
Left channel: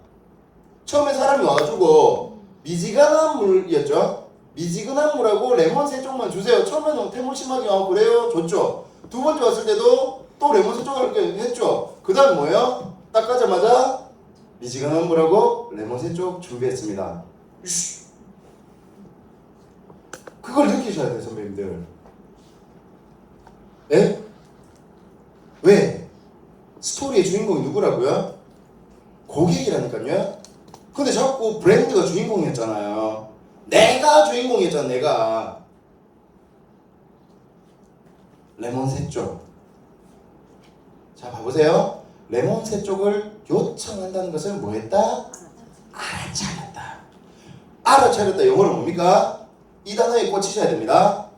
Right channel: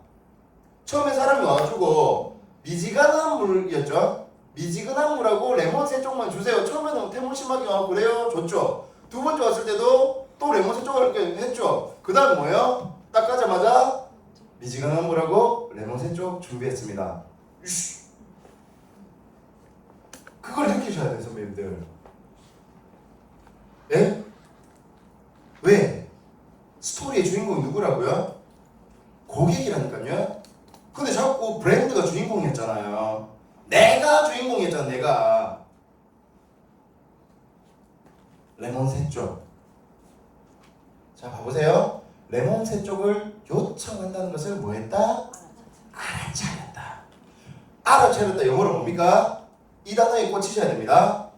처음에 사람이 와가지고 미지근한 물이었죠. 미지근한 물하고 레몬 세 쪽만 주세요. 처음에는 태물심하게 와고 그래요. 줬죠. 두 번째 왔을 때도 또 레몬 세 쪽을 이렇게 했죠. 그 다음 뭐예요? 딱 가자마자 미지근한 물하고 레몬 세 쪽 준비했습니다. 그걸 느끼셔야 돼요, 선배님들. 예? 왜? 스토리의 주인공이 누구라고요? 고객이라니까요. 근데 자꾸 브랜드가 주인공이었잖아요. 내가 주인공이었잖아, 내가. 레몬 세 쪽. 자, 봐보세요. 레몬 세 쪽을 요청한다는 것을 뭐 했다? 알아차렸다. 알아차렸다 영어로 뭡니까? 이 단어에 꽂히셔야 됩니다.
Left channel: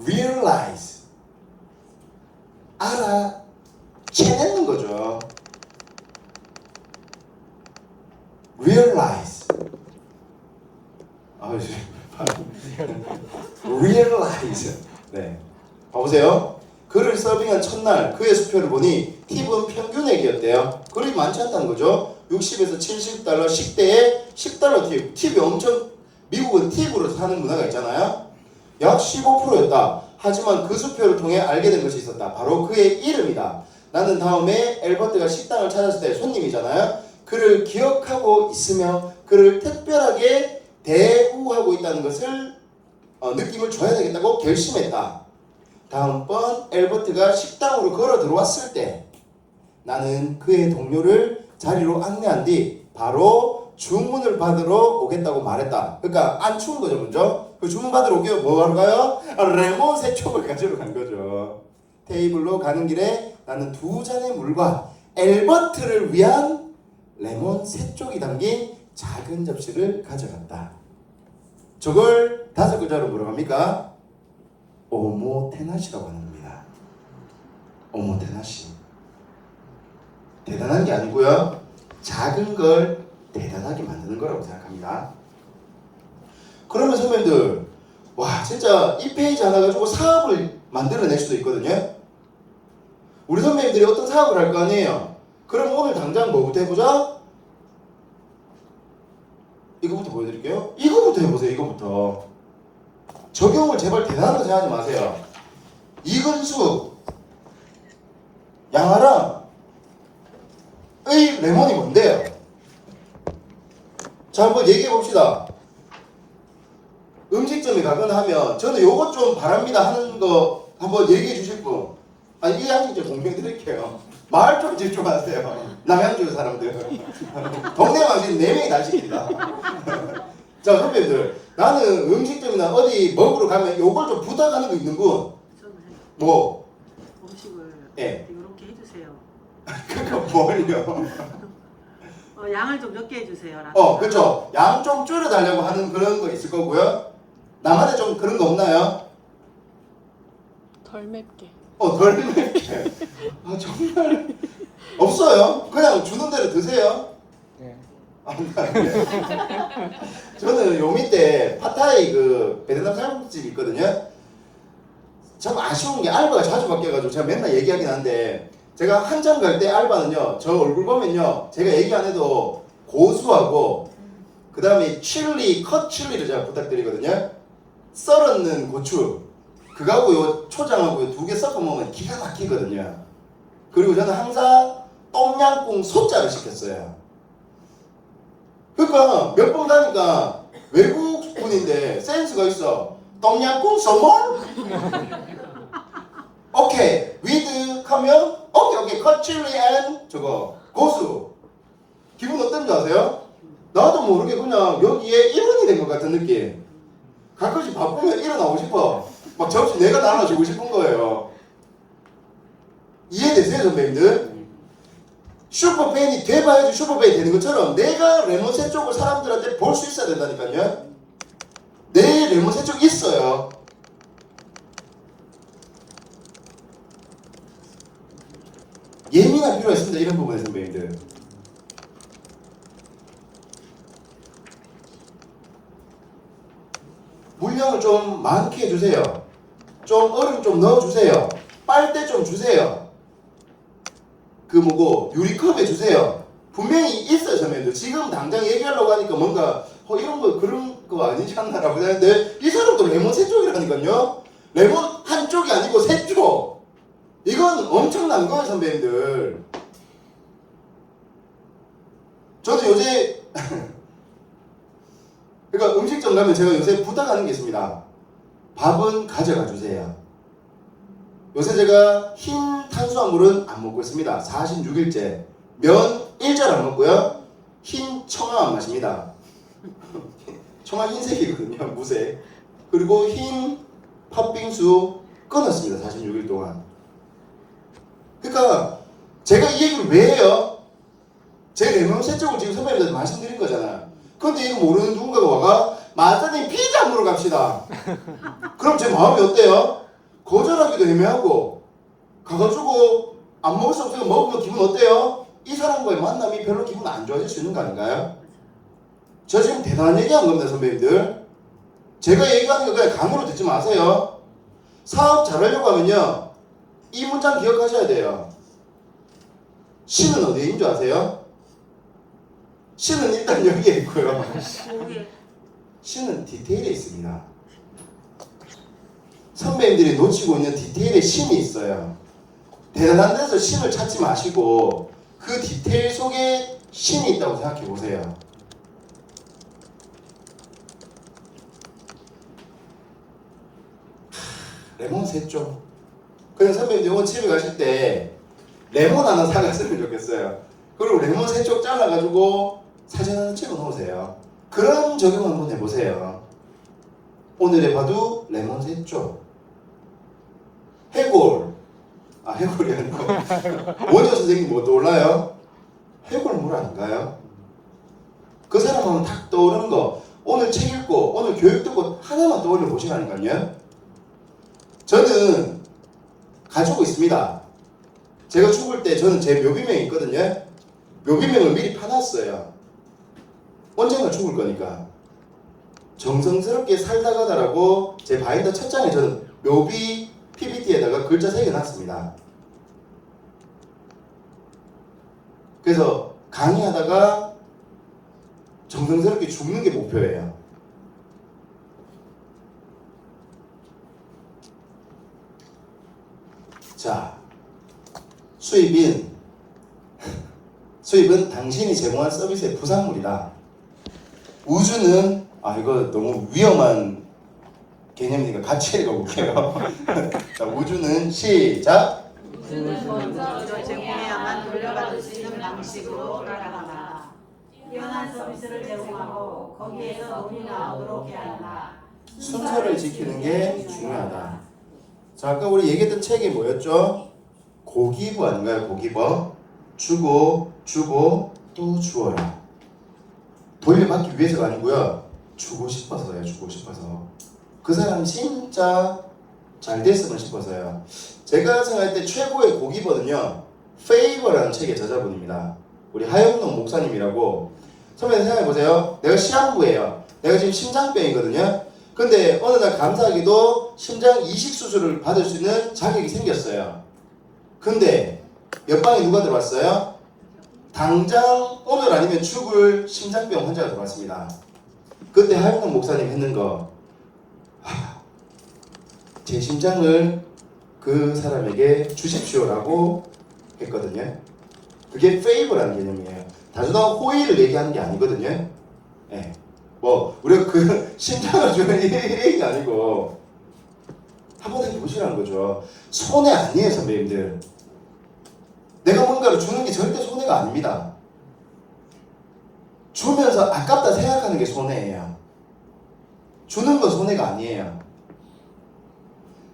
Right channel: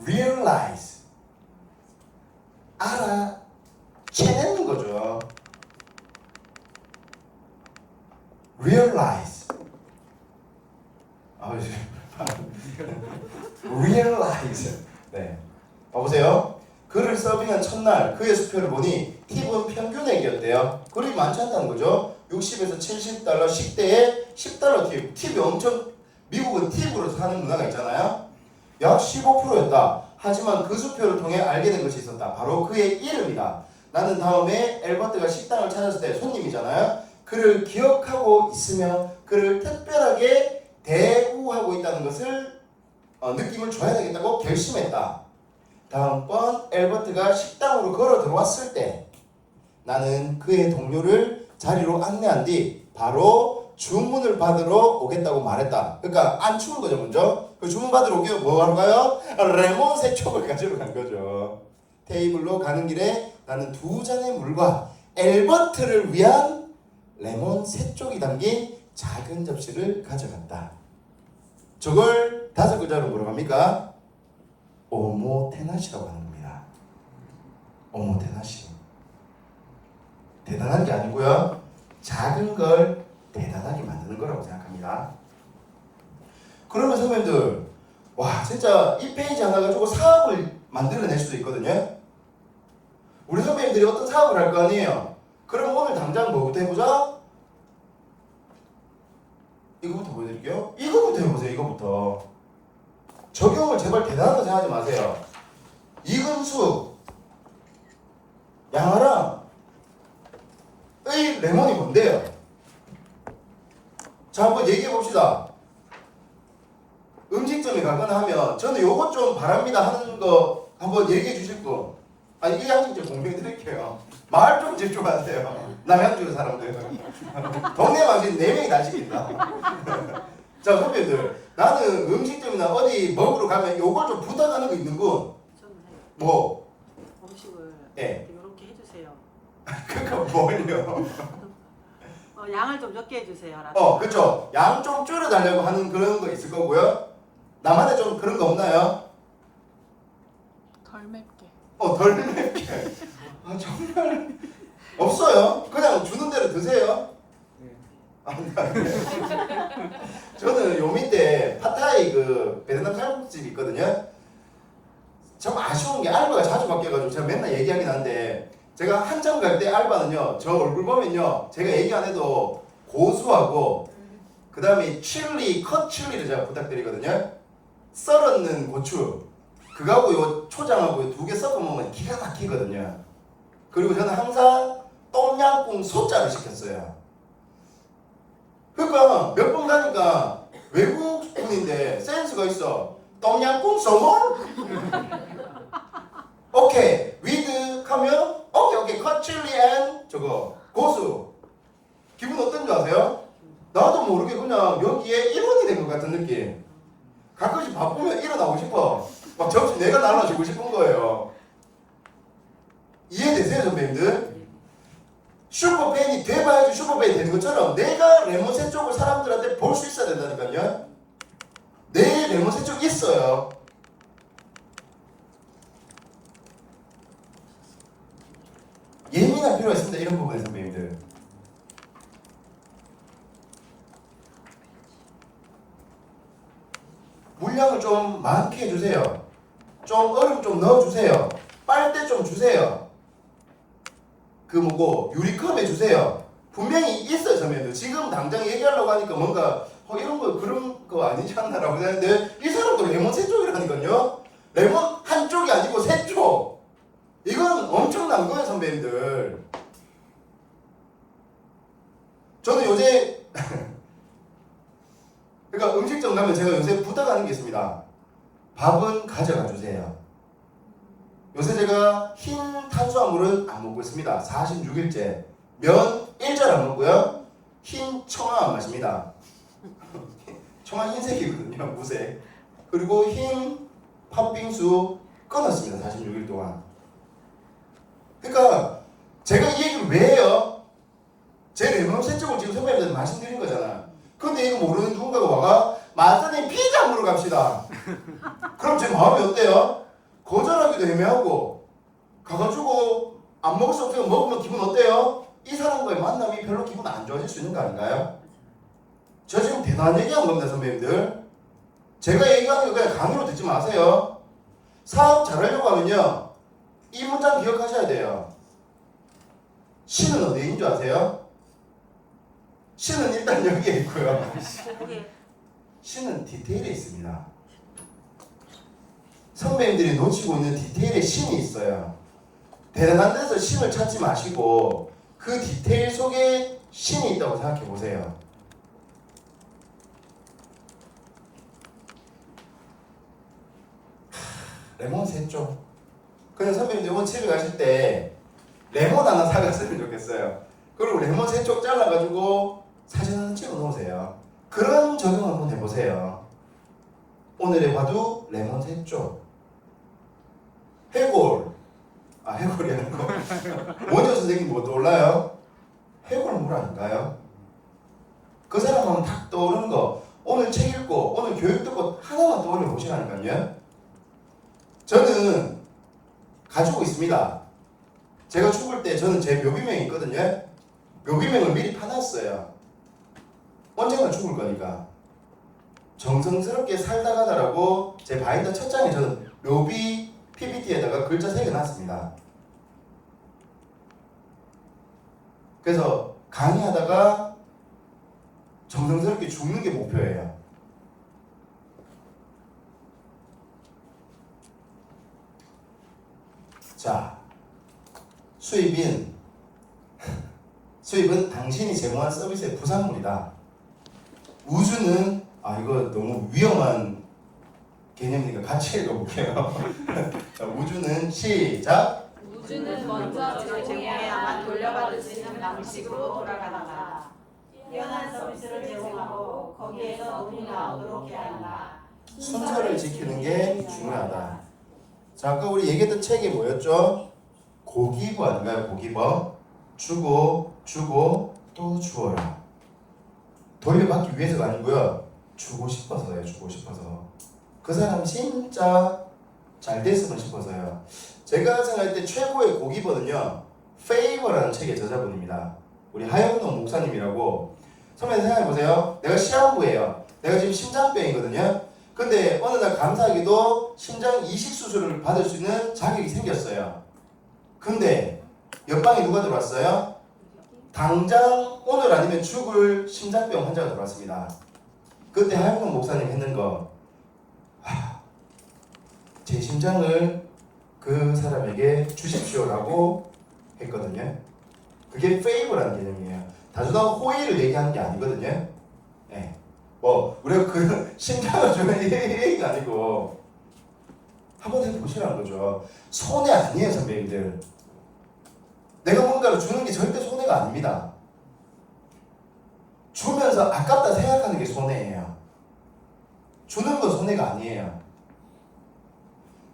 realize. 알아채내는 거죠. realize. realize. 네. 봐보세요. 그를 서빙한 첫날 그의 수표를 보니 팁은 평균액이었대요. 그리 많지 않다는 거죠. 60에서 70달러, 10대에 10달러 팁. 팁이 엄청 미국은 팁으로 사는 문화가 있잖아요. 약 15%였다. 하지만 그 수표를 통해 알게 된 것이 있었다. 바로 그의 이름이다. 나는 다음에 엘버트가 식당을 찾았을 때 손님이잖아요. 그를 기억하고 있으며 그를 특별하게 대우하고 있다는 것을 느낌을 줘야 되겠다고 결심했다. 다음번 엘버트가 식당으로 걸어 들어왔을 때 나는 그의 동료를 자리로 안내한 뒤 바로 주문을 받으러 오겠다고 말했다. 그러니까 안 추운 거죠, 먼저. 그 주문 받으러 오게 뭐 하러 가요? 레몬 세 쪽을 가지러 간 거죠. 테이블로 가는 길에 나는 2잔의 물과 엘버트를 위한 레몬 세 쪽이 담긴 작은 접시를 가져갔다. 저걸 5글자로 뭐라고 합니까? 오모테나시라고 하는 겁니다. 오모테나시. 대단한 게 아니고요. 작은 걸 대단하게 만드는 거라고 생각합니다. 그러면 선배님들, 와 진짜 이 페이지 하나 가지고 사업을 만들어낼 수도 있거든요. 우리 선배님들이 어떤 사업을 할 거 아니에요. 그럼 오늘 당장 뭐부터 해보자? 이거부터 보여드릴게요. 이거부터 해보세요. 이거부터. 적용을 제발 대단한 거 생각하지 마세요. 이근수, 양아랑 의 레몬이 뭔데요? 자, 한번 얘기해 봅시다. 음식점에 가거나 하면 저는 요것 좀 바랍니다 하는 거 한번 얘기해 주실 분. 아니 이 양식 좀 공평히 드릴게요. 말 좀 집중하세요. 남양주 사람들. 동네 방식 4명이 다 시킵니다. 자, 선배님들, 나는 음식점이나 어디 먹으러 가면 요걸 좀 부탁하는 거 있는군. 뭐? 음식을 예. 이렇게 해주세요. 그거 뭘요? 양을 좀 적게 해주세요. 그쵸. 양 좀 줄여달라고 하는 그런 거 있을 거고요. 나만의 좀 그런 거 없나요? 덜 맵게. 덜 맵게. 정말 없어요. 그냥 주는 대로 드세요. 저는 요 밑에 팟타이 그 베트남 쌀국집이 있거든요. 참 아쉬운 게 알바가 자주 바뀌어가지고 제가 맨날 얘기하긴 한데 제가 한참 갈 때 알바는요 저 얼굴 보면요 제가 얘기 안 해도 고수하고 그 다음에 칠리 컷 칠리를 제가 부탁드리거든요. 썰었는 고추 그거하고 요 초장하고 2개 섞어 먹으면 기가 막히거든요. 그리고 저는 항상 똠양꿍 소자를 시켰어요. 그러니까 몇 번 가니까 외국 분인데 센스가 있어. 똠양꿍 선물? 오케이 위드 하면 오케이 컷 칠리 앤 저거 고수. 기분 어떤지 아세요? 나도 모르게 그냥 여기에 일원이 된 것 같은 느낌. 가끔씩 바쁘면 일어나고 싶어. 막 접시 내가 나눠주고 싶은 거예요. 이해되세요, 선배님들? 슈퍼팬이 돼봐야지 슈퍼팬이 되는 것처럼 내가 레몬새 쪽을 사람들한테 볼 수 있어야 된다니까요. 내 레몬새 쪽 있어요. 예민할 필요가 있습니다. 이런 부분에 선배님들. 물량을 좀 많게 해주세요. 좀 얼음 좀 넣어주세요. 빨대 좀 주세요. 그 뭐고 유리컵 해주세요. 분명히 있어요, 선배님들. 지금 당장 얘기하려고 하니까 뭔가 이런 거 그런 거 아니지 않나라고 생각했는데 이 사람도 레몬 3쪽이라니까요. 레몬 한 쪽이 아니고 3쪽. 이건 엄청난 거예요, 선배님들. 저도 요새 그러니까 음식점 가면 제가 요새 부탁하는 게 있습니다. 밥은 가져가 주세요. 요새 제가 흰 탄수화물은 안 먹고 있습니다. 46일째. 면 1절 안 먹고요. 흰 청아 안 마십니다. 청아 흰색이거든요. 무색. 그리고 흰 팥빙수 끊었습니다. 46일 동안. 그러니까 제가 이 얘기를 왜 해요? 제 레몬새 쪽을 지금 선배님들한테 말씀드린 거잖아요. 근데 이거 모르는 누군가가 와가 마사님 피자 먹으러 갑시다. 그럼 제 마음이 어때요? 거절하기도 애매하고 가가지고 안 먹을 수 없으면 먹으면 기분 어때요? 이 사람과의 만남이 별로 기분 안 좋아질 수 있는 거 아닌가요? 저 지금 대단한 얘기하는 겁니다, 선배님들. 제가 얘기하는 거 그냥 감으로 듣지 마세요. 사업 잘하려고 하면요, 이 문장 기억하셔야 돼요. 신은 어디에 있는 줄 아세요? 신은 일단 여기에 있고요. 신은 디테일에 있습니다. 선배님들이 놓치고 있는 디테일에 신이 있어요. 대단한 데서 신을 찾지 마시고 그 디테일 속에 신이 있다고 생각해 보세요. 레몬 3쪽. 그냥 선배님들 오늘 집에 가실 때 레몬 하나 사갔으면 좋겠어요. 그리고 레몬 3쪽 잘라가지고 사진 하나 찍어 놓으세요. 그런 적용 한번 해보세요. 오늘의 봐도 레몬 3쪽. 해골. 해골이 아니고 원효 선생님 뭐 떠올라요? 해골 물 아닌가요? 그 사람 하면 탁 떠오르는 거. 오늘 책 읽고 오늘 교육 듣고 하나만 떠올려 보시라니까요. 저는 가지고 있습니다. 제가 죽을 때 저는 제 묘비명이 있거든요. 묘비명을 미리 파놨어요. 언젠가 죽을 거니까. 정성스럽게 살다 가다라고 제 바인더 첫 장에 저는 묘비 PPT에다가 글자 새겨놨습니다. 그래서 강의하다가 정성스럽게 죽는 게 목표예요. 자, 수입은 당신이 제공한 서비스의 부산물이다. 우주는 이거 너무 위험한 개념이니까 같이 읽어볼게요. 자, 우주는 시작. 우주는 먼저 제공해야만 돌려받을 수 있는 방식으로 돌아간다. 뛰어난 서비스를 제공하고 거기에서 돈이 나오도록 해야 한다. 순서를 지키는 게 중요하다. 자, 아까 우리 얘기했던 책이 뭐였죠? 고기부 아닌가요? 고기버. 주고 또 주어라. 돌려받기 위해서가 아니고요. 주고 싶어서요. 주고 싶어서. 그 사람이 진짜 잘 됐으면 싶어서요. 제가 생각할 때 최고의 고기버는요, 페이버라는 책의 저자분입니다. 우리 하영동 목사님이라고. 선배님 생각해보세요. 내가 시한부예요. 내가 지금 심장병이거든요. 근데 어느 날 감사하게도 심장 이식 수술을 받을 수 있는 자격이 생겼어요. 근데 옆방에 누가 들어왔어요? 당장 오늘 아니면 죽을 심장병 환자가 들어왔습니다. 그때 하영동 목사님 했는 거, 제 심장을 그 사람에게 주십시오라고 했거든요. 그게 페이버라는 개념이에요. 단순한 호의를 얘기하는 게 아니거든요. 네. 뭐 우리가 그 심장을 주는 얘기가 아니고 한번 해보시라는 거죠. 손해 아니에요, 선배님들. 내가 뭔가를 주는 게 절대 손해가 아닙니다. 주면서 아깝다 생각하는 게 손해예요. 주는 건 손해가 아니에요.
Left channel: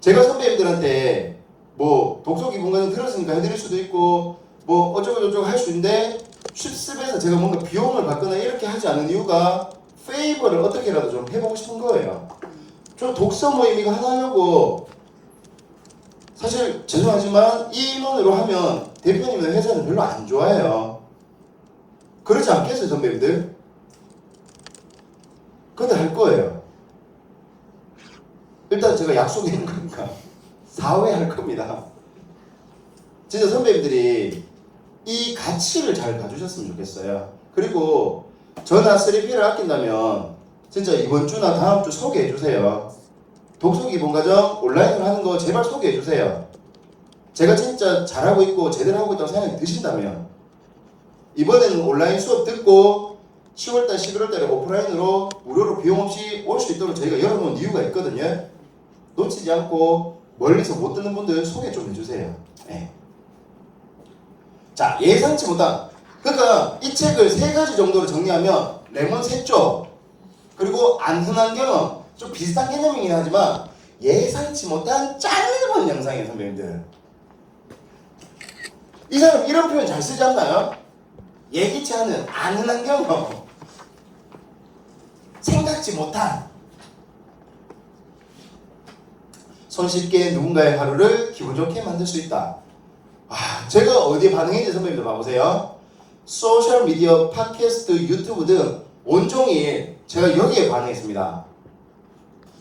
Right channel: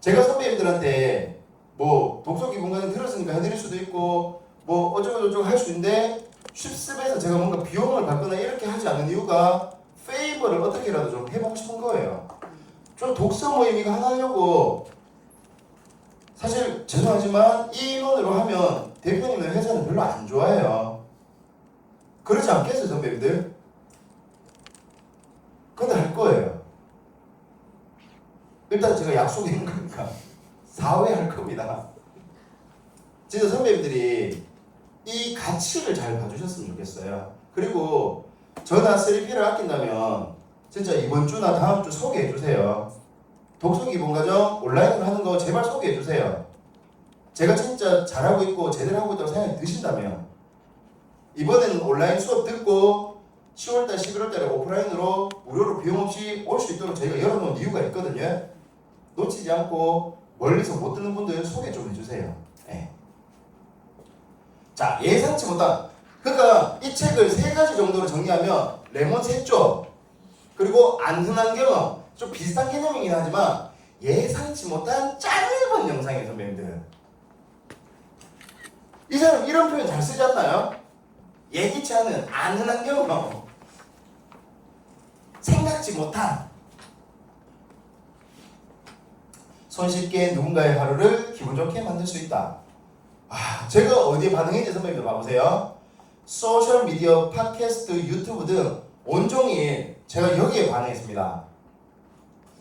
제가 선배님들한테 뭐 독서 기본과정 들었으니까 해드릴 수도 있고 뭐 어쩌고저쩌고 할 수 있는데 쉽습에서 제가 뭔가 비용을 받거나 이렇게 하지 않는 이유가 페이버를 어떻게라도 좀 해보고 싶은 거예요. 저 독서 모임 이거 하나 하려고 사실 죄송하지만 이 인원으로 하면 대표님은 회사는 별로 안 좋아해요. 그렇지 않겠어요 선배님들? 근데 할 거예요. 일단 제가 약속했는 거니까 4회 할 겁니다. 진짜 선배님들이 이 가치를 잘 봐주셨으면 좋겠어요. 그리고 저나 3P를 아낀다면 진짜 이번 주나 다음 주 소개해 주세요. 독서 기본 과정 온라인으로 하는 거 제발 소개해 주세요. 제가 진짜 잘하고 있고 제대로 하고 있다고 생각이 드신다면 이번에는 온라인 수업 듣고 10월달 11월달에 오프라인으로 무료로 비용 없이 올 수 있도록 저희가 열어놓은 이유가 있거든요. 놓치지 않고 멀리서 못 듣는 분들 소개 좀 해주세요. 네. 자, 예상치 못한, 그러니까 이 책을 3가지 정도로 정리하면 레몬 3쪽, 그리고 안 흔한 경험, 좀 비슷한 개념이긴 하지만 예상치 못한 짧은 영상이에요 선배님들. 이 사람 이런 표현 잘 쓰지 않나요? 예기치 않은 안 흔한 경험, 생각지 못한, 손쉽게 누군가의 하루를 기분 좋게 만들 수 있다. 제가 어디에 반응했는지 선배님들 봐보세요. 소셜미디어, 팟캐스트, 유튜브 등 온종일 제가 여기에 반응했습니다.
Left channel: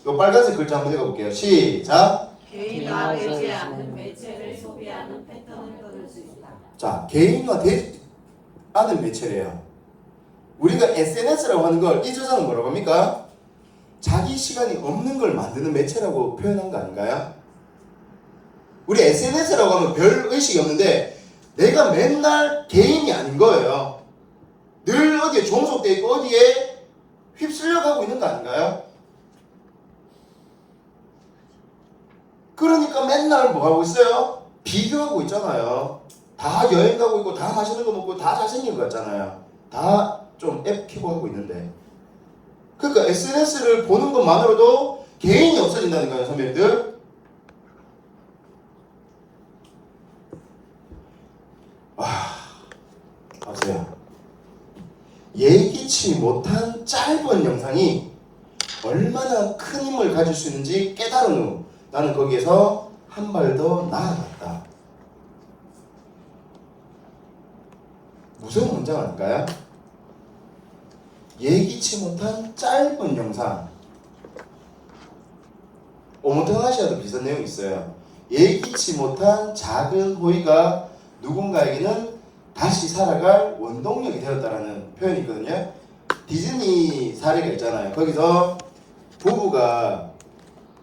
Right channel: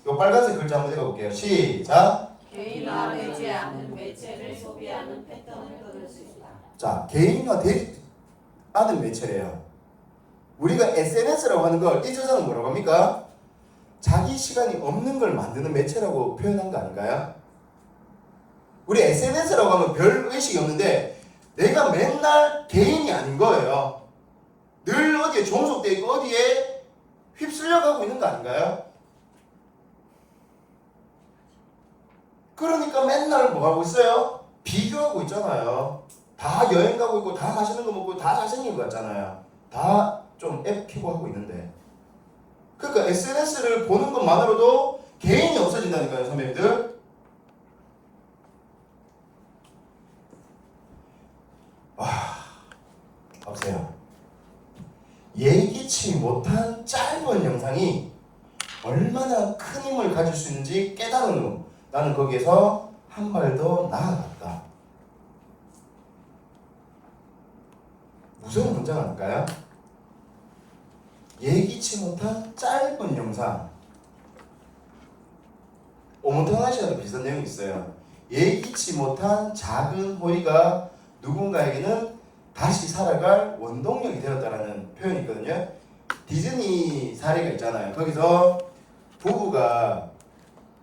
이 빨간색 글자 한번 읽어볼게요. 시작. 개인화되지 않는 매체를 소비하는 패턴을 끊을 수 있다. 자, 개인화되지 않은 매체래요. 우리가 SNS라고 하는 걸 이 저자는 뭐라고 합니까? 자기 시간이 없는 걸 만드는 매체라고 표현한 거 아닌가요? 우리 SNS라고 하면 별 의식이 없는데 내가 맨날 개인이 아닌 거예요. 늘 어디에 종속돼 있고 어디에 휩쓸려 가고 있는 거 아닌가요? 그러니까 맨날 뭐 하고 있어요? 비교하고 있잖아요. 다 여행 가고 있고 다 맛있는 거 먹고 다 잘생긴 거 같잖아요. 다 좀 앱 키고 하고 있는데 그러니까 SNS를 보는 것만으로도 개인이 없어진다는 거예요 선배님들. 보세요. 예기치 못한 짧은 영상이 얼마나 큰 힘을 가질 수 있는지 깨달은 후 나는 거기에서 한 발 더 나아갔다. 무슨 문장 아닐까요? 예기치 못한 짧은 영상. 오모테나시아도 비슷한 내용이 있어요. 예기치 못한 작은 호의가 누군가에게는 다시 살아갈 원동력이 되었다라는 표현이 있거든요. 디즈니 사례가 있잖아요. 거기서 부부가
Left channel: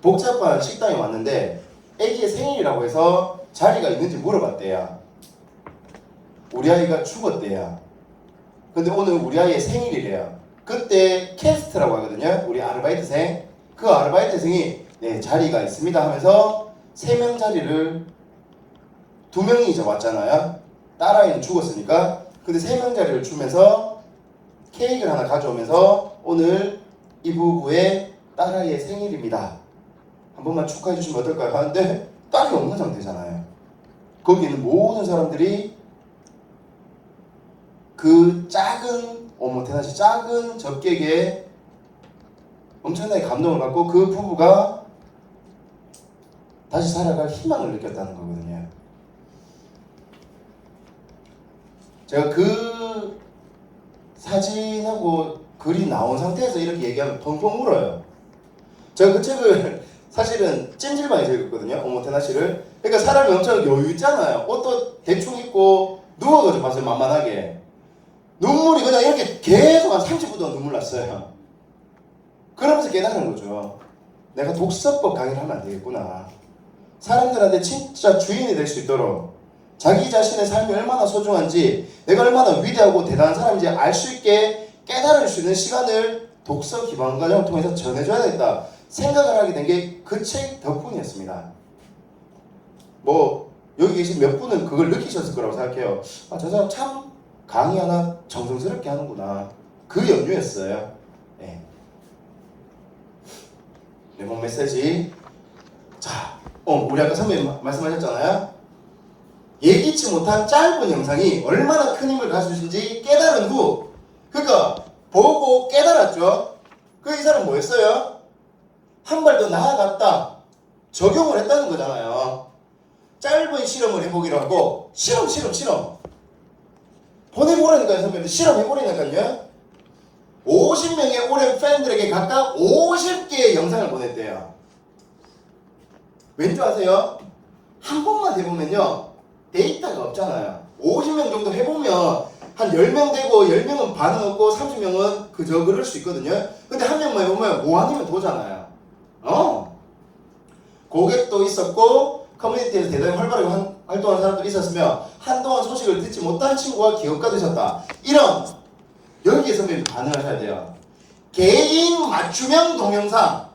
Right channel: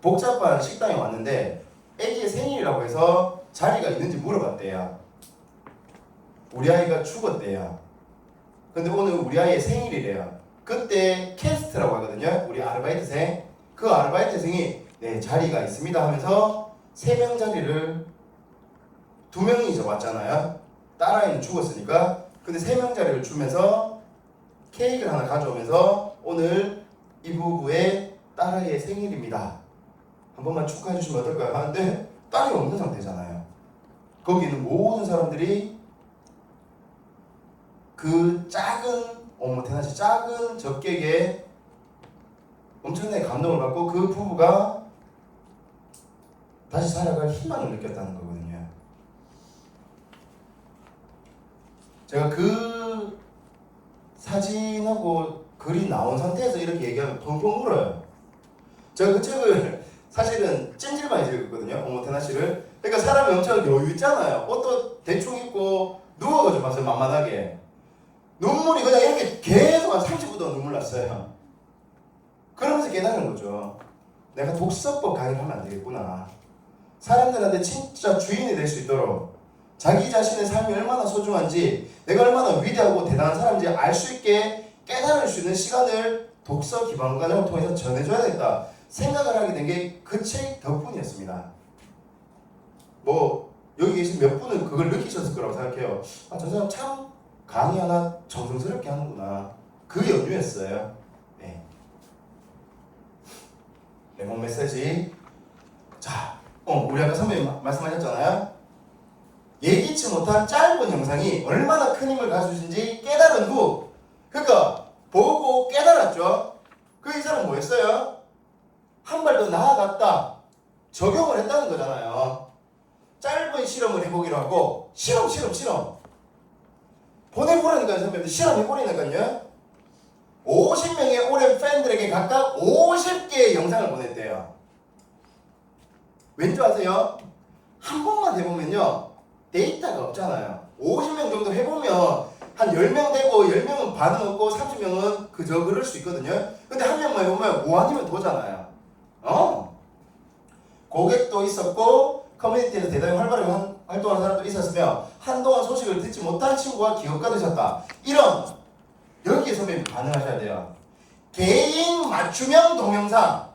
복잡한 식당에 왔는데 애기의 생일이라고 해서 자리가 있는지 물어봤대요. 우리 아이가 죽었대요. 근데 오늘 우리 아이의 생일이래요. 그때 캐스트라고 하거든요. 우리 아르바이트생. 그 아르바이트생이 네 자리가 있습니다 하면서 3명 자리를 2명이 이제 왔잖아요. 딸아이는 죽었으니까. 근데 3명 자리를 주면서 케이크를 하나 가져오면서 오늘 이 부부의 딸아이의 생일입니다. 한 번만 축하해 주시면 어떨까요? 하는데 딸이 없는 상태잖아요. 거기 있는 모든 사람들이 그 작은 오모테나시 작은 접객에 엄청나게 감동을 받고 그 부부가 다시 살아갈 희망을 느꼈다는 거거든요. 제가 그 사진하고 글이 나온 상태에서 이렇게 얘기하면 펑펑 울어요. 제가 그 책을 사실은 찜질방에서 읽었거든요. 오모테나시를. 그러니까 사람이 엄청 여유 있잖아요. 옷도 대충 입고 누워가지고 봤어요. 만만하게. 눈물이 그냥 이렇게 계속 한 30분 동안 눈물 났어요. 그러면서 깨달은 거죠. 내가 독서법 강의를 하면 안 되겠구나. 사람들한테 진짜 주인이 될 수 있도록 자기 자신의 삶이 얼마나 소중한지 내가 얼마나 위대하고 대단한 사람인지 알 수 있게 깨달을 수 있는 시간을 독서 기반 과정을 통해서 전해줘야겠다 생각을 하게 된 게 그 책 덕분이었습니다. 뭐 여기 계신 몇 분은 그걸 느끼셨을 거라고 생각해요. 저 사람 참 강의 하나 정성스럽게 하는구나. 그 연유였어요. 네. 레몬 메시지. 자, 우리 아까 선배님 말씀하셨잖아요. 예기치 못한 짧은 영상이 얼마나 큰 힘을 가지신지 깨달은 후, 그러니까 보고 깨달았죠. 그 이 사람 뭐였어요? 한 발 더 나아갔다. 적용을 했다는 거잖아요. 짧은 실험을 해보기로 하고 실험 보내보라니까요. 선배님들 실험해보라니까요. 50명의 오랜 팬들에게 각각 50개의 영상을 보냈대요. 왠지 아세요? 한 번만 해보면요 데이터가 없잖아요. 50명 정도 해보면 한 10명 되고 10명은 반은 없고 30명은 그저 그럴 수 있거든요. 근데 한 명만 해보면 5 아니면 도잖아요. 고객도 있었고 커뮤니티에서 대단히 활발하게 활동하는 사람도 있었으며 한동안 소식을 듣지 못한 친구가 기억가 되셨다. 이런 여기에 선배님 반응하셔야 돼요. 개인 맞춤형 동영상.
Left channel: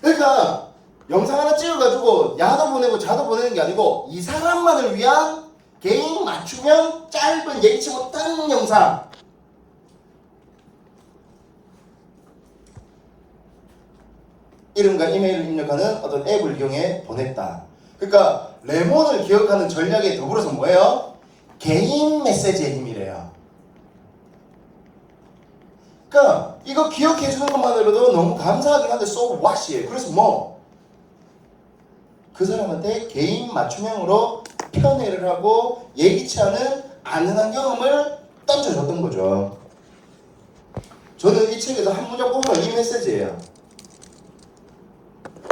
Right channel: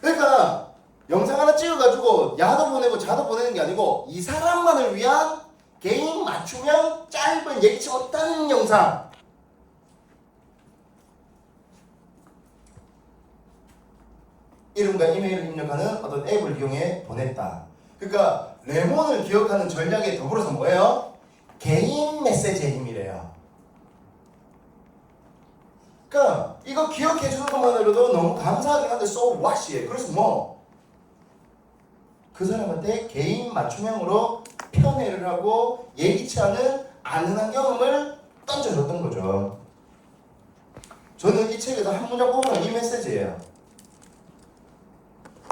그러니까 영상 하나 찍어가지고 야도 보내고 자도 보내는 게 아니고 이 사람만을 위한 개인 맞춤형 짧은 예기치 못한 영상. 이름과 이메일을 입력하는 어떤 앱을 이용해 보냈다. 그러니까 레몬을 기억하는 전략에 더불어서 뭐예요? 개인 메시지의 힘이래요. 그러니까 이거 기억해 주는 것만으로도 너무 감사하긴 한데 so what이에요. 그래서 뭐 그 사람한테 개인 맞춤형으로 편애를 하고 예기치 않은 아는한 경험을 던져줬던 거죠. 저는 이 책에서 한 문장 뽑으면 이 메시지예요.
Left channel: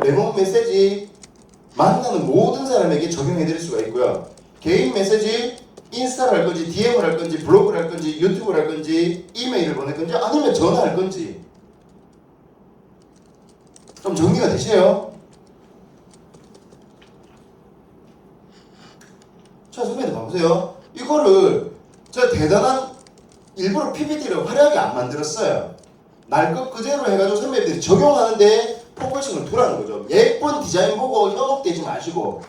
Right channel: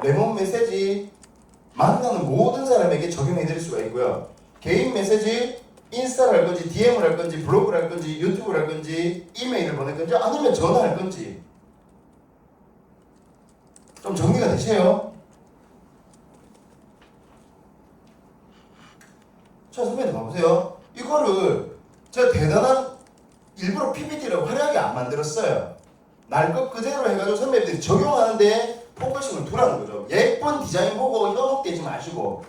레몬 메시지 만나는 모든 사람에게 적용해드릴 수가 있고요. 개인 메시지 인스타를 할 건지 DM을 할 건지 블로그를 할 건지 유튜브를 할 건지 이메일을 보낼 건지 아니면 전화할 건지 좀 정리가 되세요? 자, 선배님 봐보세요. 이거를 제가 대단한 일부러 PPT를 화려하게 안 만들었어요. 날 것 그대로 해가지고 선배님들이 적용하는데 포커싱을 두라는 거죠. 예쁜 디자인 보고 현혹되지 마시고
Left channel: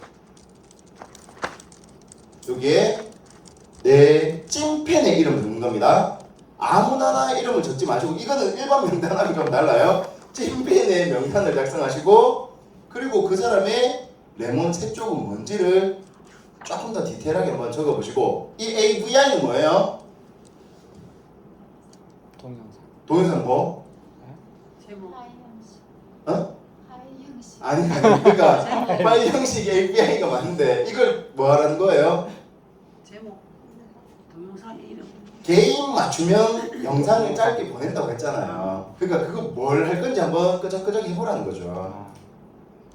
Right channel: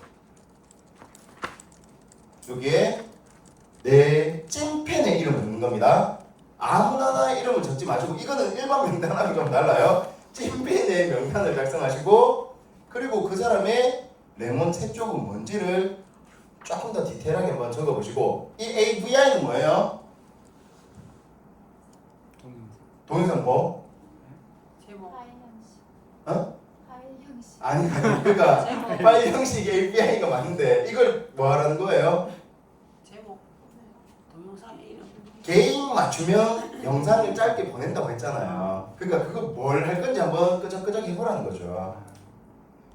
여기에 내 찐팬의 이름을 넣는 겁니다. 아무나 이름을 적지 마시고 이거는 일반 명단하고 좀 달라요. 찐팬의 명단을 작성하시고 그리고 그 사람의 레몬 새 쪽은 뭔지를 조금 더 디테일하게 한번 적어보시고 이 AVI는 뭐예요? 동영상 뭐? 제목. 아니 그러니까 파일 형식 API가 맞는데 이걸 뭐 하라는 거예요? 제목 동영상 이름 개인 맞춤형 영상을 짧게 보낸다고 했잖아요. 그러니까 그거 뭘 할 건지 한번 끄적끄적 해보라는 거죠.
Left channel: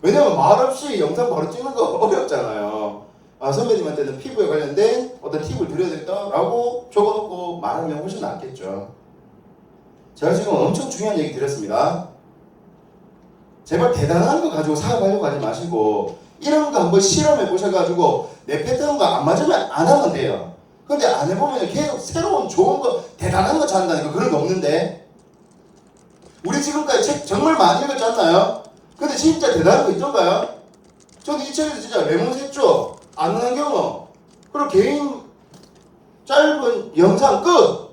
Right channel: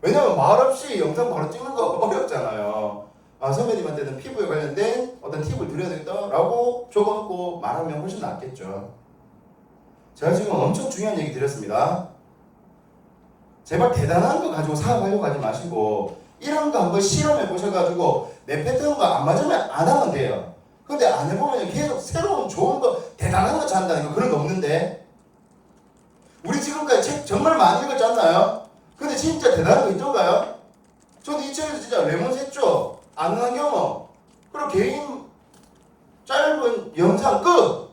왜냐면 말없이 영상 바로 찍는 거 어렵잖아요. 선배님한테는 피부에 관련된 어떤 팁을 드려야겠다라고 적어놓고 말하면 훨씬 낫겠죠. 제가 지금 엄청 중요한 얘기 드렸습니다. 제발 대단한 거 가지고 사업하려고 하지 마시고 이런 거 한번 실험해 보셔가지고 내 패턴과 안 맞으면 안 하면 돼요. 근데 안 해보면 계속 새로운 좋은 거 대단한 거 찾는다니까 그런 거 없는데 우리 지금까지 책 정말 많이 읽었지 않나요? 근데 진짜 대단한 거 있던가요? 저는 이 책에서 진짜 레몬 샜죠. 아는 경험 그리고 개인 짧은 영상 끝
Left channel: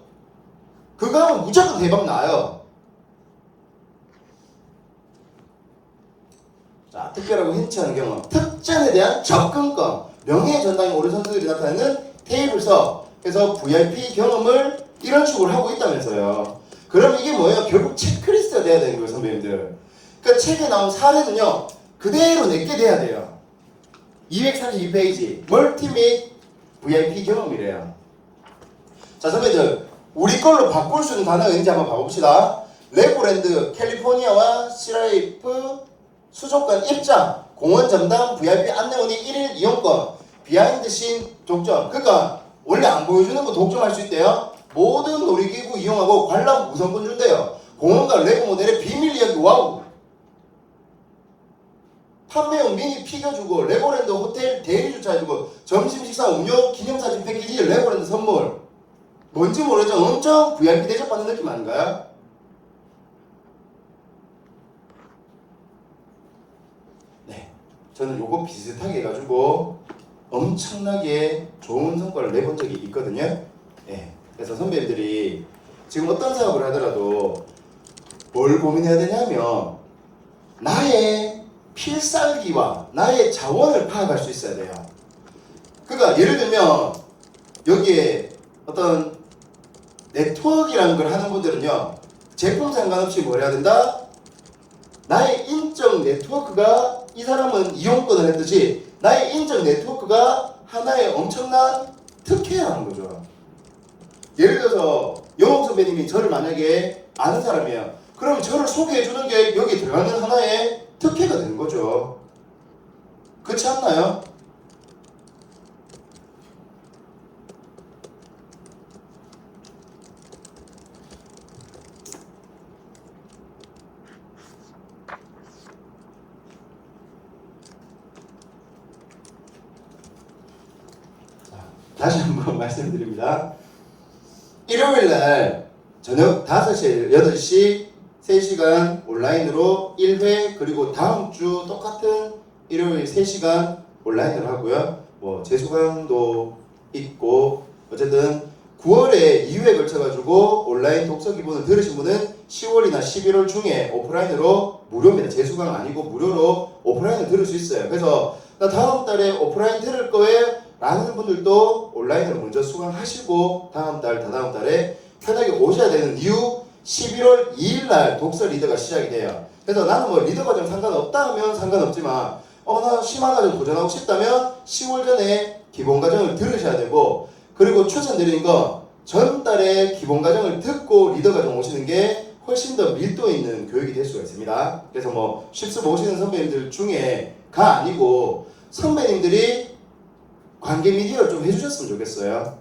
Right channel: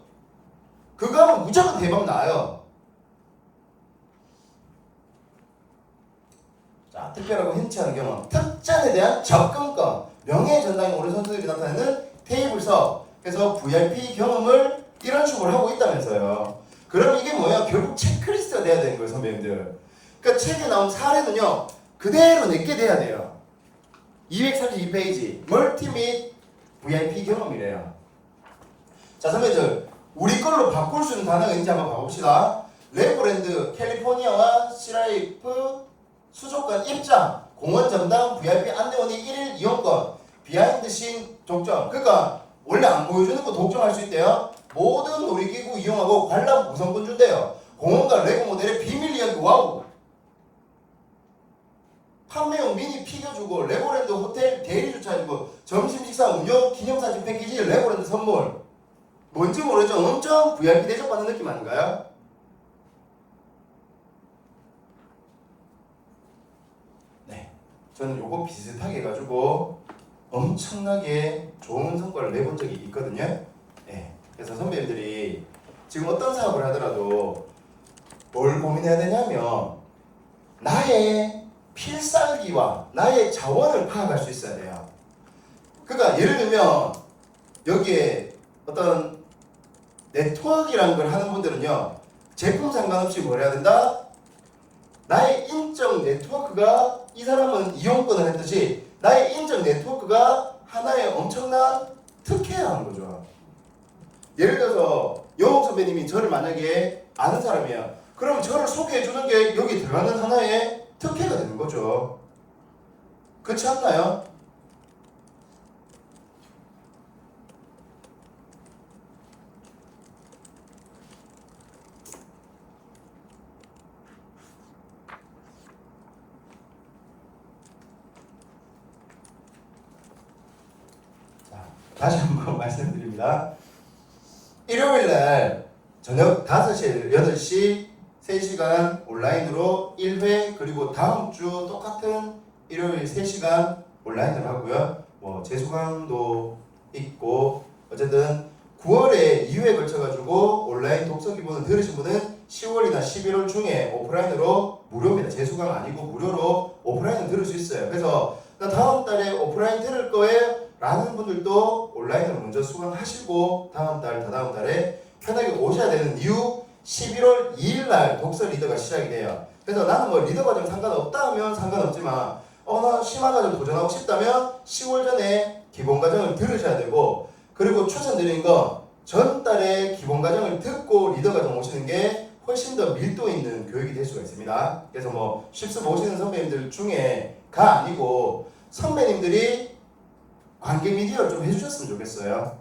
그거 하면 무조건 대박 나요. 자, 특별하고 흔치 않은 경험 특전에 대한 접근권 명예 전당에 오른 선수들이 나타내는 테이블서 그래서 VIP 경험을 이런 식으로 하고 있다면서요. 그럼 이게 뭐예요? 결국 체크리스트가 돼야 되는 거예요, 선배님들. 그러니까 책에 나온 사례는요 그대로 내게 돼야 돼요. 232페이지 멀티 및 VIP 경험이래요. 자, 선배들 우리 걸로 바꿀 수 있는 단어가 있는지 한번 봐봅시다. 레고랜드 캘리포니아와 시라이프 수족관 입장 공원 전담 VIP 안내원이 1일 이용권 비하인드 씬 독점. 그러니까 원래 안 보여주는 거 독점할 수 있대요. 모든 놀이기구 이용하고 관람 우선권 준대요. 공원과 레고 모델의 비밀 이야기 와우. 판매용 미니 피겨 주고 레고랜드 호텔 대리 주차해주고 점심 식사 음료 기념사진 패키지 레고랜드 선물. 뭔지 모르죠? 엄청 VIP 대접받는 느낌 아닌가요? 네, 저는 요거 비슷하게 해가지고 엄청나게 좋은 성과를 내본 적이 있거든요. 네, 그래서 선배님들이 지금 어떤 사업을 하더라도 뭘 고민해야 되냐면 나의 필살기와 나의 자원을 파악할 수 있어야 돼요. 그러니까 예를 들면 여기에 어떤 네트워크라는 걸 하는 분들은요, 제품 상관없이 뭘 해야 된다? 나의 인적 네트워크가, 이 사람은 이용권을 했듯이 나의 인적 네트워크가 하나의 엄청난 특혜라는 거죠. 예를 들어서 영옥 선배님이 저를 만약에 아는 사람이야. 그럼 저를 소개해 주는 게 여기 들어가는 하나의 특혜가 되는 거죠. 그렇지 않나요? 다시 한번 말씀드립니다. 일요일날 저녁 5시, 8시 3시간 온라인으로 1회, 그리고 다음 주 똑같은 일요일 3시간 온라인으로 하고요. 뭐 재수강도 있고, 어쨌든 9월에 2회에 걸쳐가지고 온라인 독서 기본을 들으신 분은 10월이나 11월 중에 오프라인으로 무료입니다. 재수강 아니고 무료로 오프라인을 들을 수 있어요. 그래서 나 다음 달에 오프라인 들을 거예요 라는 분들도 온라인으로 먼저 수강하시고 다음 달, 다다음 달에 편하게 오셔야 되는 이유, 11월 2일 날 독서 리더가 시작이 돼요. 그래서 나는 뭐 리더 과정 상관없다 하면 상관없지만 어느 심화 과정 도전하고 싶다면 10월 전에 기본 과정을 들으셔야 되고, 그리고 추천드리는 건 전달에 기본 과정을 듣고 리더 과정 오시는 게 훨씬 더 밀도 있는 교육이 될 수가 있습니다. 그래서 뭐 실습 오시는 선배님들 중에가 아니고 선배님들이 관계 미디어를 좀 해주셨으면 좋겠어요.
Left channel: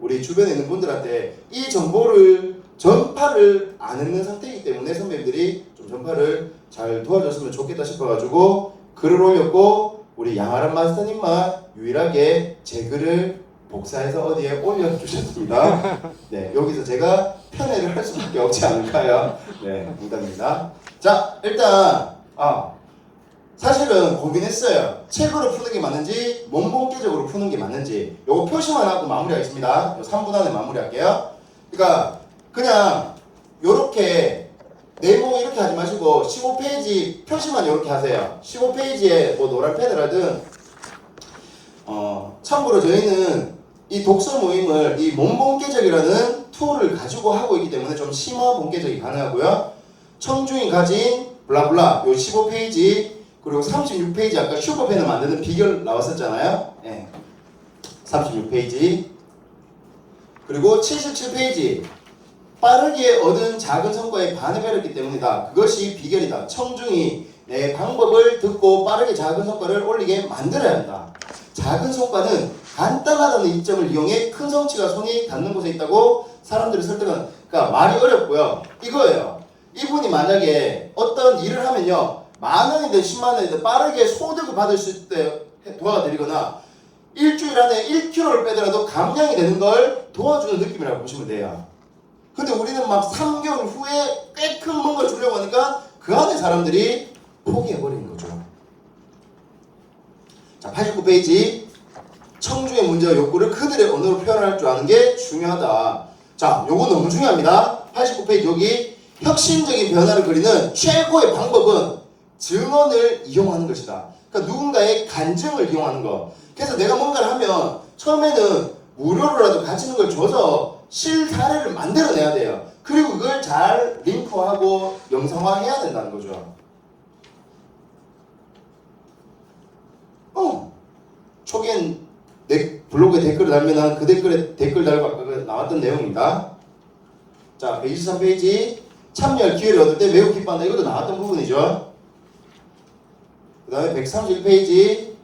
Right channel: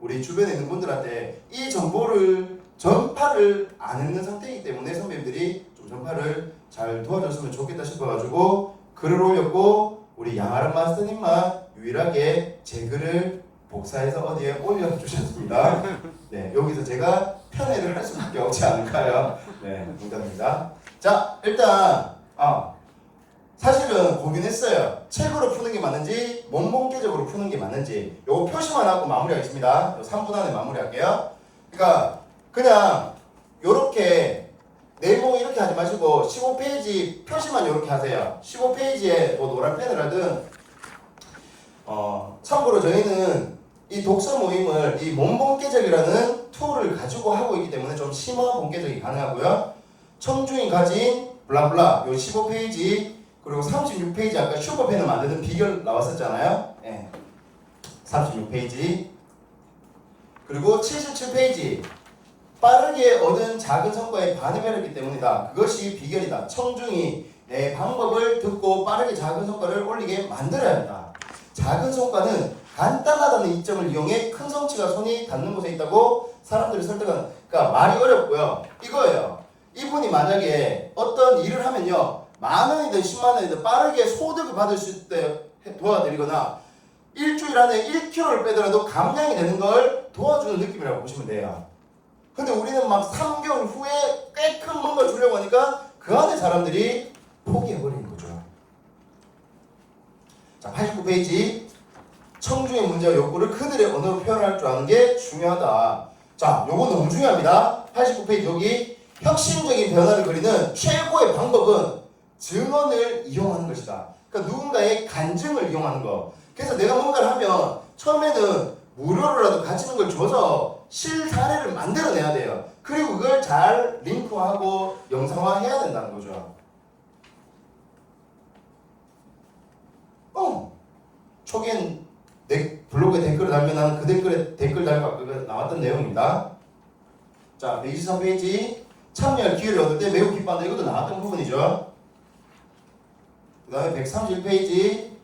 우리 주변에 있는 분들한테 이 정보를 전파를 안 했는 상태이기 때문에 선배님들이 좀 전파를 잘 도와줬으면 좋겠다 싶어가지고 글을 올렸고, 우리 양아란 마스터님만 유일하게 제 글을 복사해서 어디에 올려주셨습니다. 네, 여기서 제가 편애를 할 수밖에 없지 않을까요? 네, 농담입니다. 자, 일단 사실은 고민했어요. 책으로 푸는 게 맞는지 몸본계적으로 푸는 게 맞는지. 요거 표시만 하고 마무리하겠습니다. 요 3분 안에 마무리할게요. 그러니까 그냥 요렇게 내용 이렇게 하지 마시고 15페이지 표시만 요렇게 하세요. 15페이지에 뭐 노란 펜을 하든 참고로 저희는 이 독서 모임을 이 몸본계적이라는 툴을 가지고 하고 있기 때문에 좀 심화 본계적이 가능하고요. 청중이 가진 블라블라 요 15페이지, 그리고 36페이지 아까 슈퍼펜을 만드는 비결 나왔었잖아요. 네. 36페이지, 그리고 77페이지 빠르게 얻은 작은 성과에 반응했기 때문이다. 그것이 비결이다. 청중이 내 방법을 듣고 빠르게 작은 성과를 올리게 만들어야 한다. 작은 성과는 간단하다는 이점을 이용해 큰 성취가 손이 닿는 곳에 있다고 사람들을 설득하는. 그러니까 말이 어렵고요. 이거예요. 이분이 만약에 어떤 일을 하면요, 10,000원이든 100,000원이든 빠르게 소득을 받을 수 있게 도와드리거나 일주일 안에 1kg를 빼더라도 감량이 되는 걸 도와주는 느낌이라고 보시면 돼요. 근데 우리는 막 3개월 후에 꽤 큰 뭔가 주려고 하니까 그 안에 사람들이 포기해버리는 거죠. 자, 89페이지. 청중의 문제와 욕구를 그들의 언어로 표현할 줄 아는 게 중요하다. 자, 요거 너무 중요합니다. 89페이지 여기 혁신적인 변화를 그리는 최고의 방법은 증언을 이용하는 것이다. 그러니까 누군가의 간증을 이용하는 거. 그래서 내가 뭔가를 하면 처음에는 무료로라도 가지는 걸 줘서 실사례를 만들어내야 돼요. 그리고 그걸 잘 링크하고 영상화해야 된다는 거죠. 초기엔 내 블로그에 댓글을 달면 난 그 댓글에 댓글 달고 아까 나왔던 내용입니다. 자, 123페이지. 참여할 기회를 얻을 때 매우 기뻐한다. 이것도 나왔던 부분이죠. 그 다음에 131페이지.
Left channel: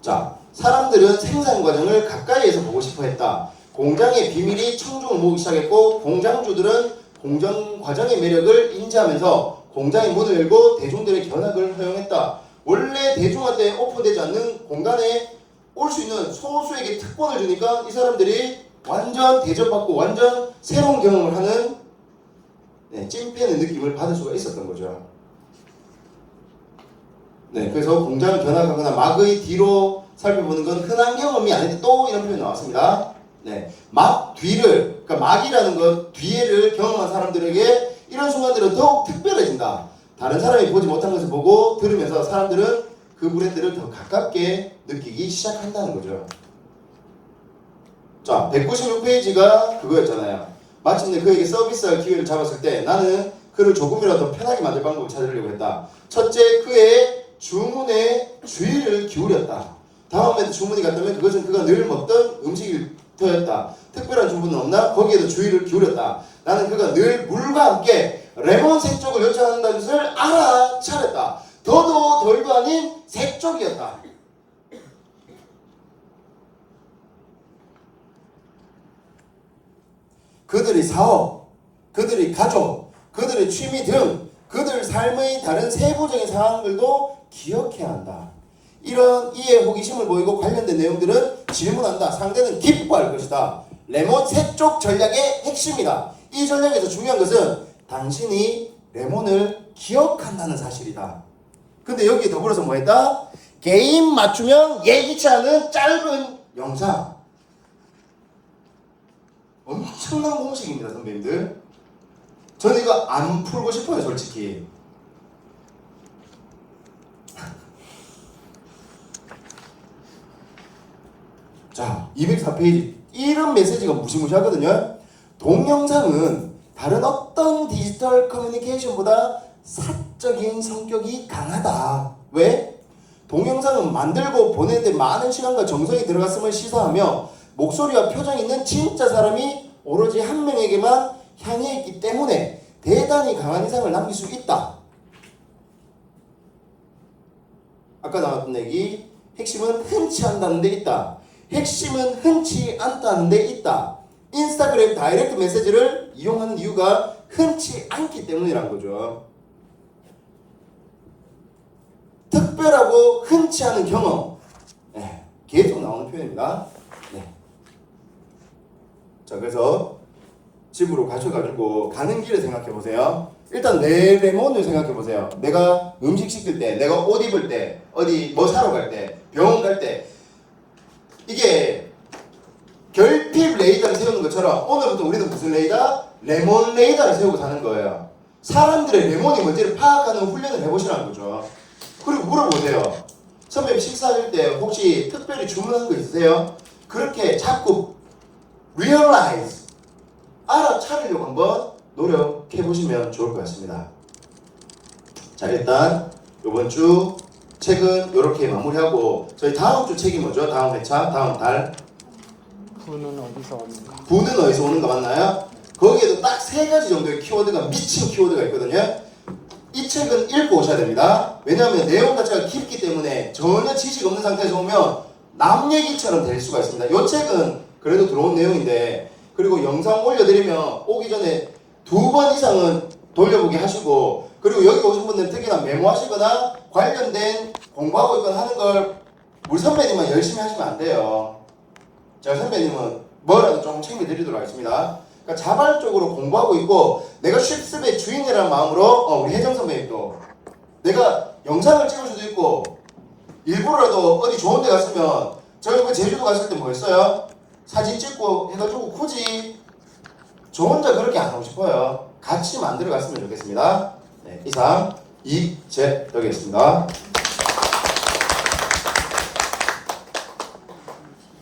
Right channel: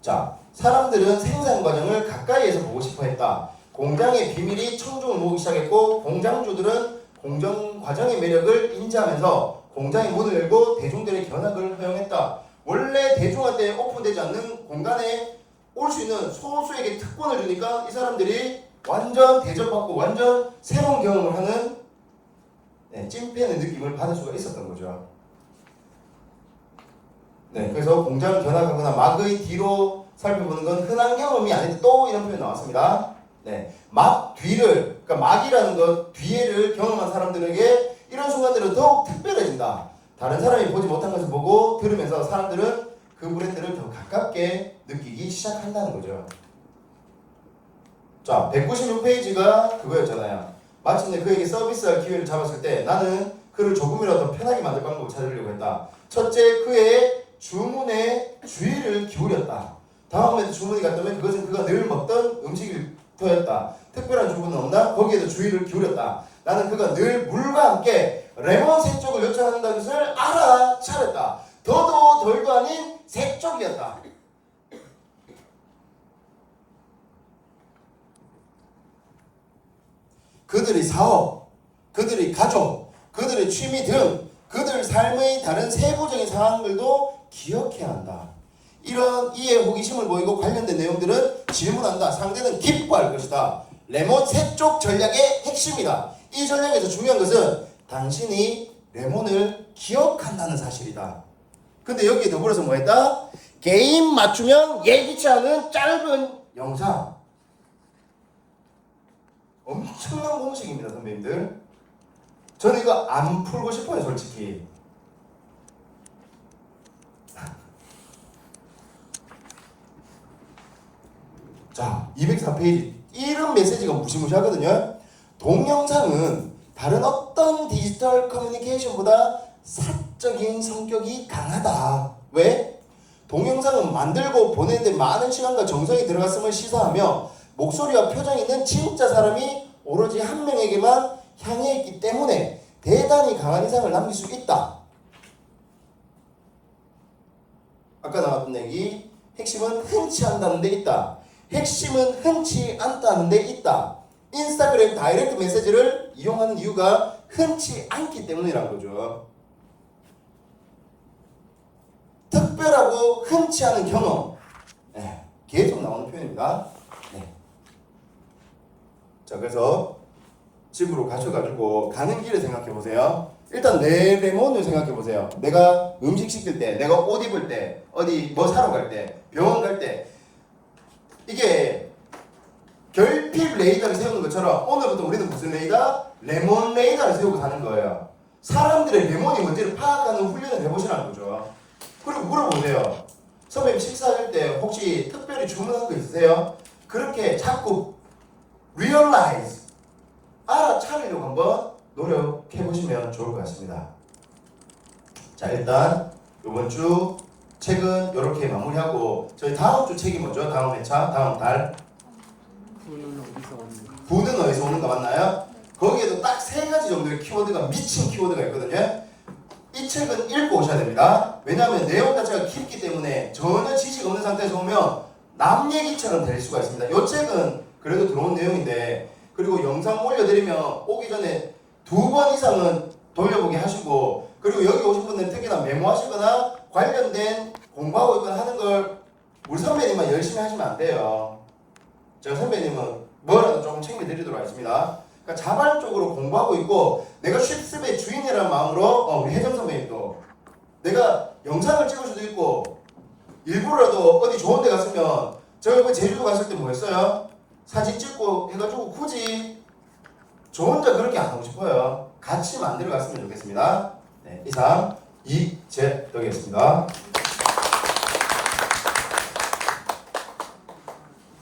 자, 사람들은 생산 과정을 가까이에서 보고 싶어 했다. 공장의 비밀이 청중을 모으기 시작했고, 공장주들은 공정 과정의 매력을 인지하면서 공장의 문을 열고 대중들의 견학을 허용했다. 원래 대중한테 오픈되지 않는 공간에 올 수 있는 소수에게 특권을 주니까 이 사람들이 완전 대접받고 완전 새로운 경험을 하는 찐팬의 느낌을 받을 수가 있었던 거죠. 네, 그래서 공장을 견학하거나 막의 뒤로 살펴보는 건 흔한 경험이 아닌데 또 이런 표현이 나왔습니다. 네, 막 뒤를, 그러니까 막이라는 것 뒤에를 경험한 사람들에게 이런 순간들은 더욱 특별해진다. 다른 사람이 보지 못한 것을 보고 들으면서 사람들은 그 브랜드를 더 가깝게 느끼기 시작한다는 거죠. 자, 196페이지가 그거였잖아요. 마침내 그에게 서비스할 기회를 잡았을 때 나는 그를 조금이라도 편하게 만들 방법을 찾으려고 했다. 첫째, 그의 주문에 주의를 기울였다. 다음에도 주문이 갔다면 그것은 그가 늘 먹던 음식일 터였다. 특별한 주문은 없나? 거기에도 주의를 기울였다. 나는 그가 늘 물과 함께 레몬 색쪽을 요청한다는 것을 알아차렸다. 더도 덜도 아닌 색쪽이었다. 그들의 사업, 그들의 가족, 그들의 취미 등 그들 삶의 다른 세부적인 상황들도 기억해야 한다. 이런 이해 호기심을 보이고 관련된 내용들은 질문한다. 상대는 기뻐할 것이다. 레몬 색쪽 전략의 핵심이다. 이 전략에서 중요한 것은 당신이 레몬을 기억한다는 사실이다. 근데 여기에 더불어서 뭐 했다? 게임 맞추면 예기치 않은 짧은 영상. 엄청난 공식입니다, 선배님들. 저는 이거 안 풀고 싶어요, 솔직히. 자, 204페이지. 이런 메시지가 무시무시하거든요. 동영상은 다른 어떤 디지털 커뮤니케이션보다 사적인 성격이 강하다. 왜? 동영상은 만들고 보내는데 많은 시간과 정성이 들어갔음을 시사하며 목소리와 표정이 있는 진짜 사람이 오로지 한 명에게만 향해 있기 때문에 대단히 강한 인상을 남길 수 있다. 아까 나왔던 얘기, 핵심은 흔치 않다는 데 있다. 핵심은 흔치 않다는 데 있다. 인스타그램 다이렉트 메시지를 이용하는 이유가 흔치 않기 때문이라는 거죠. 특별하고 흔치 않은 경험. 네, 계속 나오는 표현입니다. 네. 자, 그래서 집으로 가셔가지고 가는 길에 생각해 보세요. 일단 내 레몬을 생각해 보세요. 내가 음식 시킬 때, 내가 옷 입을 때, 어디 뭐 사러 갈 때, 병원 갈 때, 이게 결핍 레이더를 세우는 것처럼 오늘부터 우리는 무슨 레이더? 레몬 레이더를 세우고 사는 거예요. 사람들의 레몬이 뭔지를 파악하는 훈련을 해보시라는 거죠. 그리고 물어보세요. 선배님 식사하실 때 혹시 특별히 주문하는 거 있으세요? 그렇게 자꾸 realize, 알아차리려고 한번 노력해보시면 좋을 것 같습니다. 자, 일단 이번 주 책은 이렇게 마무리하고 저희 다음 주 책이 뭐죠? 다음 회차, 다음 달. 부는 어디서 오는가? 부는 어디서 오는가 맞나요? 거기에도 딱 3가지 정도의 키워드가 미친 키워드가 있거든요. 이 책은 읽고 오셔야 됩니다. 왜냐하면 내용 자체가 깊기 때문에 전혀 지식 없는 상태에서 오면 남 얘기처럼 될 수가 있습니다. 이 책은 그래도 들어온 내용인데, 그리고 영상 올려드리면 오기 전에 2번 이상은 돌려보기 하시고, 그리고 여기 오신 분들은 특히나 메모하시거나 관련된 공부하고 있거나 하는 걸 우리 선배님만 열심히 하시면 안 돼요. 제가 선배님은 뭐라도 조금 챙겨드리도록 하겠습니다. 그러니까 자발적으로 공부하고 있고, 내가 쉽습의 주인이라는 마음으로 우리 혜정 선배님도 내가 영상을 찍을 수도 있고, 일부러라도 어디 좋은 데 갔으면, 제가 이번에 제주도 갔을 때 뭐 했어요? 사진 찍고 해가지고 굳이 저 혼자 그렇게 안 하고 싶어요. 같이 만들어 갔으면 좋겠습니다. 네, 이상 이재덕이었습니다.